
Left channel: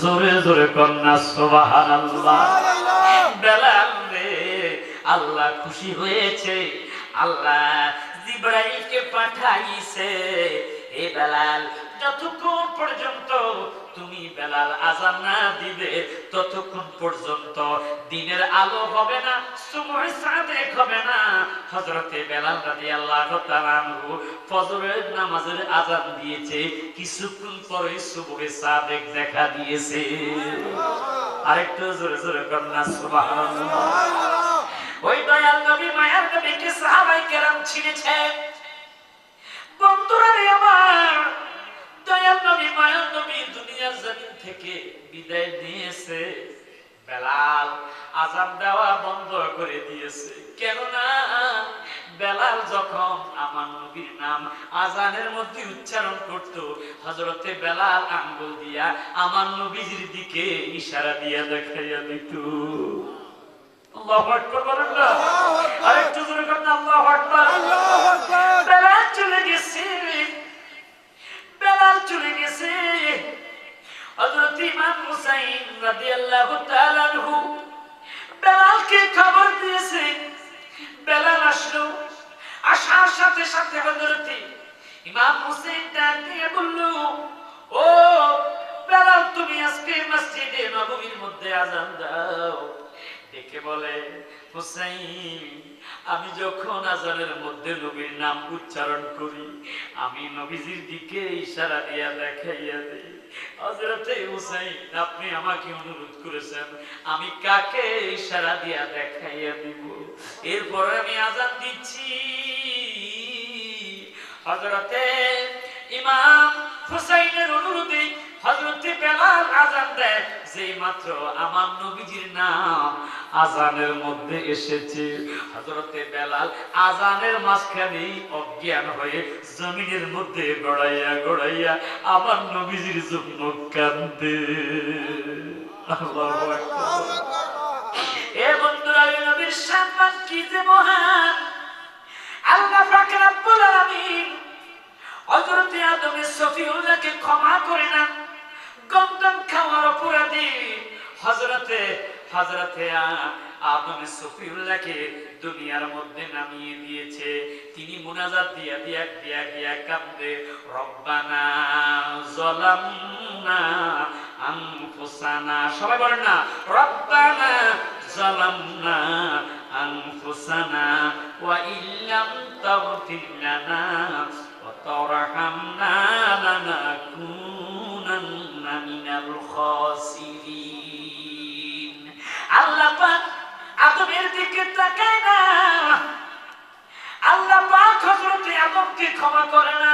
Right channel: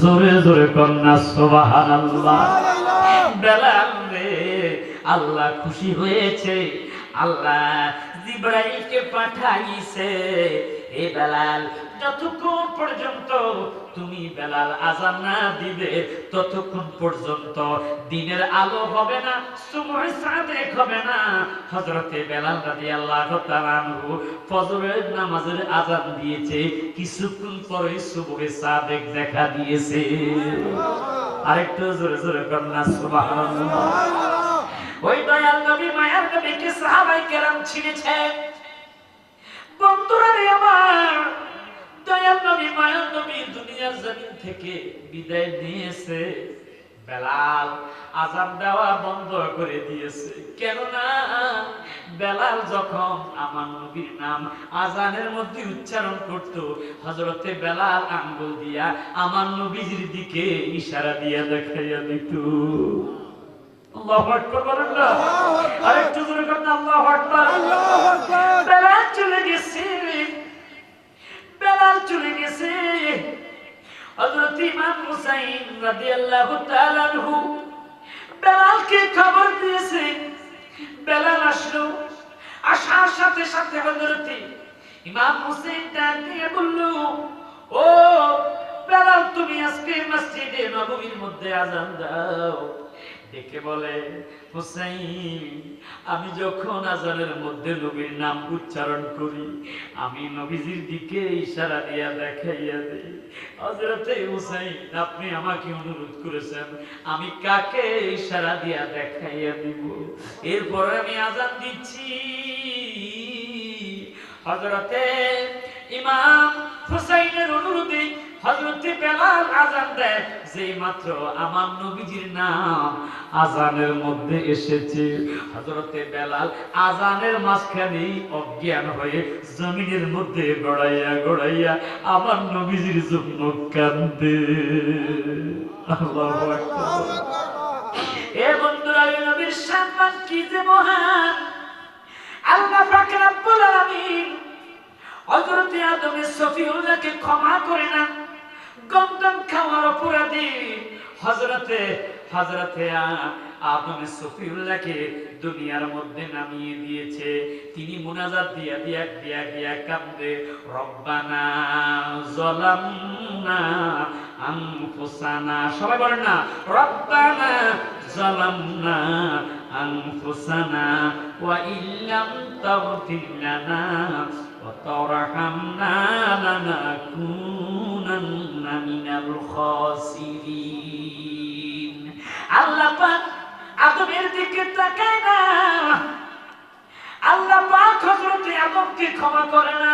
জোরে জোরে কন্যা সুবহানাল্লাহ। বেলাল রে, আল্লাহ খুশি হয়েছে, আল্লাহ জিবরাইলকে পাঠাইছে। এ বেলাল, যতক্ষণ পর্যন্ত তুমি বেলাল আযান না দিবে ততক্ষণ পর্যন্ত দিনের আলো হবে না, সুবহে সাদেক হবে না। হযরতে বেলাল রাদিয়াল্লাহু তাআলা আনহু ফজরের নামাজের আযান দিয়েছে, কিছুক্ষণ পরে সুবহে সাদেক দেখা দিয়েছে। আরেকটু জোরে জোরে কন্যা সুবহানাল্লাহ। ওই দয়াল নবী, মায়ার নবীকে সাহাবায়ে কেরাম চিনেছে। বন্ধুরা রে আমার, দয়াল নবী, মায়ার নবী দুনিয়ার জমিন থেকে বিদায় নিয়েছে। বেলাল আযান দেওয়া বন্ধ করে দিয়েছে। কেননা বেলাল যখন আমার নবীর নাম আযানের মধ্যে উচ্চারণ করত, হযরতে বেলাল আঙ্গুল দিয়া আমার নবীর দিকে ইশারা দিয়া দেখাইয়া দিত। আল্লাহু আকবার বলেন না? আরেকটু জোরে করেন, আল্লাহু আকবার। আল্লাহু আকবার। বেলাল চলে গেছে, বেলাল চলে গেছে। হযরত ইমাম হুসাইন রাদিয়াল্লাহু তাআলা আনহু বেলালকে খবর দিয়েছে। বেলাল আসলো, আসার সাথে সাথে হযরত ইমাম হুসাইন ডাক দিয়ে বলল, ও বেলাল, তুমি আজকে মসজিদে নববীর মধ্যে আযান দাও। ডেকে বলে, হুসাইন, আমি যখন আযানের মধ্যে নবীর নাম উচ্চারণ করি, আমি নবীজির দিকে ইশারা দিয়া দেখাইয়া দেই। হযরতে হুসাইন, আপনি আমাকে অনুরোধ করেছেন, আমি কাকে ইশারা দিয়া দেখাইয়া দিব? এরপর আমি আযান দিচ্ছি। হযরতে ইমাম হুসাইনের অনুরোধে হযরতে বেলাল আযান দেয়। যেই মাত্র আমার নবীজির নাম আযানের মধ্যে এসেছে, হযরতে বেলাল আযানের মাঝখানে অজ্ঞান হয়ে জমিনের মধ্যে গড়াইয়া গড়াইয়া আমার নবীজির জন্য কান্দে। আল্লাহু আকবার। এ বন্ধুরা, নবীর সম্মান কি যে মহান! আল্লাহ পাক রব্বুল আলামিন হযরতে আদম সফিউল্লাহকে ক্ষমা করে না, গন্ধম খাওয়ার অপরাধী হযরতে আদম সফিউল্লাহকে দুনিয়ার মধ্যে নামিয়ে দিয়েছে। তিনি মুনাজাত দিয়া দিয়া দিয়া দিয়া কান্দে, রব্বানা যালামনা আনফুসানা। সবাই বলেন না, রব্বানা যালামনা আনফুসানা ওয়া ইল্লাম তাগফির লানা ওয়া তারহামনা লানাকুনান্না মিনাল খাসিরিন। আল্লাহ পাক আদমের দিকে তাকায় না, আল্লাহ পাক হযরত আদমকে ক্ষমা করে না।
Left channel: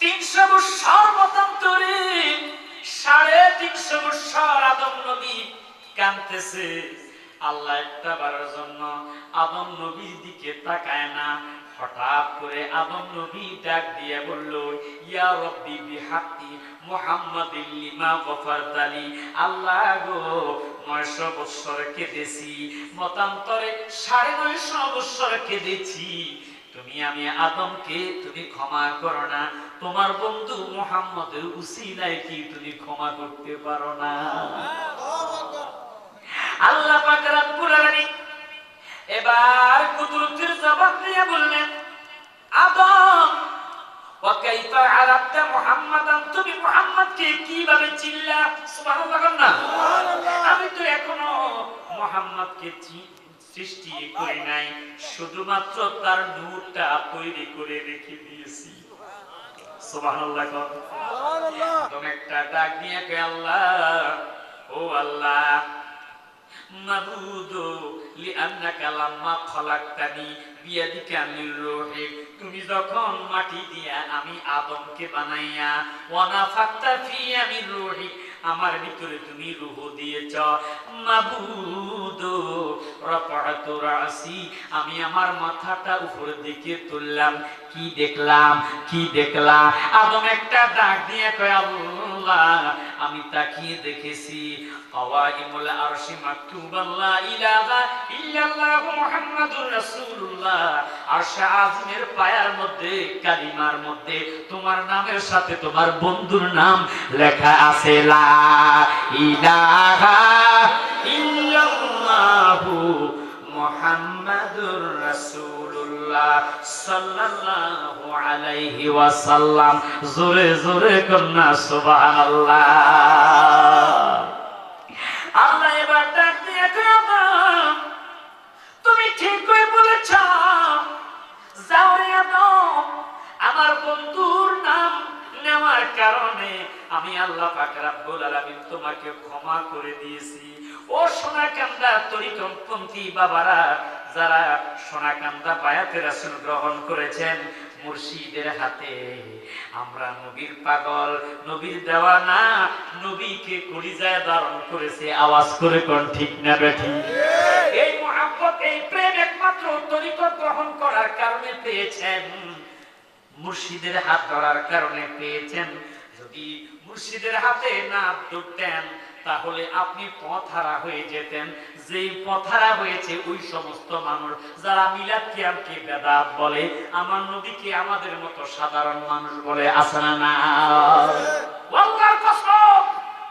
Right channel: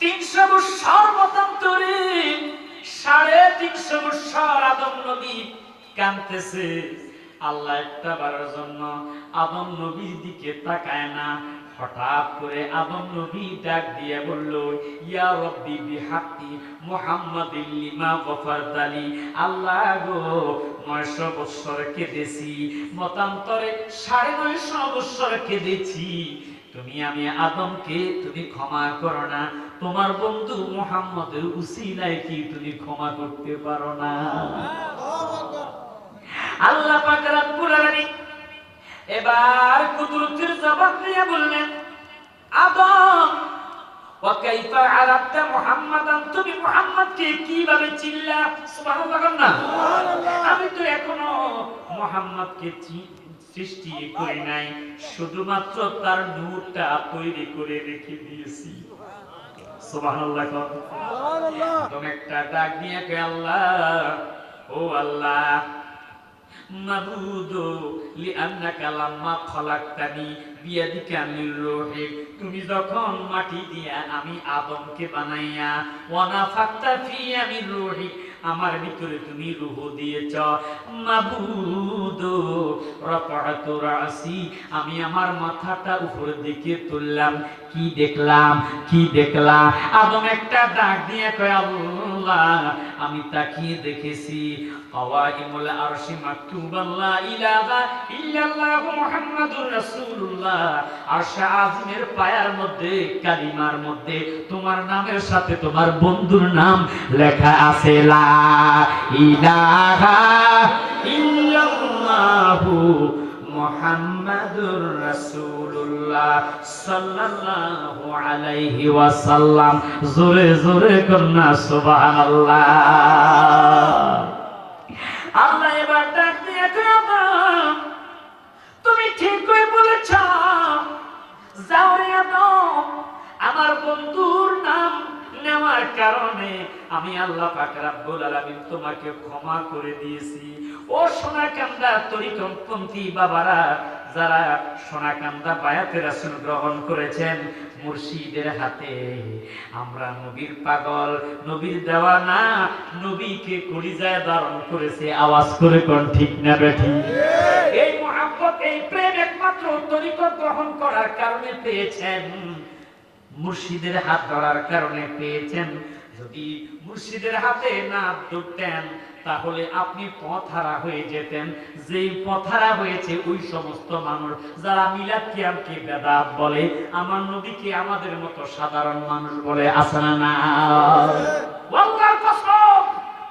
300 বছর মতান্তরে 350 বছর আদম নবী কাঁদতেছে। আল্লাহ একটা বারের জন্য আদম নবীর দিকে তাকায় না। হঠাৎ করে আদম নবী ডাক দিয়ে বলল, ইয়া রব্বি বিহাক্কি মুহাম্মাদিন লিমা গফারতালি। আল্লাহ গো, 900 বছর কেঁদেছি, মতান্তরে 950 বছর কেঁদেছি, আমি আদমকে তুমি ক্ষমা করো না, তোমার বন্ধু মুহাম্মদের উসিলায় কি তুমি ক্ষমা করতে পারো না? আল্লাহ পাক রব্বুল আলামিন এবার কুদরতের জবাব দিয়ে বললেন, আদম ওয়াকাইফা আরাফতা মুহাম্মাদান, তুমি মুহাম্মদকে কিভাবে চিনলা? সুবহানাল্লাহ না, আমি তো এখনো মুহাম্মদকে সৃষ্টি করি নাই, শুধুমাত্র তার নূরটা তৈরি করে রেখে দিয়েছি। সুবহানাল্লাহ সুবহানাল্লাহ। তুমি একটা ডাক দিয়ে কে আল্লাহ, ও আল্লাহ, মাবুদু লিআন্নাকা লাম্মা খলাকতানি বিয়াদিকা মির রূহি, তুমি যখন মাটি দিয়া আমি আদমকে বানাইয়া ওয়া নাফাকতা ফিয়া মির রূহি, আমার ভিতরে তুমি রূহ দিয়েছ। মাবুদু রাফা'তু রাসি, আমি আমার মাথাটা উপরের দিকে তুললাম, কি দেখলাম? কি দেখলাম? আদম একটা ডাক দিয়ে কয়, আল্লাহ, আমি তাকিয়ে দেখেছি কাওয়াইমুল আরশি মাকতুবান লা ইলাহা ইল্লাল্লাহু মুহাম্মাদুর রাসূলুল্লাহ, আরশে আজিমের পায়ার মধ্যে, কালিমার মধ্যে তোমার নামের সাথে তোমার বন্ধুর নাম লেখা আছে, লা ইলাহা ইল্লাল্লাহু মুহাম্মাদুর রাসূলুল্লাহ সাল্লাল্লাহু আলাইহি ওয়াসাল্লাম। জোরে জোরে কন্না সুবহানাল্লাহ। আল্লাহ এবার ডাক দিয়ে কয়, তুমি ঠিক করে বলেছ, যাও রে আদম, আমার বন্ধুর নাম নেওয়ার কারণে আমি আল্লাহ পাক রব্বুল আলামিন তোমাকে ক্ষমা করে দিয়েছি। ও সোনাকান্দা তরিকপন্থী বাবারা, যারা সোনাকান্দা বায়াতে রাসূল গ্রহণ করেছেন, মুর্শিদের হাতে আমরা নবীর পাগল, নবীর দেওয়ানা, নবীকে কলিজায় ধারণ করেছে। আওয়াজ করে কোন ঠিক না বেঠি? এই মহব্বত, এই প্রেম একমাত্র তরিকত গ্রহণ করার কারণে পেয়েছেন, মুর্শিদের হাত ধরার কারণে পেয়েছেন। যদি মুর্শিদের হাতে না ধরতেন তাহলে আপনি পথহারা হয়ে যেতেন। যেই পথহারা হয়েছে ওই সমস্ত মানুষ যারা মিলাদ কিয়ামকে বেদাত বলে, আমার নবীকে আমাদের মতো সাধারণ মানুষ বলে, আছে না না? আল্লাহর কসম,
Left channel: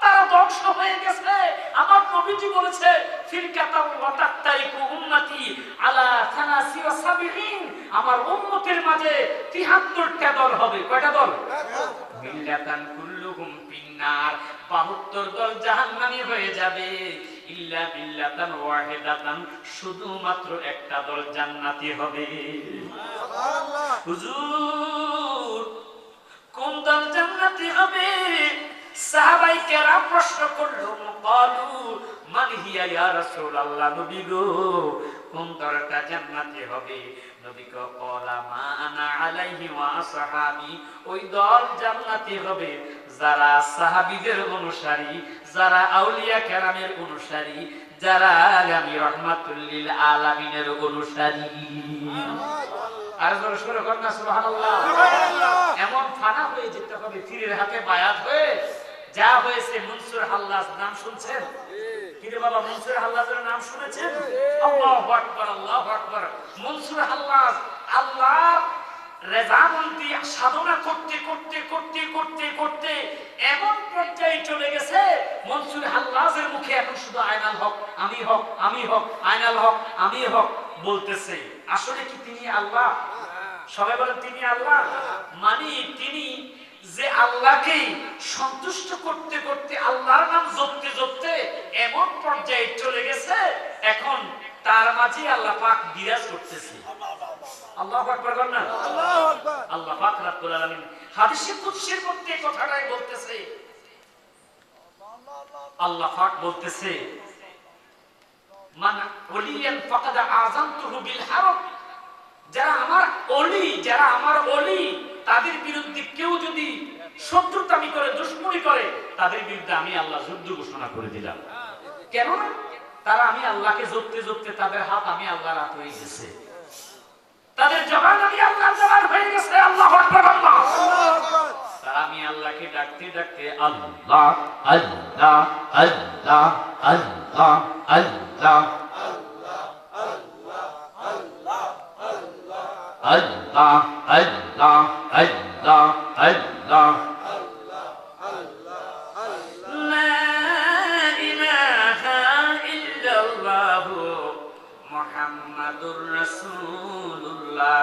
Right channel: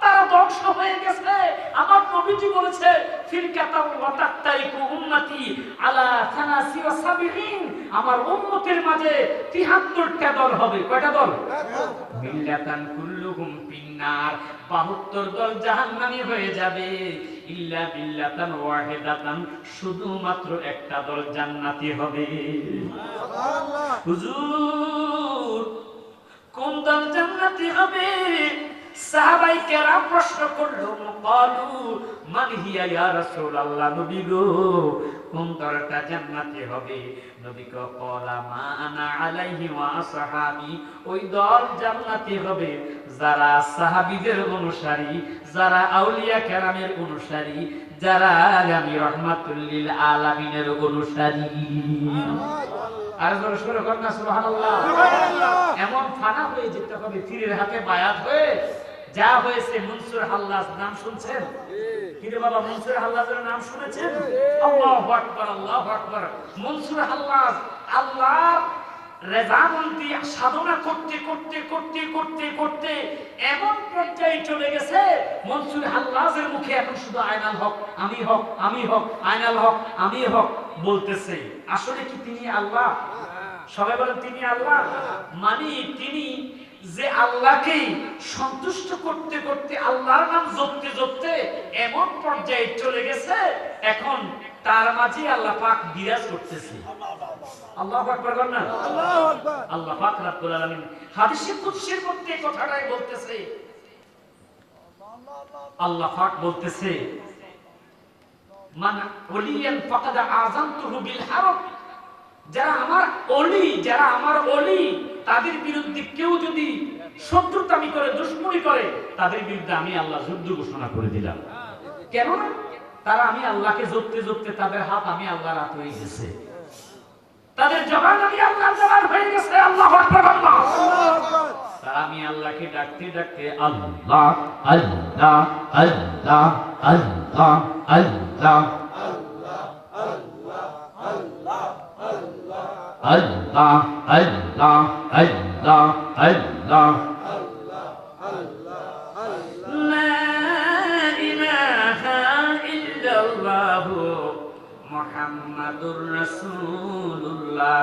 তারা ধ্বংস হয়ে গেছে। আমার নবীজি বলেছে, ফিরকাতাও ওয়া তাতারিকু উম্মতি আলা 73, আমার উম্মতের মাঝে 73টা দল হবে। কয়টা দল? মিল্লাতান কুল্লুহুম ফিন্নার, 72 দল জাহান্নামী হয়ে যাবে। ইল্লা বিল্লাতান ওয়াহিদাতান, শুধুমাত্র একটা দল জান্নাতি হবে। সুবহানাল্লাহ। হুজুর, কোন দল জান্নাতি হবে? সাহাবায়ে কেরাম প্রশ্ন করলো, ক্বালু মান হিয়া ইয়া রাসূলুল্লাহ, নবী গো, কোন দলটা জান্নাতি হবে? নবী কো, ক্বালা মা আনা আলাইহি ওয়া আসহাবি, ওই দল জান্নাতি হবে যারা সাহাবীদের অনুসারী, যারা আউলিয়া কেরামের অনুসারী, যারা আমি রাহমাতুল লিল আলামিনের অনুসারী। আর জোরে সরে কর না সুবহানাল্লাহ। এমন ফানা হয়ে যেতে হবে, পীরের হাতে বায়াত হয়ে যা হয়েছে। মনসুর হাল্লাজ নাম শুনছেন? কিন্তু বাবা, মনসুর হাল্লাজের নাম শুনেছেন? আল্লাহু আকবার, আল্লাহু আকবার। মনসুর হাল্লাজ আল্লাহর রেজামন্দি সাধনা করতে করতে করতে করতে করতে এমন পর্যায়ে চলে গেছে, মনসুর হাল্লাজের মুখে এখন শুধু আয়নাল হক আমি হক, আমি হক, আয়নাল হক আমি হক বলতেছে। আসলে কি তিনি আল্লাহ? সবাই বলেন তিনি আল্লাহ। মানে তিনি যে আল্লাহকে সন্তুষ্ট করতে করতে, আল্লাহর নাম জপতে জপতে এমন পর্যায়ে চলে গেছে, এখন তার মাঝে আল্লাহ পাক বিরাজ করতেছে। আল্লাহু আকবার বলেন না? আল্লাহু আকবার। আল্লাহ পাক রব্বুল আলামিন হাদিসে কুদসির মধ্যে কথাটাই বলতেছে। আল্লাহ পাক বলতেছে, মান ওলিয়ান ফাকাদ আযামতুহু বিল হারব, যারা আমার ওলি, যারা আমার ওলি, তাদের বিরুদ্ধে কেউ যদি শত্রুতামি করে, দুশমনি করে, তাদের বিরুদ্ধে আমি আল্লাহ যুদ্ধ ঘোষণা করে দিলাম। কেন? তারা আমি আল্লাহকে জপতে জপতে তাদের হাত আমি আল্লাহর হাত হয়ে গেছে, তাদের জবান আমি আল্লাহর জবান হয়ে গেছে। আল্লাহু আকবার, আল্লাহু আকবার। তারা আমি আল্লাহকে ডাকতে ডাকতে আল্লাহ আল্লাহ আল্লাহ আল্লাহ আল্লাহ আল্লাহ আল্লাহ আল্লাহ আল্লাহ লা ইলাহা ইল্লাল্লাহু মুহাম্মাদুর মুহাম্মাদুর রাসূলুল্লাহ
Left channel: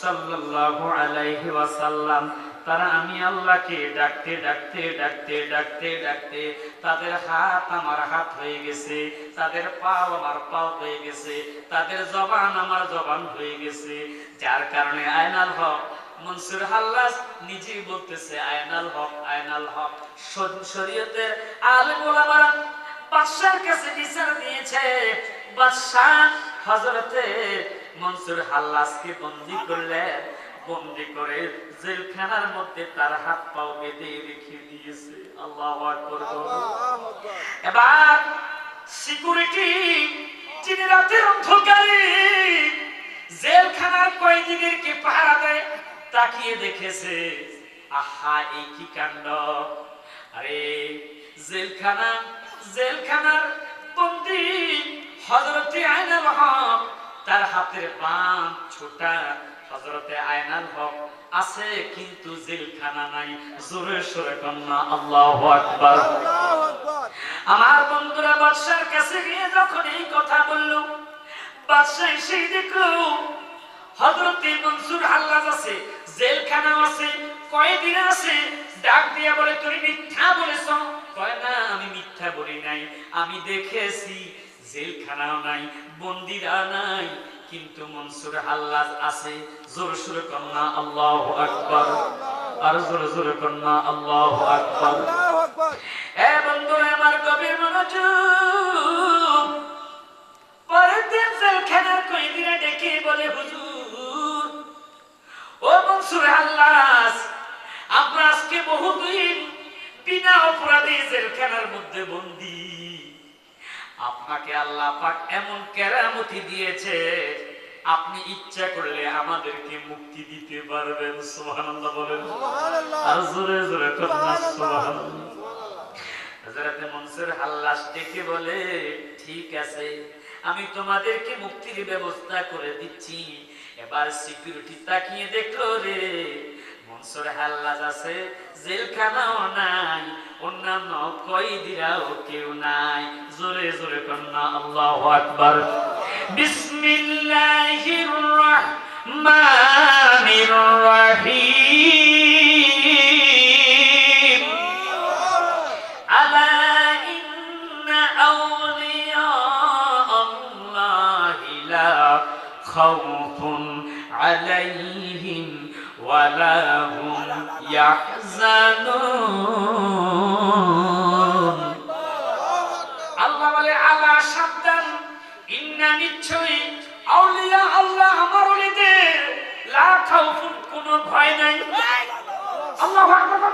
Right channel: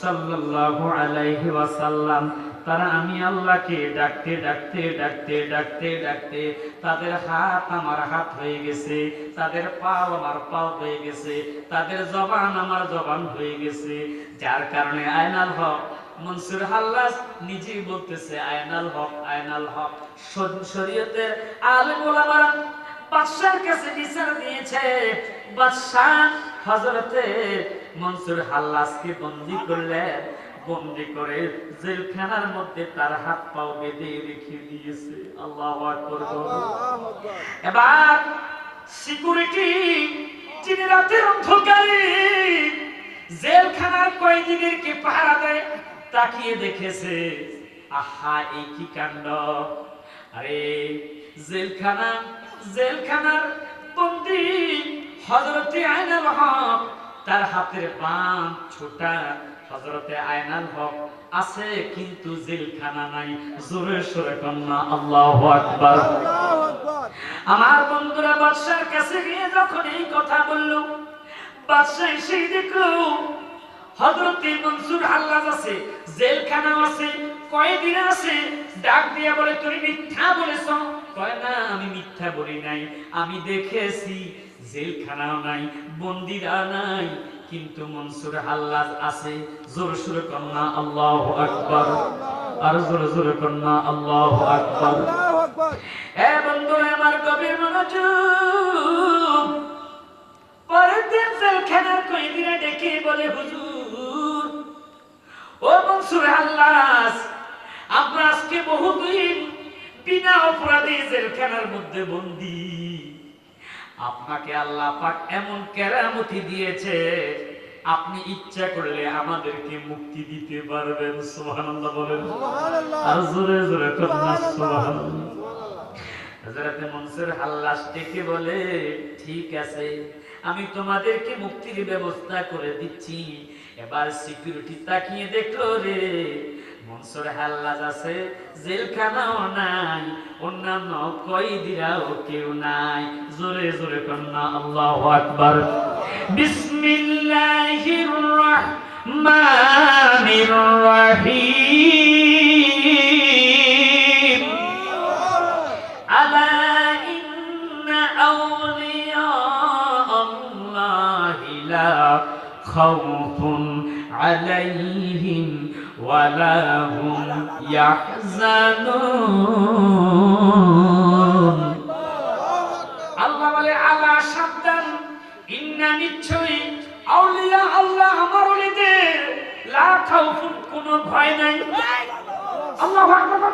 সাল্লাল্লাহু আলাইহি ওয়াসাল্লাম। তারা আমি আল্লাহকে ডাকতে ডাকতে ডাকতে ডাকতে ডাকতে তাদের হাত আমার হাত হয়ে গেছে, তাদের পাও আমার পাও হয়ে গেছে, তাদের জবান আমার জবান হয়ে গেছে। যার কারণে আয়নাল হক মনসুর হাল্লাস নিজেই বলতেছে আয়নাল হক, আয়নাল হক। শরীয়তের আলেম ওলামারা বাদশার কাছে বিচার দিয়েছে, বাদশাহ হযরতে মনসুর হাল্লাসকে বন্দী করলেন, বন্দী করে জেলখানার মধ্যে তার হাত পাও বেঁধে রেখে দিয়েছে। আল্লাহু আকবার। এবার সিকিউরিটি যিনি রাতের অন্ধকারে জেলখানার কয়েদিদেরকে পাহারা দেয় তাকিয়ে দেখেছে, আহা এই কি কাণ্ড! আরে জেলখানার বন্দী হযরতে আয়নাল হক, তার হাতের বাম ছোটা হযরতে আয়নাল হক আছে, কিন্তু জেলখানা নাই। জোরে সোরে কন্যা আল্লাহু আকবার। আমার বন্ধুরা বাদশার কাছে গিয়ে যখন এই কথা বলল, বাদশা এসে দেখলো হযরতে মনসুর হাল্লাজ আছে, জেলখানা আছে, কয়েদিরা আছে। ডাক দিয়া বলে, তুমি মিথ্যা বলেছ। কয় না, আমি মিথ্যা বলি নাই, আমি দেখেছি জেলখানাও নাই, বন্দীরা নাই, কিন্তু মনসুর হাল্লাজ আছে। জোরে সোরে কন্যা আল্লাহু আকবার। আর জোরে জোরে কন্যা আল্লাহু আকবার। এ বন্ধুরা আমার গভীর মনোযোগ। পরের দিন জেলখানার কয়েদিরা ডেকে বলে, হুজুর, ও মনসুর হাল্লাজ, আমরা আজকে বহুদিন বিনা অপরাধে জেলখানার মধ্যে বন্দী। আপনাকে আল্লাহ পাক এমন কেরামতি দিয়েছে, আপনি ইচ্ছা করলে আমাদেরকে মুক্তি দিতে পারবেন। সুবহানাল্লাহ বলেন। আর জোরে জোরে কন্যা সুবহানাল্লাহ। হযরত মনসুর হাল্লাজ ডেকে বলে, ঠিক আছে, আমি তোমাদেরকে মুক্তির ব্যবস্থা করে দিচ্ছি। এবার সিকিউরিটি তাকিয়ে দেখলো, রে মনসুর হাল্লাজ আছে, জেলখানাও নাই, অন্যান্য কয়েদিরাও কেউ নাই। জোরে জোরে কন্যা আল্লাহু আকবার। বিসমিল্লাহির রাহমানির রাহিম। আলা ইন্না আউলিয়া আল্লাহি লা খাউফুন আলাইহিম ওয়ালা হুম ইয়াহজানুন। আল্লাহ বলে, আলা সাবধান, ইন্না নিশ্চয়ই, আউলিয়া আল্লাহ আমার ওলিদের, লা খাউফুন কোনো ভয় নাই, আল্লাহু আকবার,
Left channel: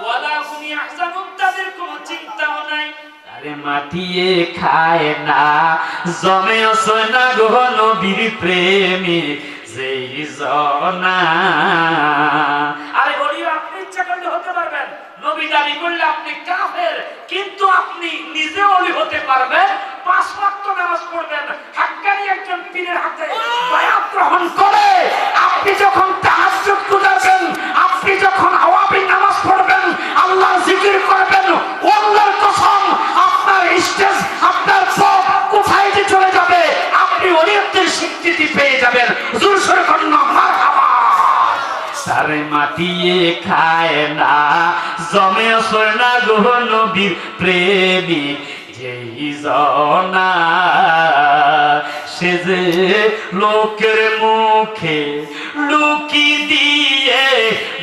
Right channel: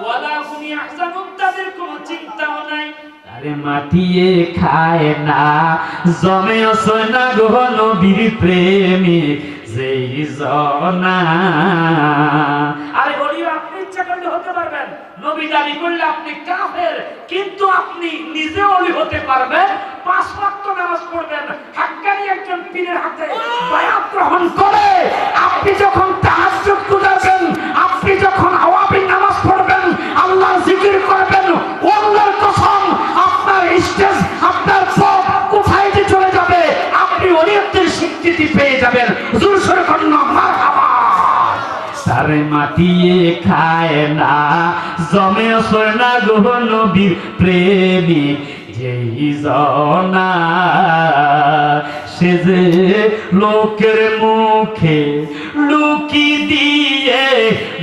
ওয়ালা হুম ইয়াহজানুন তাদের কোনো চিন্তাও নাই। আরে মাটিয়ে খায় না, জমে সোনা গো নবীর প্রেমে যেই জনা। আরে বলিও, আপনি ইচ্ছা করলে হতে পারবেন, নবী দাবি করলে আপনি কাফের, কিন্তু আপনি নিজে ওলি হতে পারবেন, 5 ওয়াক্ত নামাজ পড়বেন, হাক্কানি একজন পীরের হাতে বায়াত গ্রহণ করে আপনি যখন তাহাজ্জুদ করবেন, আপনি যখন আওয়াবিন নামাজ পড়বেন, আল্লাহর জিকির করবেন, আল্লাহর কসম আপনার স্টেজ, আপনার পথ কোথায় যে চলে যাবে, আপনি ওলিয়তের স্বীকৃতি পেয়ে যাবেন। জোরে সোরে কন্যা মারহাবা। সারে মাটিয়ে খায় না, জমে সোনা গো নবীর প্রেমী যেই জনা। সে যে লোকের মুখে লুকি দিয়ে,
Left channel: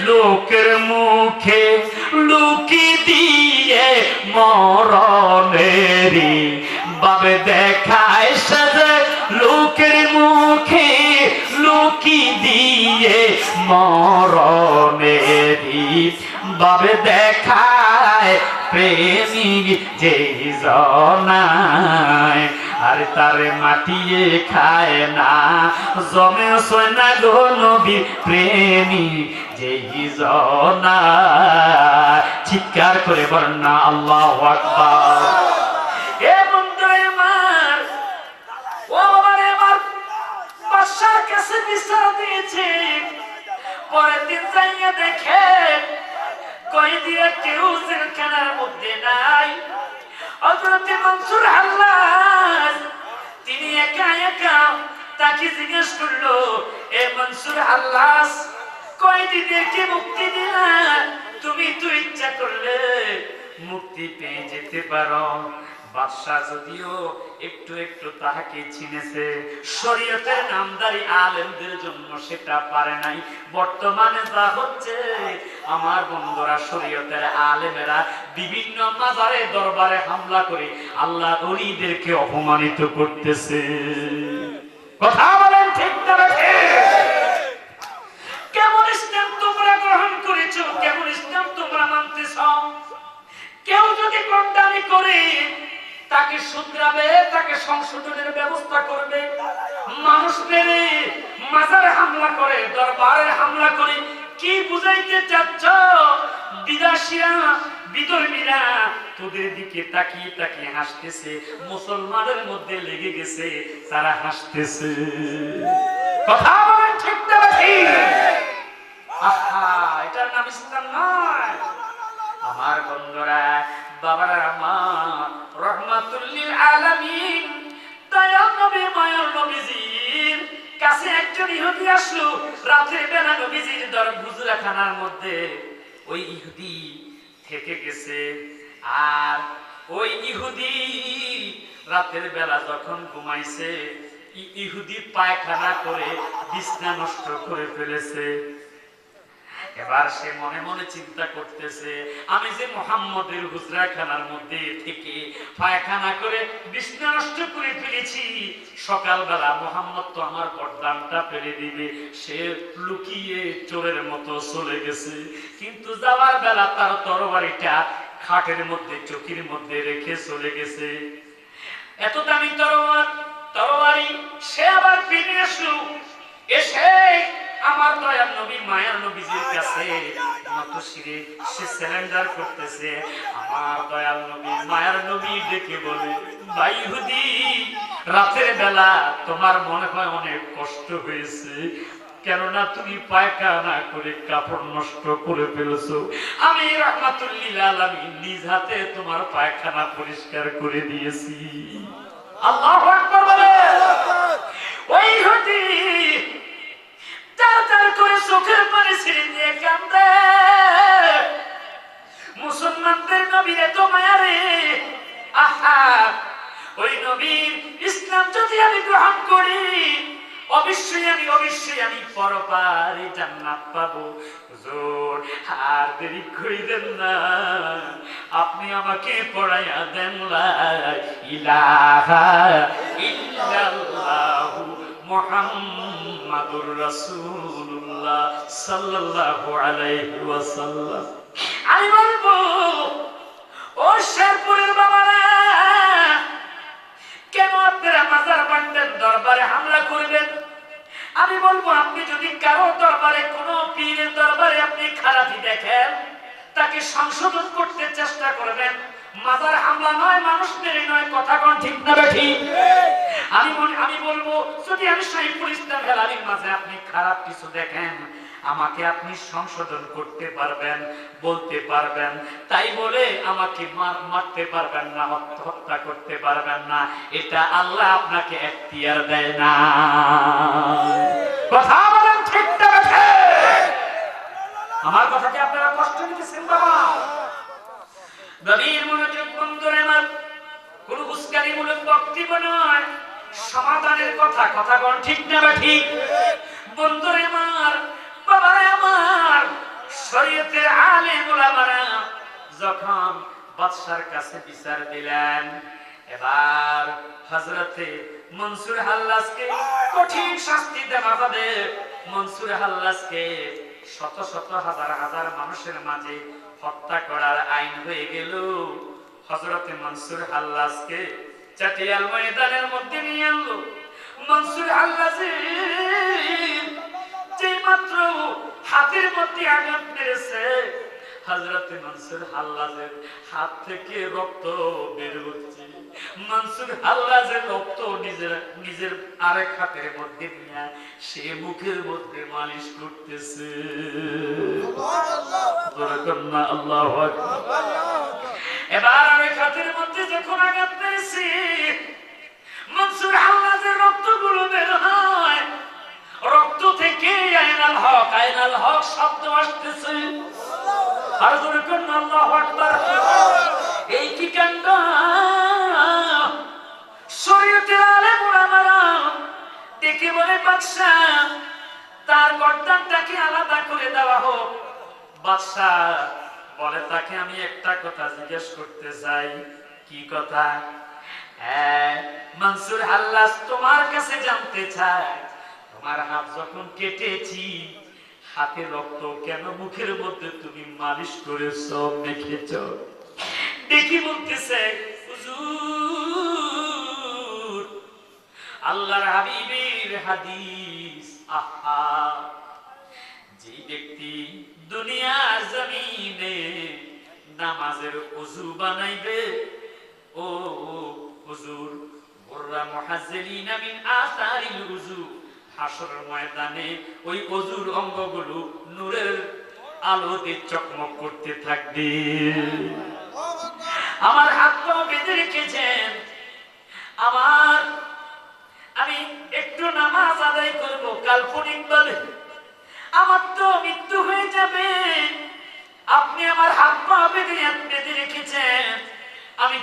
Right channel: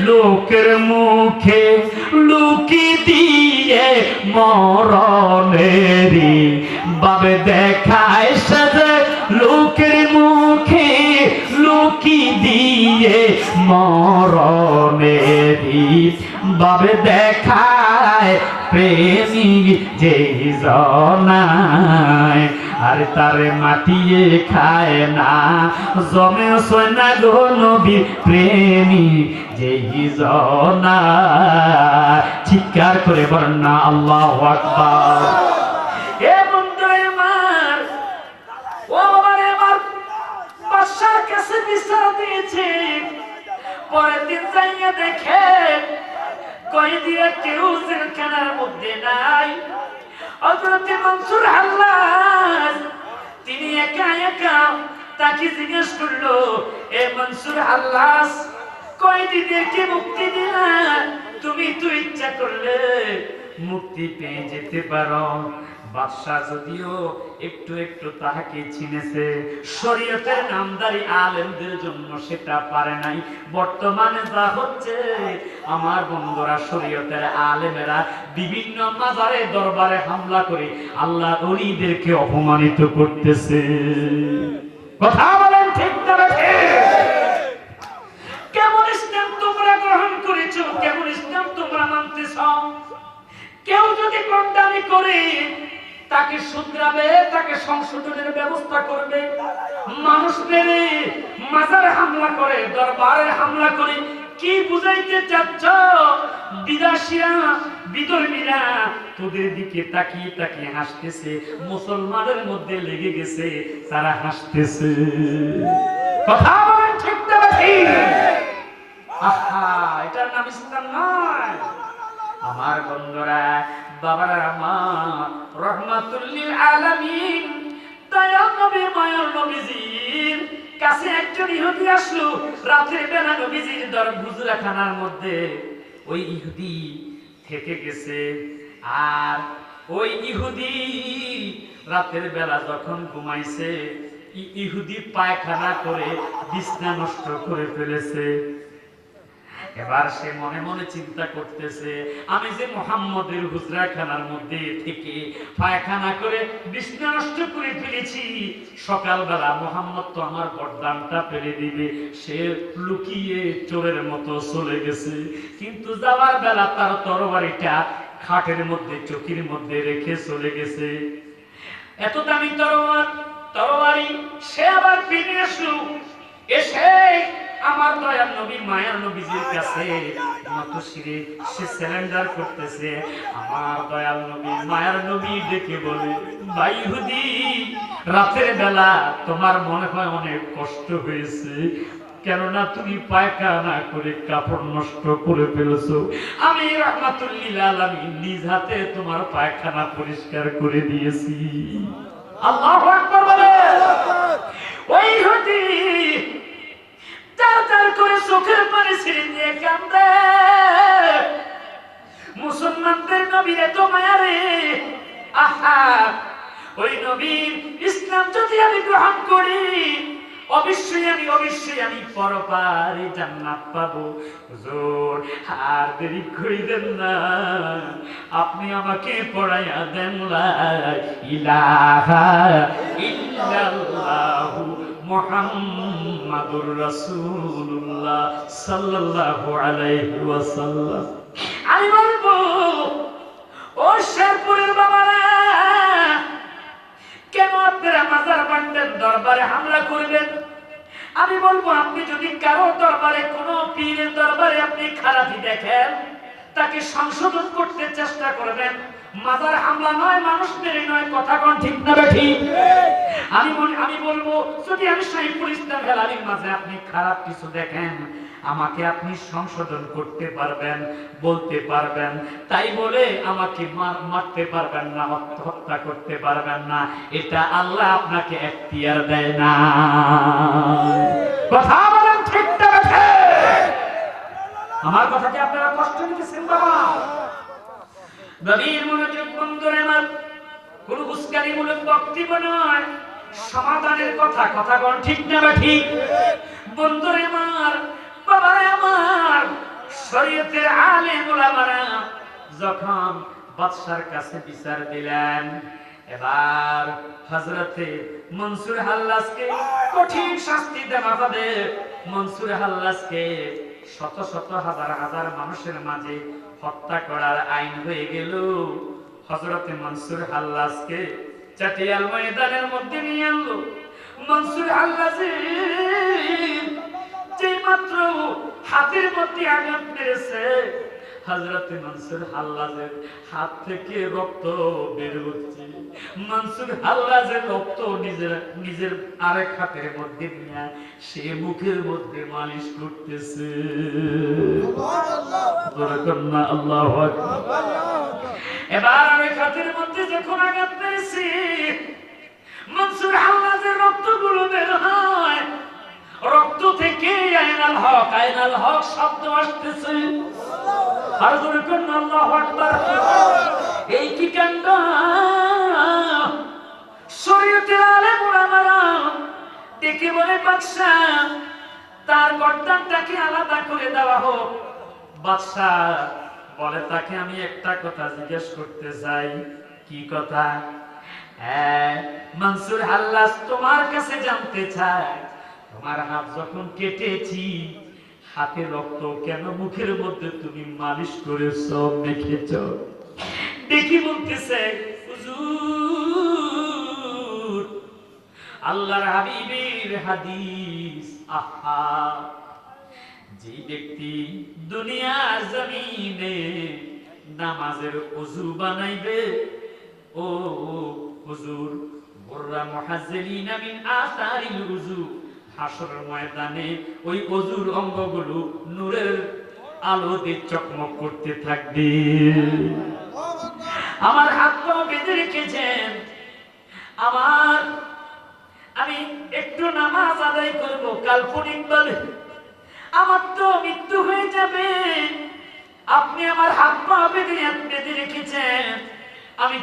লোকের মুখে লুকি দিয়ে মরণেরি বাবে দেখায়। সে যে লোকের মুখে লুকি দিয়ে মরণেরি বাবে দেখায়, প্রেমিক যেই জনায়। আর তারে মাটিয়ে খায় না, জমে সোনা গো নবী প্রেমী যেই জনা। চিৎকার করে বলেন না আল্লাহু আকবার। এ বন্ধুরা আমার, ও আমারে আমার বাদশার কাছে বিচার দিয়েছে। পরের দিন যাইয়া দেখে কয়েদিরা কেউ জেলখানার মধ্যে নাই। হযরত মনসুর হাল্লাজ তিনি একা একা তাকে জিজ্ঞেস করলো, এ মনসুর হাল্লাস, কয়দিনের কি মুক্তি দিলা? তুমি তো ইচ্ছা করলে মুক্তি পেয়ে যেতে পারো। বাদশা যদিও একটু একটু তাহাকে চিনেছে, শরীয়তের নামদারি আলেমদের জন্য সেটা পারে নাই। বর্তমানে যা হচ্ছে, আমার বন্ধুরা, শরীয়তের আলেমেরা বিভিন্ন মাজারে দরবারে হামলা করে আল্লাহ ওলিদেরকে অপমানিত করতেছে। কথা বলেন ঠিক না ঠিক? কেমন ইসলাম তোমরা গ্রহণ করেছো, কেমন ইসলাম তোমরা মানতেছ? কেউ যদি কন্ডামি করে তাকে শুধরাবে, তাকে সংশোধনের ব্যবস্থা করবে। মানুষ মেরে মাজারে হামলা করে, দরবারে হামলা করে কি বুঝাইতে চাচ্ছ? বিদেশিরা, বিধর্মীরা তোদের দিকে তাকিয়ে তাকিয়ে হাসতেছে, মুসলমানের মধ্যে লেগে গেছে, তারা হাসতেছে। কথা বলেন ঠিক না ঠিক? আহা, এটার নাম ইসলাম নয়। আমার বন্ধুরা, বাবারা, আমার রহমাতুল লিল আলামিন দয়াল নবী, মায়ার নবীজির কাছে একজন ইহুদি আসলো। রাতের বেলা নবীজির হুজরাখানার মধ্যে ওই ইহুদি থেকে গেছে। আর ওই ইহুদি রাতের বেলা যখন ঘুমাইছে, ইহুদি পায়খানা করে বিছনা নষ্ট করে ফেলেছে। এবার সে মনে মনে চিন্তা করতেছে, আমি যে মুহাম্মদের হুজরাখানার মধ্যে থেকে পায়খানা করে বিছনা নষ্ট করে ফেলেছি, সকালবেলা মুহাম্মদ তো আমার গর্দানটা ফেলে দিবে। সে লুকিয়ে চোরের মতো চলে গেছে, কিন্তু যাওয়ার বেলা তার তরবারিটা খাটের মধ্যে, চকির মধ্যে রেখে চলে গেছে। এত দামি তরবারি সে আবার ফিরে আসলো। এসে আমার দয়াল নবী, মায়ার নবীজির কাছে নত শিরে সে সারেন্ডার করতেছে। আমার দয়াল নবী, মায়ার নবী ডেকে বলে, ভাই ইহুদি, রাতের বেলা তোমার মনে হয় অনেক কষ্ট হয়েছে, কেননা তুমি পায়খানা করে কাপড় নষ্ট করে ফেলেছো। আমি রহমাতুল লিল আলামিন নিজ হাতে তোমার পায়খানা পরিষ্কার করে দিয়েছি। আল্লাহু আকবার বলে। ওই ইহুদি তার করে চোখের পানি ছিঁড়ে নিয়ে কান্দে, মুসলমানদের নবীর এত মায়া রে। আহা, ওই নবীর ইসলাম যদি আমি গ্রহণ করি, অবশ্যই আমি পরপারে জান্নাত পাবো। হুজুর, আর দেরি করিবেন না, আপনি আমাকে পড়াইয়া দেন লা ইলাহা ইল্লাল্লাহু মুহাম্মাদুর রাসূলুল্লাহ সাল্লাল্লাহু আলাইহি ওয়াসাল্লাম। আমি বলবো, ও শেরপুরের বাবারা, কেন আপনারা মাজার বান্ডের দরবারে হামলা করবেন? আমি বলবো, আপনি যদি কারো দরবারে, কোনো পীরের দরবারে আপনি খারাপি দেখেন, তাকে সংশোধন করতে চেষ্টা করবেন। মাজার হামলা নয়, মানুষ মেরে নয়। কথা কোন ঠিক না ঠিক? আমি বলবো, যদি আমি সাইফুল ইসলাম হেলালির মাঝে আপনি খারাপ কিছু দেখেন, আমাকে আপনি সংশোধন করতে পারবেন, বলতে পারবেন। তাই বলে আমাকে মারতে পারবেন না, হত্যা করতে পারবেন না। এটা আল্লাহ আপনাকে এখতিয়ার দেয় না। কথা বলেন ঠিক না ঠিক? আমার কথাকে আপনারা কষ্ট নিতেছেন বাবা? গভীর মনোযোগ বন্ধুরা আমার, কোন উস্কানিমূলক বক্তব্য নয়, সমাধানের কথা। কথা কোন ঠিক না ঠিক? বন্ধুরা আমার, বাবারা আমার, শরীয়তের আলেম ওলামারা যখন বাদশার কাছে বিচার দিলেন, এবার হযরতে মনসুর হাল্লাজকে কঠিন শাস্তি দেওয়া হবে। মনসুর হাল্লাজকে শত শত হাজার হাজার মানুষের মাঝে হত্যা করার আইন হয়ে গেল। হযরতে মনসুর হাল্লাজকে চাটিয়াল ময়দানের মধ্যে নিয়ে আনলো। মনসুর হাল্লাজের যে মাত্র হাতের মধ্যে আঘাত মেরেছে, হযরতে মনসুর হাল্লাজের হাত থেকে রক্ত বের হচ্ছে। মনসুর হাল্লাজের রক্ত নিজের আরেক হাতের মধ্যে নিয়ে সে মুখের মধ্যে মালিশ করতেছে। আল্লাহু আকবার। এবার আরেক হাতের মধ্যে যখন আঘাত পেয়েছে, মনসুর হাল্লাজের রক্তগুলো বের হয়, রক্ত থেকে আয়নাল হক শব্দ আসতেছে। আর জোরে কোন আল্লাহু আকবার। এই কি কাণ্ড! শরীয়তের আলেম ওলামারা ডেকে বলে, বাদশাহ তার গর্দানটাকে আলাদা করে দেওয়া হোক। বাদশাহ বলে, তাকে আমি একটা কথা জিজ্ঞেস করতে চাই। কি কথা? হ্যাঁ, মনসুর হাল্লাজ তোমার কাছে জানতে চাই, তোমার হাত যখন কেটেছি, হাতে রক্ত কেন মুখের মধ্যে তুমি মালিশ করেছো, দেখেছ? দেখি বলতেছে, হুজুর আল্লাহর হাবিবের হাদিস। আহা, যে ব্যক্তি দুনিয়ার জমিনে নামাজের ওযু বানাইবে, ও হুজুর বুররা মুহাজ্জিলিনা মিন আসারিল ওযু, হাসরের ময়দানে ওই ওযুর অঙ্গগুলো নূরের আলোতে চকমক করতে থাকবে। আমার হাত পা বেঁধে রেখেছেন, আমি একটু নামাজ আদায় করব, কাল্পনিক বলে আমার তো মৃত্যু হয়ে যাবে। আপনি আমার হাত পা বেঁধে রেখেছেন, আমি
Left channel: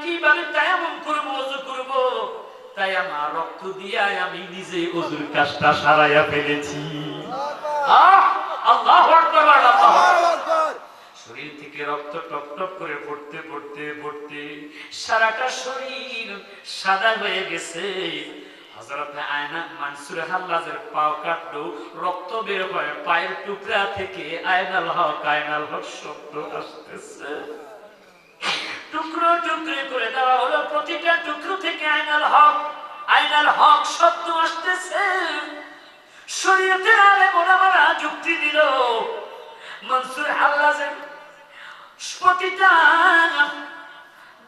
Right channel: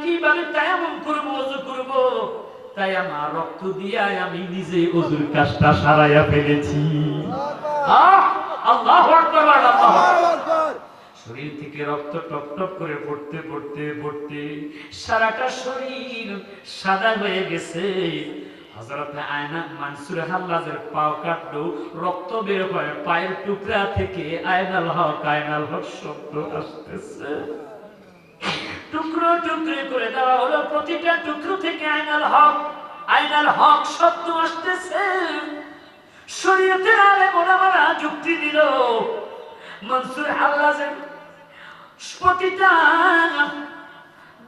কিভাবে তায়াম্মুম করব, ওযু করব? তাই আমার রক্ত দিয়ে আমি নিজে ওযুর কাজটা সারাইয়া ফেলেছি। আল্লাহু আকবার, আল্লাহু আকবার। শরীর থেকে রক্ত টপ টপ করে পড়তে পড়তে পড়তে সারাটা শরীর সাদা হয়ে গেছে। হযরত আয়না মনসুর হাল্লাজের পাও কাটলো, রক্ত বের হয় পায়ের টুকরা থেকে, আয়নাল হক শব্দ আসতেছে। টুকরো টুকরো করে দেওয়া হলো, প্রতিটা টুকরো থেকে আয়নাল হক শব্দ আসতেছে। শরীয়তের আলেম ওলামারা যুক্তি দিল, মনসুর হাল্লাজের প্রতিটা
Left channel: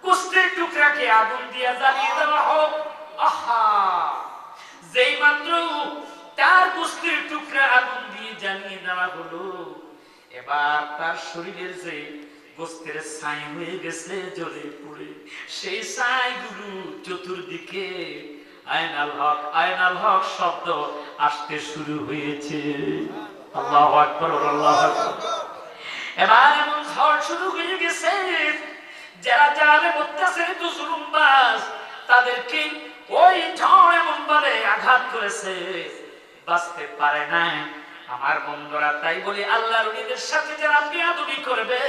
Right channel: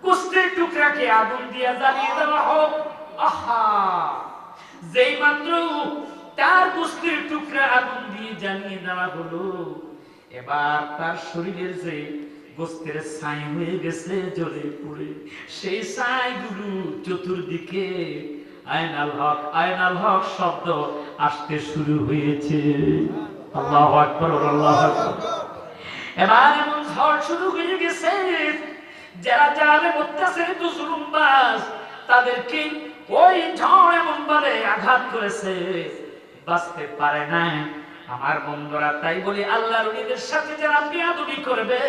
গোস্তের টুকরাকে আগুন দিয়ে জ্বালিয়ে দেওয়া হোক। আহা, যেই মাত্র তার গোস্তের টুকরা আগুন দিয়ে জ্বালিয়ে দেওয়া হলো, এবার তার শরীরের যে গোস্তের ছাই হয়ে গেছে জ্বলে পড়ে, সেই ছাইগুলো চতুর্দিকে আয়নাল হক শব্দ আসতে শুরু হয়েছে। আল্লাহু আকবার, আল্লাহু আকবার। এবার এমন ঝড় শুরু হয়ে গেছে, যারা জালেম অত্যাচারিত জুলুমবাজ, তাদেরকে ওই ঝড় এমন ভাবে আঘাত করেছে, বাঁচতে পারে না। আমার বন্ধুরা, তাই বলি আল্লাহর ওলিদের সাথে যারা বেয়াদবি করবে,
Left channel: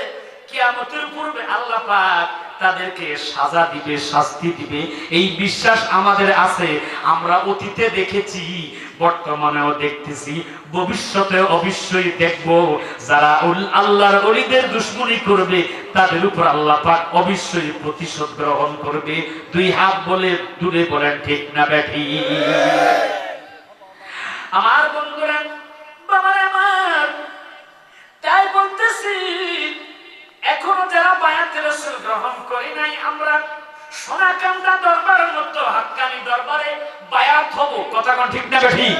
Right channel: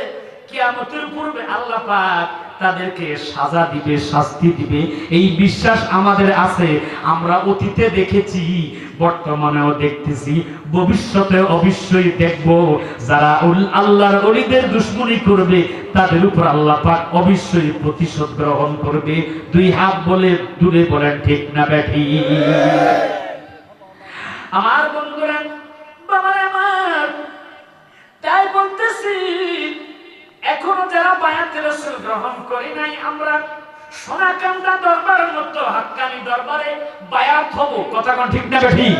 কিয়ামতের পূর্বে আল্লাহ পাক তাদেরকে সাজা দিবে, শাস্তি দিবে, এই বিশ্বাস আমাদের আছে। আমরা অতীতে দেখেছি, বর্তমানেও দেখতেছি, ভবিষ্যতে অবশ্যই দেখব। যারা আল্লাহর ওলিদের দুশমনি করবে, তাদের উপর আল্লাহ পাক অবশ্যই প্রতিশোধ গ্রহণ করবে। দুই হাত বলে দূরে বলেন ঠিক না ব্যাঠি? আমার বন্ধুরা, বাবারা আমার, তাই বলতেছি, এখনো যারা বায়াতে রাসূল গ্রহণ করি নাই, আমরা সোনাকান্দা দরবারের মতো হাক্কানি দরবারে বায়াত হব। কথা কোন ঠিক না ঠিক?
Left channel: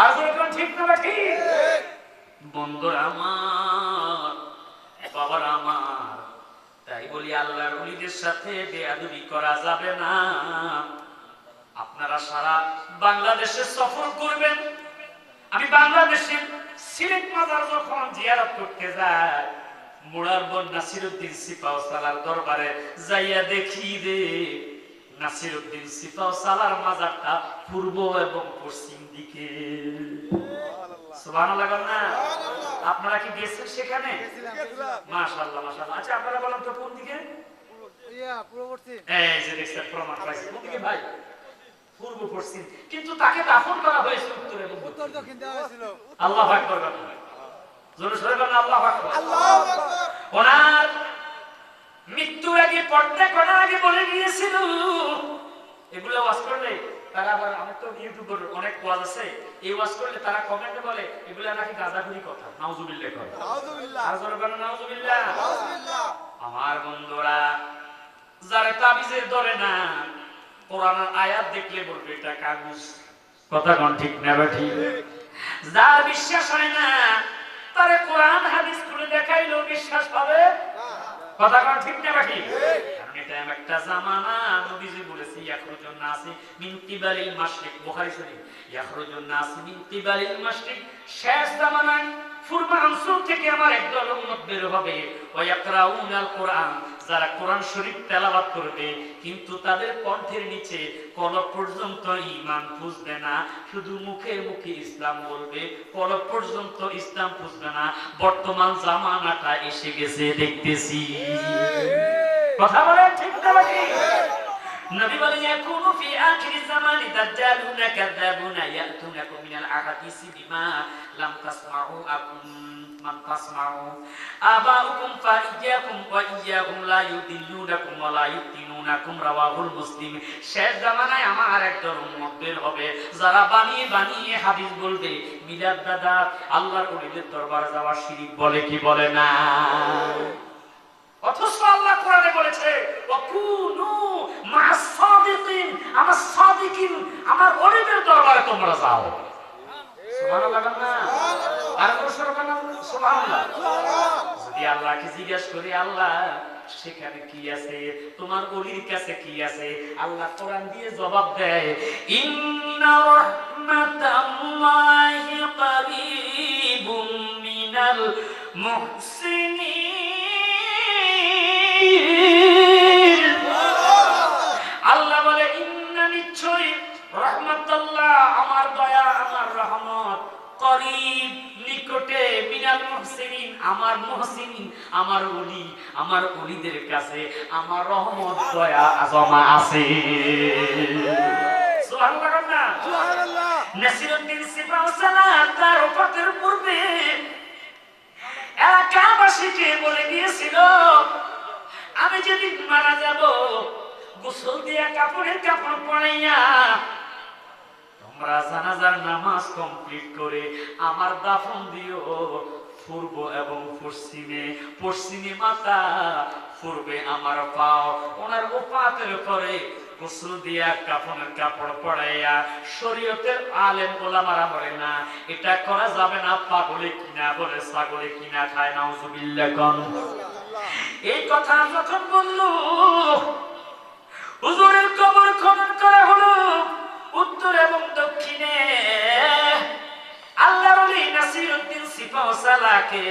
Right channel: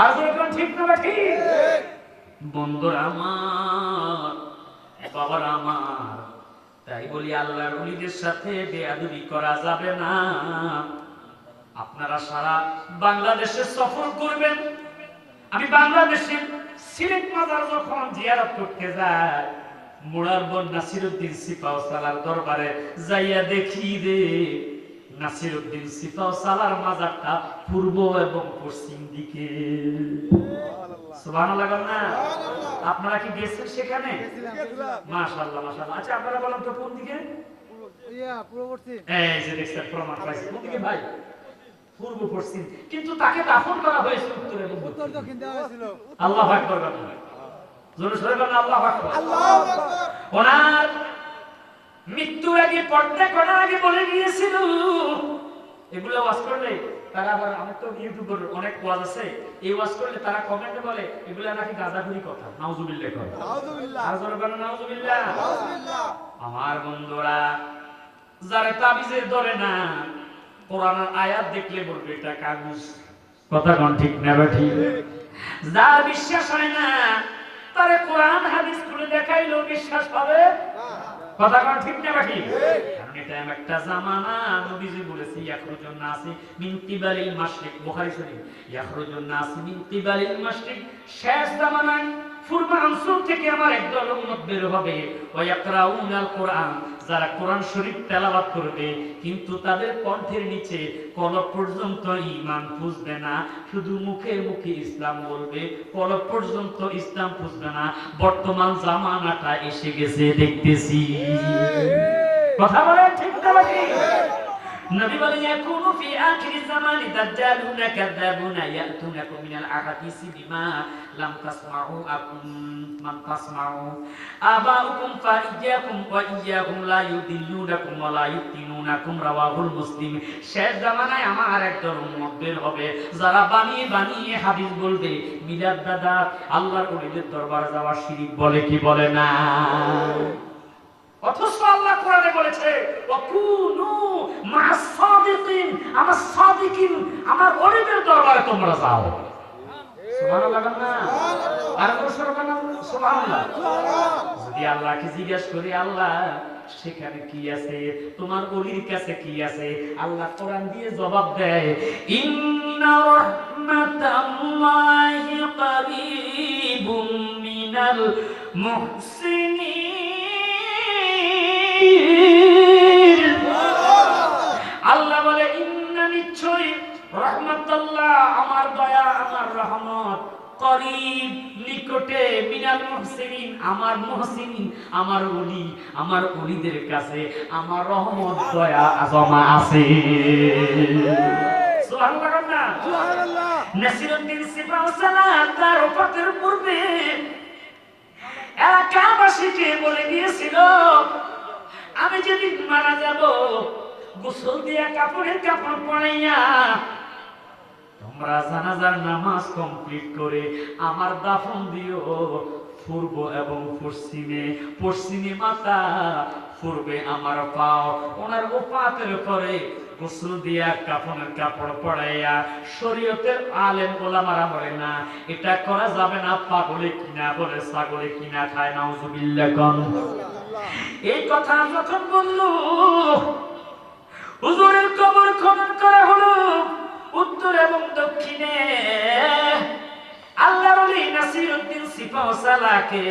আর কোন ঠিক না ঠিক? বন্ধুরা আমার, বাবারা আমার, তাই বলি আল্লাহর ওলিদের সাথে বেয়াদবি করা যাবে না। আপনারা সারা বাংলাদেশে সফর করবেন। আমি বাংলাদেশের সিলেট মাজার যখন জিয়ারত করতে যাই, মুরারবন নাসিরউদ্দিন সিপাহসালার দরবারে যাইয়া দেখি রে, নাসিরউদ্দিন সিপাহসালার মাজারটা পূর্ব এবং পশ্চিম দিকে। সুবহানাল্লাহ না? আপনারা কি গেছেন সেখানে? মাশাআল্লাহ, মাশাআল্লাহ। আচ্ছা, আপনারা বলেন তো কোন দিকে? পূর্ব পশ্চিম। এই যে দেখছেন, প্রমাণ পাইছি। কোন দিকে ভাই? পূর্ব পশ্চিম। কিন্তু তাকে দাফন করা হয়েছে উত্তর এবং উত্তর দক্ষিণ দেওয়া হয়েছিল। আল্লাহু আকবার। জোরে সরে বলেন আল্লাহু আকবার। আল্লাহু আকবার। ওনার মৃত্যুর আগে, পর্দা করার আগে বলে গিয়েছিল, এগুলো ওয়াজ করলে তারা আবার, অনেক তো ইউটিউবের অনেক ওয়াজ আছে, এই ওয়াজ করলে তারা কমেন্টে বলে এগুলো নাকি গাঁজাখুরি কথা। নাউজুবিল্লাহ কয়। নাউজুবিল্লাহ। আর জোরে বলেন নাউজুবিল্লাহ। নাউজুবিল্লাহ। আমার বন্ধুরা, যারা তাবিজে ধরে না, কোরআনের আয়াত দেখলে বলবে এটা কাগজ। কথা কোন ঠিক না ঠিক? যার বিশ্বাস হয় না, তারে কোরআন হাদিস খুলে দেখাইলেও বিশ্বাস পাবে। কথা কোন ঠিক না ঠিক? এটা একটা জামানা, নবীজি বলেছে ইয়াখরুজুন নাসি মিন কিবালিল মাশরিক, বুখারী শরীফ, ইয়াখরুজুন নাসি মিন কিবালিল মাশরিক, শেষ জামানায় পূর্বাঞ্চল থেকে আমার একদল উম্মত বের হবে, ওয়া ইয়াকরাউনাল কোরআন, যারা কোরআন শরীফ তেলাওয়াত করবে, কিন্তু তাদের কণ্ঠের নিচে কলব পর্যন্ত ঈমান পুষবে না, শুধু মুখে মুখে ইসলাম বলবে, কলব পর্যন্ত ইসলাম পুষবে না। বর্তমান জামানাটা এসে গেছে দেখতেছি। কথা বলেন ঠিক না ঠিক? নবী বলেন ইয়াকুনু ফি আখির জামানি দাজ্জালুনা কাযাবুনা ইয়াতুনাকুম মিনাল আহাদিসি বিমা লাম তাসমাউ আকুম মান তাসমাউ আবাউকুম ফাইয়াকুম ওয়া ইয়াহুম লা ইউদিল্লুনাকুম ওয়া লা ইফতিনুনাকুম, রাওয়াহুল মুসলিম। শেষ জামানায় আমার একদল উম্মত বের হবে, যারা বানিয়ে বানিয়ে হাদিস বলবে, মিলাদ দাদা আল্লাহর ওলিদের দরবারে যাওয়া শিরক বলে কি বলে না? অথচ আল্লাহ কোরআনে বলেছে ওয়াকুনু মা'আস সাদিকিন, আমার সাদিকিন, আমার ওলিদের দরবারে তোমরা যাও। সুবহানাল্লাহ না? আর সুবহানাল্লাহ। যদি আল্লাহকে জিজ্ঞাসা করি আল্লাহ সেখানে কি আছে, তোমার ওলির কাছে কি আছে, আল্লাহ কোরআন দিয়ে জবাব দেয় ইন্না রাহমাতাল্লাহি কারীবুম মিনাল মুহসিনিন। আল্লাহ বলে ইন্না, নিশ্চয়ই, রাহমাতুল্লাহ, আমার দয়া, আমার রহমত, করিব, নিকটে, মিনাল মুহসিনিন, আমার মুহসিনিন, আমার ওলি, আমার ওলিদের কাছে আমার রহমত দয়া জমা আছে। সুবহানাল্লাহ না? সুবহানাল্লাহ। নাসিরউদ্দিন সিপাহসালাহ তার ওফাতের পূর্বে এলাকাবাসীকে বলে গিয়েছিল আমি যেদিন মারা যাব গোসল দিয়া কাপড়ের কাপড় পরাইয়া তোমরা জানাজার নামাজ কমপ্লিট করে আমার দাফন দিও পূর্ব এবং পশ্চিমে, পশ্চিমে মাথা, পূর্বে আমার পাও। ওনার ওফাতের পরে গোসল দিয়া কাফনের কাপড় পরাইয়া, শরীয়তের আলেম ওলামারা বলে না এটা করা যাবে না, পাগলে কিনা বলে ছাগলে কিনা খায়, নাউজুবিল্লাহ কোন। এই কথা যখন বলল হুজুরের কবর খনন করা হলো উত্তর এবং দক্ষিণে। আল্লাহর ওলি নাসিরউদ্দিন সিপাহসালাহকে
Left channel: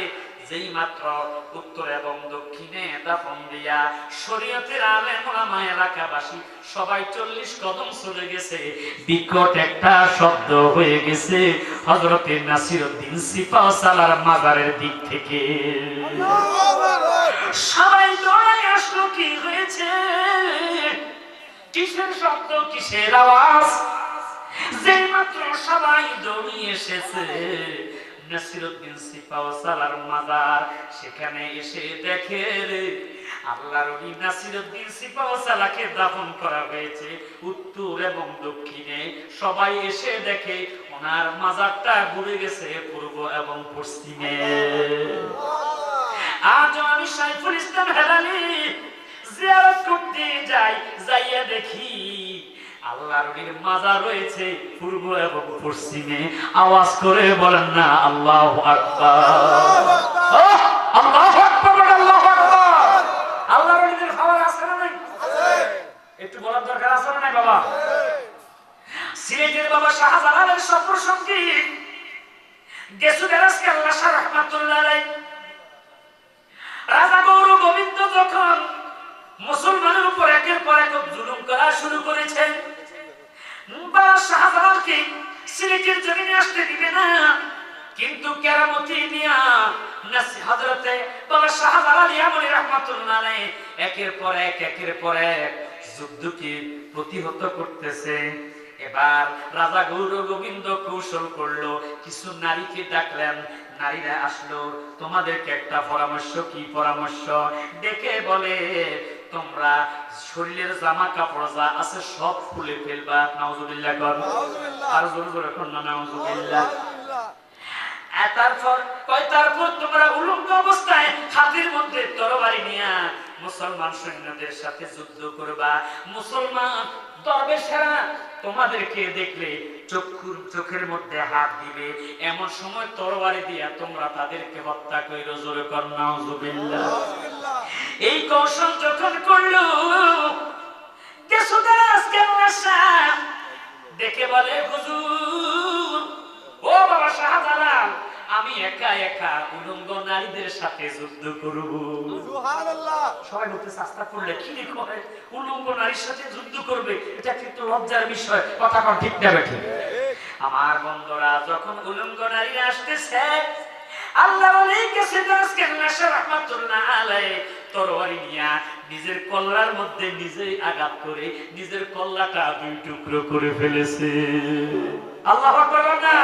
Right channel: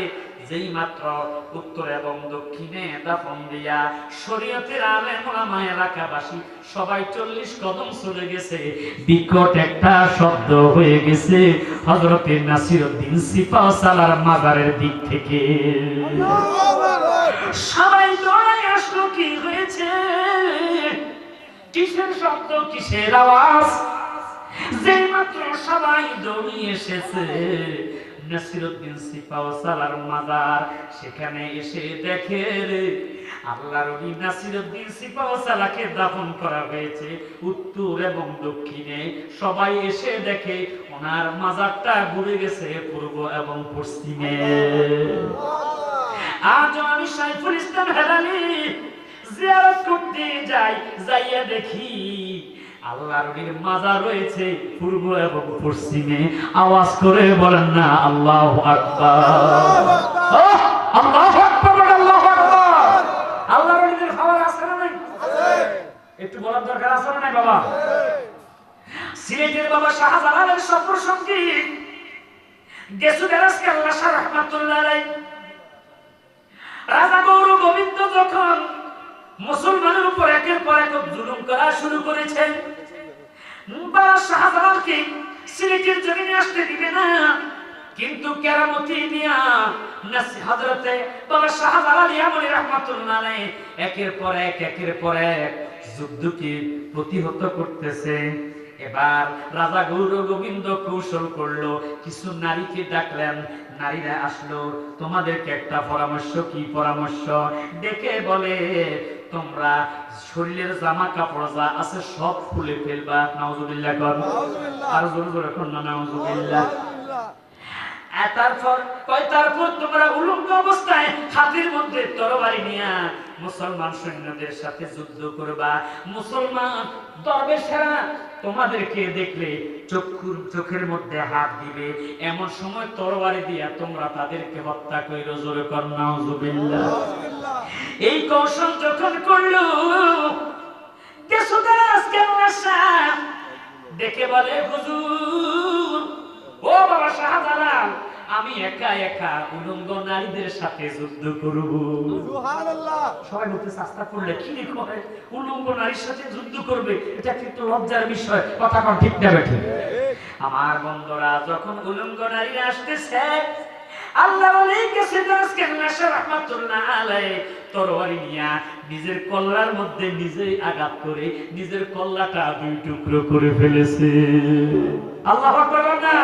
যেই মাত্র উত্তর এবং দক্ষিণে দাফন দিয়া শরীয়তের আলেম ওলামা এলাকাবাসী সবাই 40 কদম চলে গেছে, বিকট একটা শব্দ হয়ে গেছে হযরত নাসিরউদ্দিন সিপাহসালাহর মাজারের দিক থেকে। সবাই দৌড়ে আসলো, কি হয়েছে, কিসের শব্দ, কিসের আওয়াজ? যে মাত্র সবাই দৌড়িয়ে এসেছে নাসিরউদ্দিন সিপাহসালাহর মাজার, সেখানে এসে দেখে আল্লাহর ওলি নাসিরউদ্দিন সিপাহসালাহকে দাফন করা হয়েছে উত্তর এবং দক্ষিণে। সবাই এসে দেখে ওনার মাজারটা ঘুরে গেছে পূর্ব এবং পশ্চিমে। আজ আমি সাইফুল ইসলাম হেলালি জিয়ারত করতে যাই, যাইয়া দেখি আল্লাহর ওলির মাজার রয়েছে পূর্ব এবং পশ্চিমে। আওয়াজ করে বলেন না আল্লাহু আকবার, আল্লাহু আকবার, আল্লাহু আকবার। আল্লাহর ওলিদের খাবার আছে না নাই? একটু বলার দরকার আছে না নাই বাবা? সিলেটের বাবা শাহজালালের সফর সঙ্গী গেসুগারাস কাল্লা শাহ রাহমাতুল্লাহ আলাইহি, রাজা গৌর গোবিন্দ যখন মুসলমানের উপর একের পর এক জুলুম করা শুরু করেছেন, বাবা শাহজালালকে সিলেটের জমিনে আসতে দিবে না, কিন্তু কেরামতি দিয়া হযরতে বাবা শাহজালাল ইয়ামানি রাহমাতুল্লাহ আলাইহি একের পর এক যুদ্ধকে প্রতিহত করতেছে। এবার রাজা গৌর গোবিন্দ কৌশল করলো, কিছু নারীকে ডাকলেন, নারীরা আসলো, তোমাদেরকে একটা পরামর্শ। কি পরামর্শ? ডেকে বলে তোমরা শরীরের জামা কাপড় যা আছে সব খুলে ফেলবা। নাউজুবিল্লাহ কর, আর জোরে জোরে কর না নাউজুবিল্লাহ। তারপর তোমরা উলঙ্গ অবস্থায় হাতের মধ্যে তরবারি নিয়ে মুসলমান সৈন্যদের সাথে যুদ্ধ করবা। মুসলমান দরবেশেরা তোমাদেরকে দেখলে চোখের মধ্যে হাত দিবে, এমন সময় তরবারি দিয়া তোমরা তাদেরকে হত্যা কইরো। জোরে কর নাউযুবিল্লাহ। এই কৌশল যখন করলো কেশুদাস কেল্লাশাহ দেখে বলে, হুজুর, ও বাবা শাহজালাল, আমি একা একা উলঙ্গ নারীদের সাথে যুদ্ধ করব। সুবহানাল্লাহ। সবাই বলতে চেষ্টা করলে কি কয়, উলঙ্গ নারীর সাথে যুদ্ধ করবে, এটা কিন্তু লজ্জার বিষয়। কথা কোন ঠিক না ঠিক? আমার বন্ধুরা, যখন উলঙ্গ নারীরা আসতেছে, আল্লাহ রাহমাতুল্লাহ আলাইহি তরবারি নিয়া নিজের কল্লার মধ্যে নিজেই আঘাত করে নিজের কল্লাটা দুই টুকরো করে ফেলেছে। আল্লাহু আকবার না?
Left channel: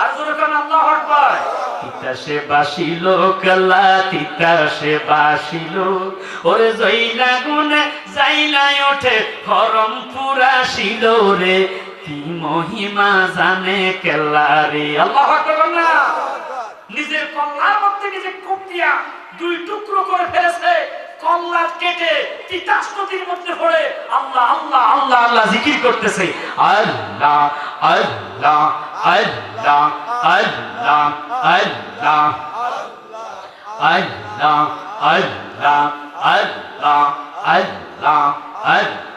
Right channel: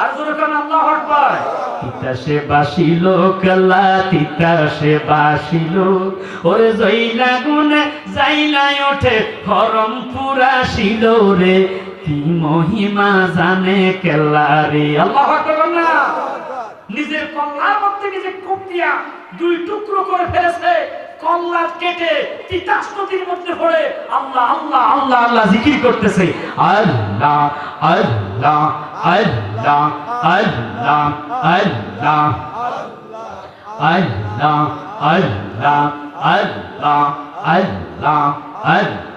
আর জোরে কোন আল্লাহু আকবার। তিতাসে বাসিল কল্লা, তিতাসে বাসিল, ওরে জইলা গুনে যাইলাই ওঠে ফরম পুরা ছিল রে, কি মহিমা জানে কেল্লা রে। আল্লাহু আকবার না? নিজের কল্লার মধ্যে নিজে কোপ দিয়া দুই টুকরো করে ফেলেছে। কল্লা কেটে তিতাস নদীর মধ্যে পড়ে আল্লাহ আল্লাহ আল্লাহ আল্লাহ জিকির করতেছে। আল্লাহ আল্লাহ আল্লাহ আল্লাহ আল্লাহ আল্লাহ আল্লাহ আল্লাহ আল্লাহ আল্লাহ আল্লাহ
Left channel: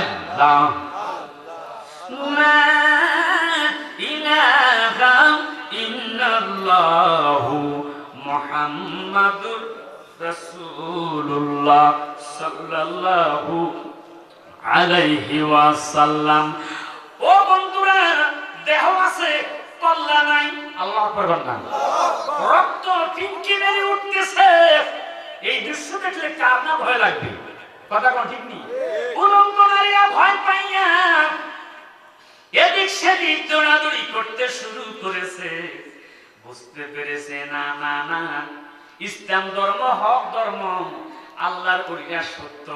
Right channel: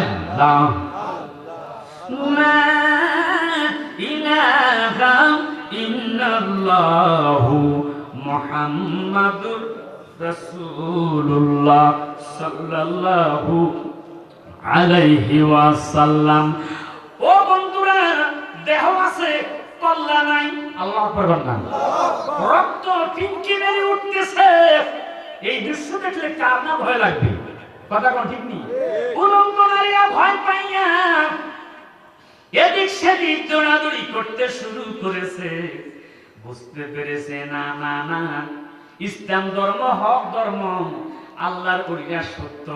আল্লাহ লা ইলাহা ইল্লাল্লাহু মুহাম্মাদুর রাসূলুল্লাহ সাল্লাল্লাহু আলাইহি ওয়াসাল্লাম। ও বন্ধুরা, দেহ আছে, কল্লা নাই। আল্লাহু আকবার বলেন। রক্ত টিনকি মেরে উঠতেছে। এই দৃশ্য দেখলে কার না ভয় লাগবে? কথা কোন ঠিক নেই? উলঙ্গ নারীরা ভয় পাইয়া এদিক সেদিক দৌড়াদৌড়ি করতে শুরু করেছে। বুঝতে পেরেছে না না না, ইসলাম ধর্ম হক ধর্ম, আল্লাহর ওলিরা সত্য,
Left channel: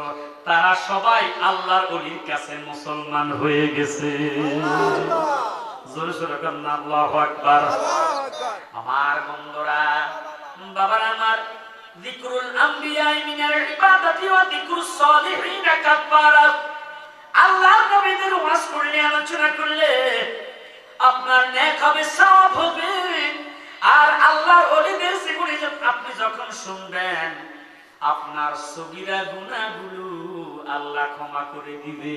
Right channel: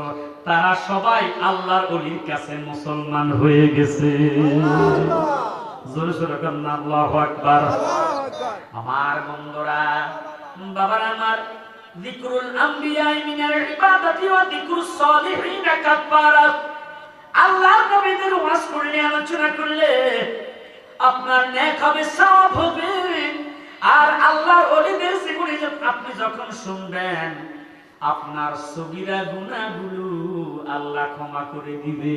তারা সবাই আল্লাহর ওলির কাছে মুসলমান হয়ে গেছে। জোরে জোরে বলেন আল্লাহু আকবার। আমার বন্ধুরা, বাবার আমার, যিকরুল আম্বিয়া মিনাল ইবাদাতি ওয়া যিকরুস সালিহিন কাফারাত। আল্লাহর নবীদের ওয়াজ করলে, আলোচনা করলে আপনার নেক হবে, সওয়াব হবে। আর আল্লাহর ওলিদের জীবনী আপনি যখন শুনবেন, আপনার সগীরা গুনাহগুলো আল্লাহ ক্ষমা করে দিবে।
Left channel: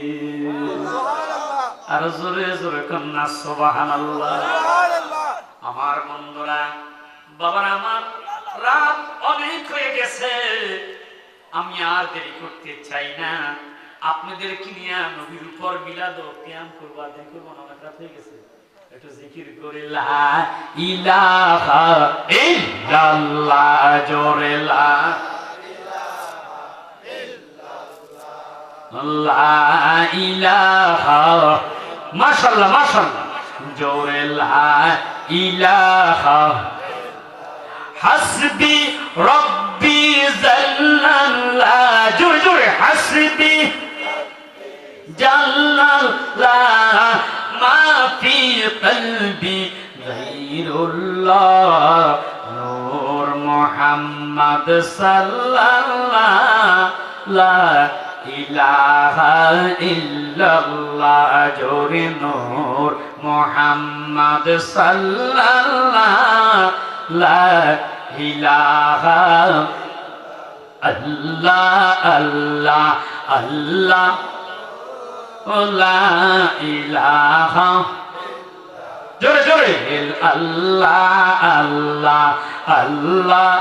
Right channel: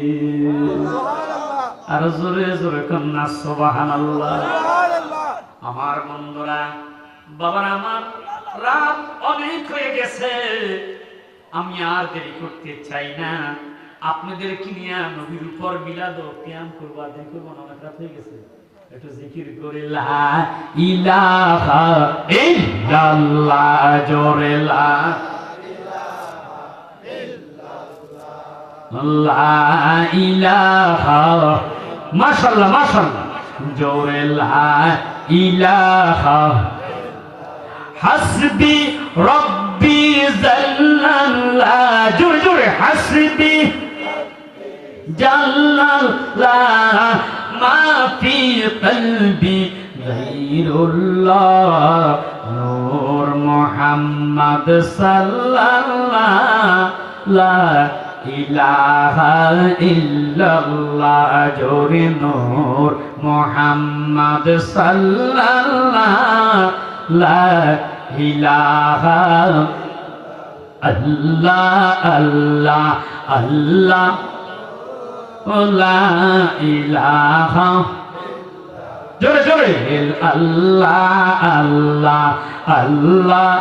সুবহানাল্লাহ। আর জোরে জোরে কন্না সুবহানাল্লাহ। আমার বন্ধুরা, বাবার আমার, রাত অনেক হয়ে গেছে, আমি আর দেরি করতে চাই না। আপনাদের কি নিয়ে নবীর উপর মিলাদ ও কিয়াম করব, আদায় করব না? অনেক রাত হয়ে গেছে, একটু জিকির করে লা ইলাহা ইল্লাল্লাহ, জোরে লা ইলাহা, মাশাআল্লাহ মাশাআল্লাহ, জোরে লা ইলাহা, হাসবি রব্বি জাল্লাল্লাহ, জোরে জোরে, হাসবি জাল্লাল্লাহ, মা ফি কলবি গায়রুল্লাহ, নূর মুহাম্মদ সাল্লাল্লাহ, লা ইলাহা ইল্লাল্লাহ, জোরে নূর মুহাম্মদ সাল্লাল্লাহ, লা ইলাহা আল্লাহ আল্লাহ আল্লাহ, লা ইলাহা, জোরে জোরে, আল্লাহ আল্লাহ আল্লাহ,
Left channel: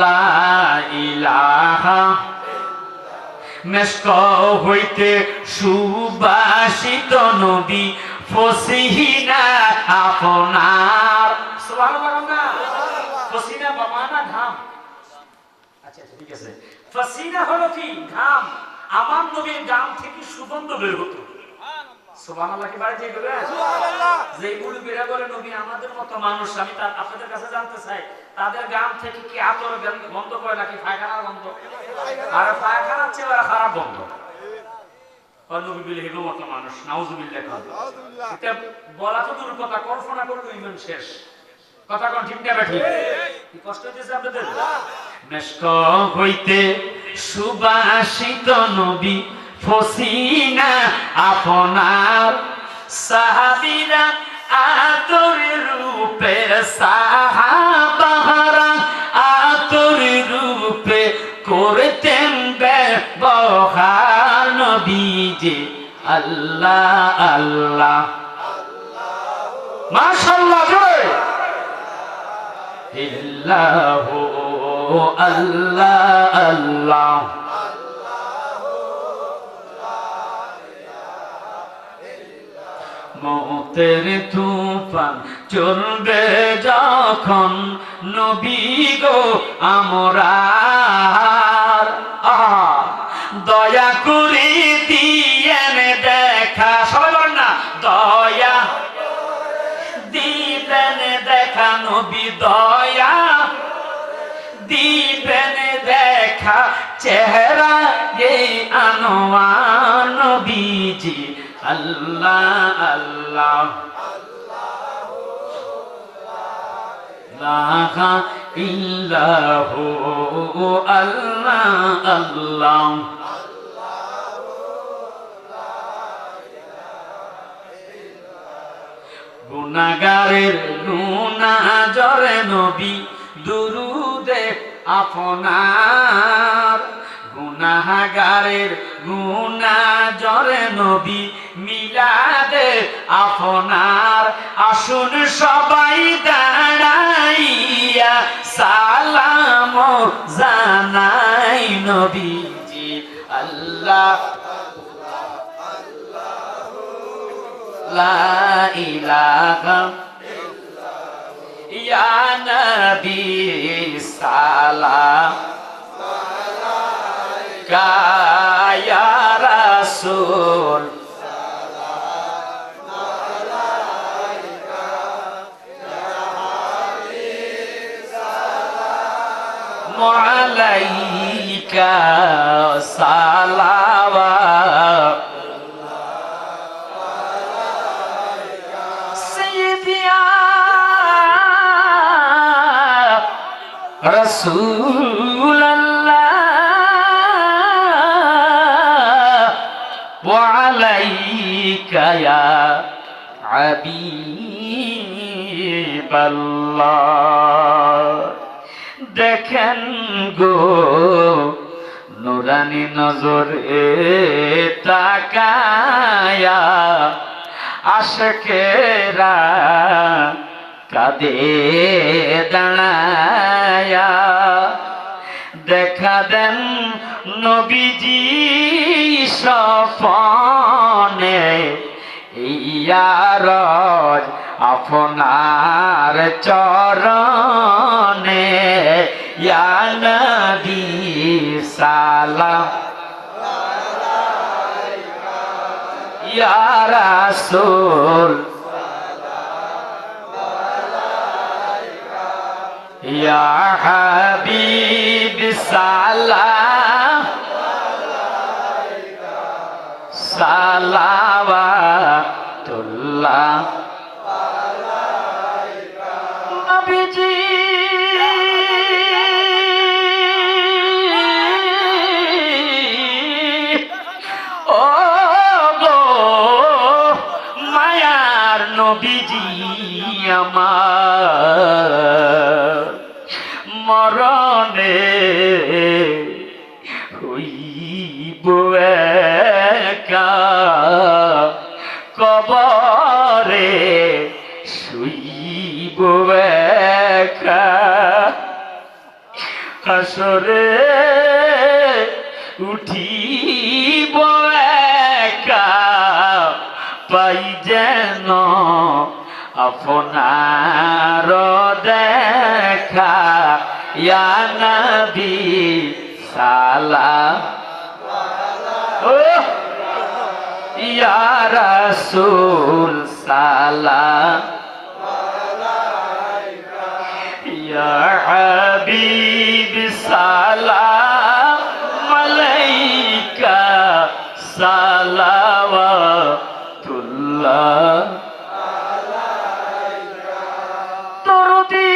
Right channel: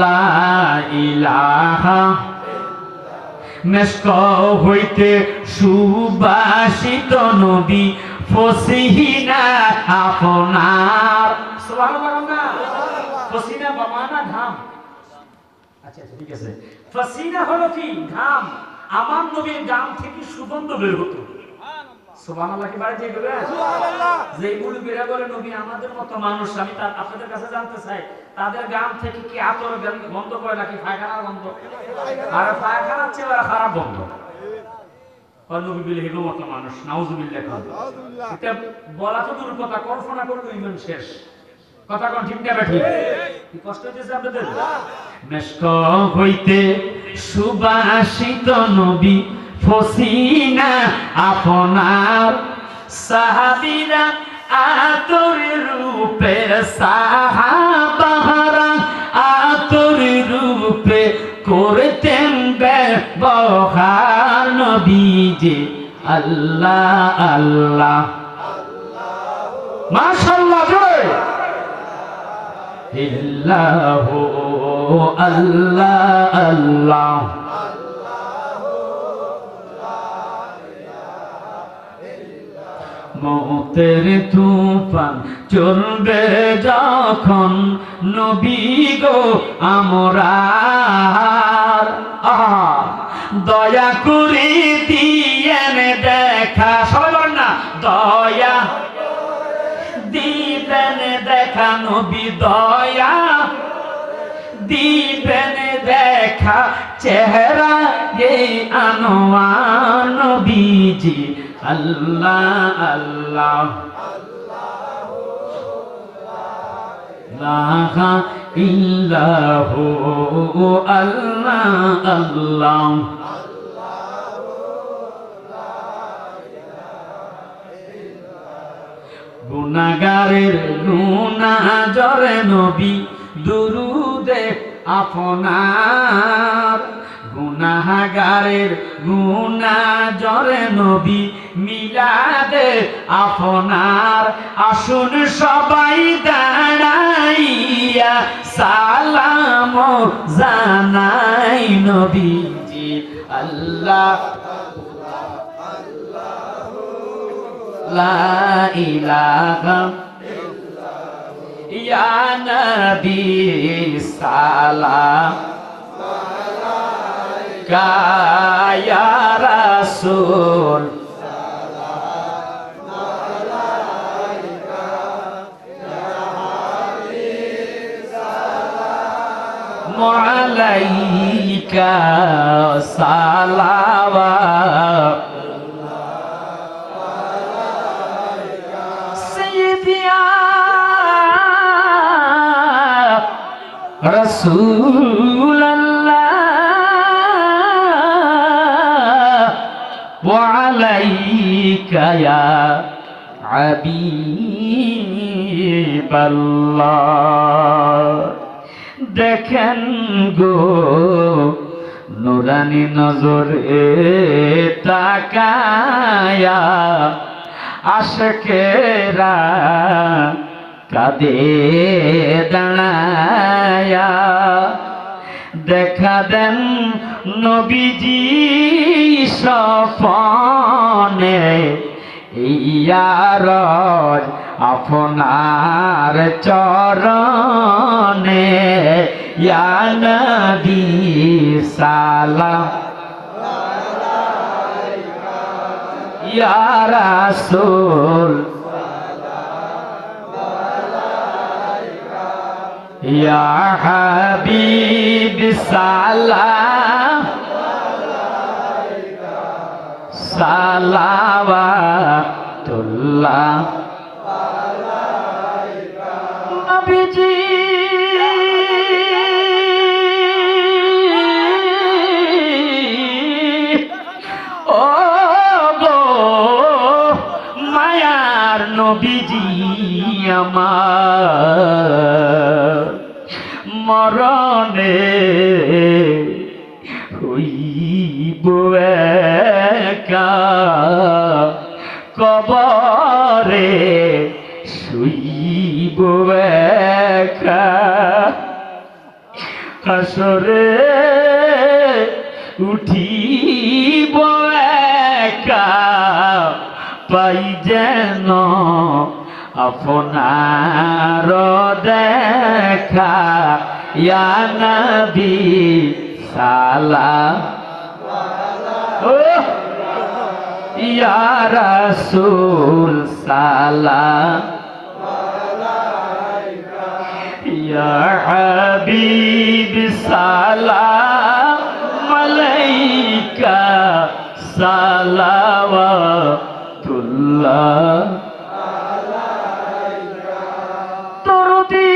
লা ইলাহা। মেশক হইতে সুবাসিত নবী, ফসিহিনা আপনার। সুবহানাল্লাহ। ফসিনা বামানা ঘাম। আচ্ছা ঠিক আছে, ফসিনা হলো কি? ঘাম। আমার নবীর গাম থেকে সুগন্ধ বের হতো। সুবহানাল্লাহ কি বাড়ি দিয়ে বলেন? সুবহানাল্লাহ। যে মুরব্বিরা বলে নবী আমাদের মতো মানুষ, আমি আপনাদের কাছে জানতে চাই, তাদের গাম থেকে কি আতর গন্ধ করে নাকি পায়খানার গন্ধ? আর পায়খানার চেয়ে ওরা খারাপ গন্ধ। আর নবী বলে হেগো মতো মানুষ, নাউজুবিল্লাহ। এটা বলা তো দূর কথা, কল্পনা করলে ইমান শেষ। কথা কোন ঠিক না ঠিক? কি কষ্ট হইতেছে আপনাদের? মেশক হইতে সুবাসিত নবী ফসিনা আপনার সাহাবীরা আতর রূপে সাহাবারা আতর রূপে করতেন ব্যবহার নবীজি আল্লাহ আল্লাহ মাশাআল্লাহ জয় ইল্লাহু আল্লাহ আল্লাহ মতের তুফান চলবে যখন নবী গো আমরার দয়া করে দিয়েন দেখা, সবাই বলেন না, দয়া দিবেন দেখা নবী, দয়া দিবেন দেখা চেহারা এই আনোয়ার নবীজি আল্লাহ আল্লাহ লা ইল্লাহু আল্লাহ আল্লাহ গুনাহগারের গুনাহ জরে নবী দুরুদে আপনার গুনাহগারের গুনাহ জরে নবী মিলাদে আপনার আসুন সবাই দাঁড়াইয়া সালাম জানাই নবীজি আল্লাহ লা ইলাহা ইয়া নবী সালাম আলাইকা ইয়া রাসূল সালাম আলাইকা ইয়া হাবিব সালাম আলাইকা সালাওয়াত রাসূলুল্লাহ ওয়া আলাইকা ইয়া হাবিবাল্লাহ দেখেন গো নুরানি নজরে তাকায়া আশকেরা কাঁদে দাঁড়ায়া দেখা দেন নবীজি স্বপনে ইয়ারজ আপনার চরণে ইয়া নবী সালাম ইয়া রাসূল ইয়া হাবিব সালাম সালাওয়াতুল্লাহ নবীজি ও গো মায়ার নবীজি আমার মরণে হইব একা কবরে শুইব একা হাসরে উঠিব একা পাই যেন আপনার দেখা ইয়া নবী সালাম ইয়া রাসূল সালাম ইয়া হাবিব সালাম আলাইকা সালাওয়াতুল্লাহ দরদি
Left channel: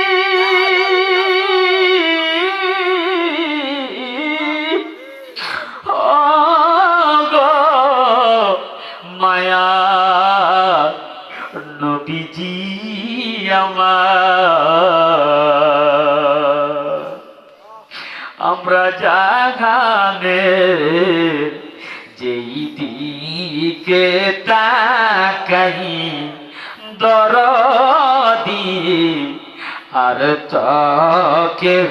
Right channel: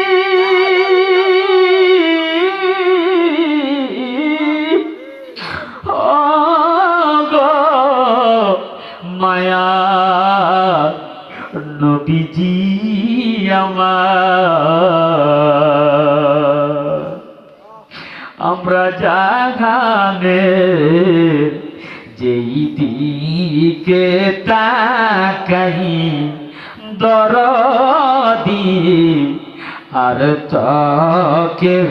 দিকে তাকাই দরদি আর তো কেহ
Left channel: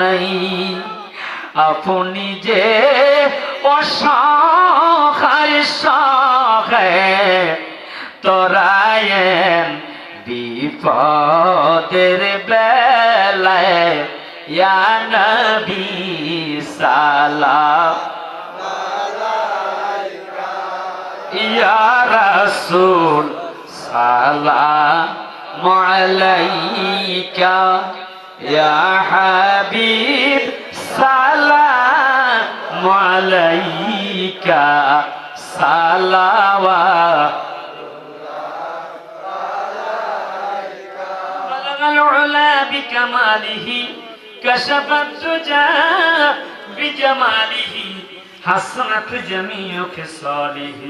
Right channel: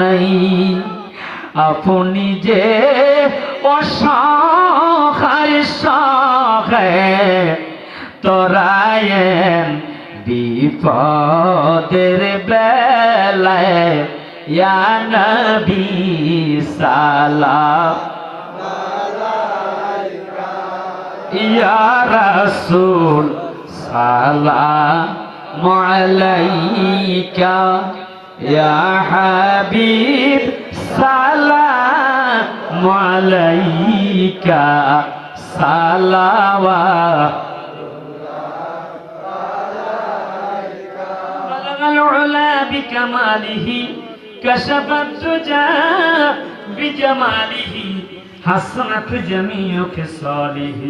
নাই আপনি যে অসহায় সহায় তরায়েন বিপদের বেলায় ইয়া নবী সালাম ইয়া রাসূল সালাম আলাইকা ইয়া হাবিব সালাম আলাইকা সালাওয়াত العلا بكماله كشف الدجى بجماله حسنت جميع خصاله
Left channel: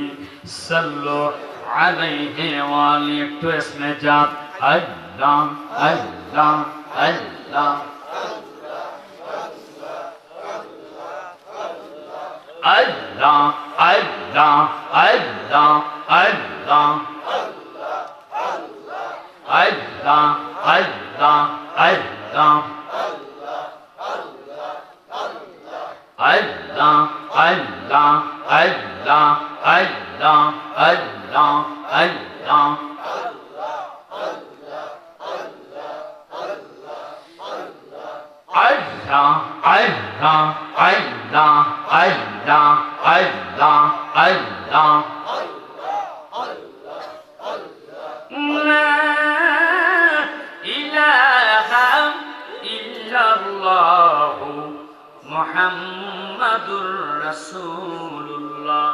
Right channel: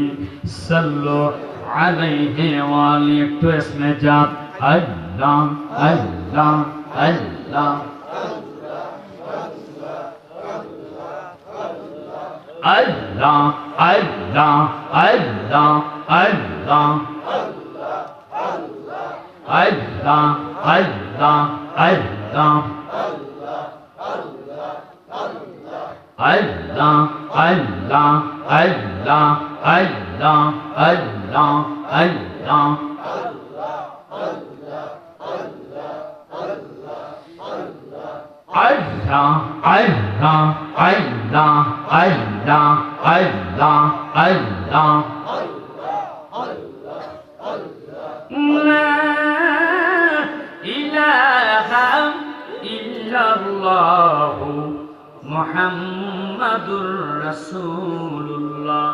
صلوا عليه وعليك اسم جات الله الله الله الله الله الله الله Allah, Allah, Allah, Allah, Allah, Allah, Allah, Allah, Allah. Allah, Allah, Allah, Allah, Allah, Allah. La ilaha illallah Muhammadur Rasulullah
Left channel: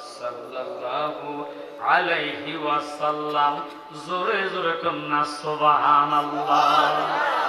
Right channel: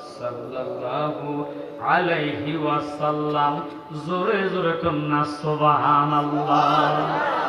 sallallahu alayhi wa sallam. Zore zore kunna subhanallah.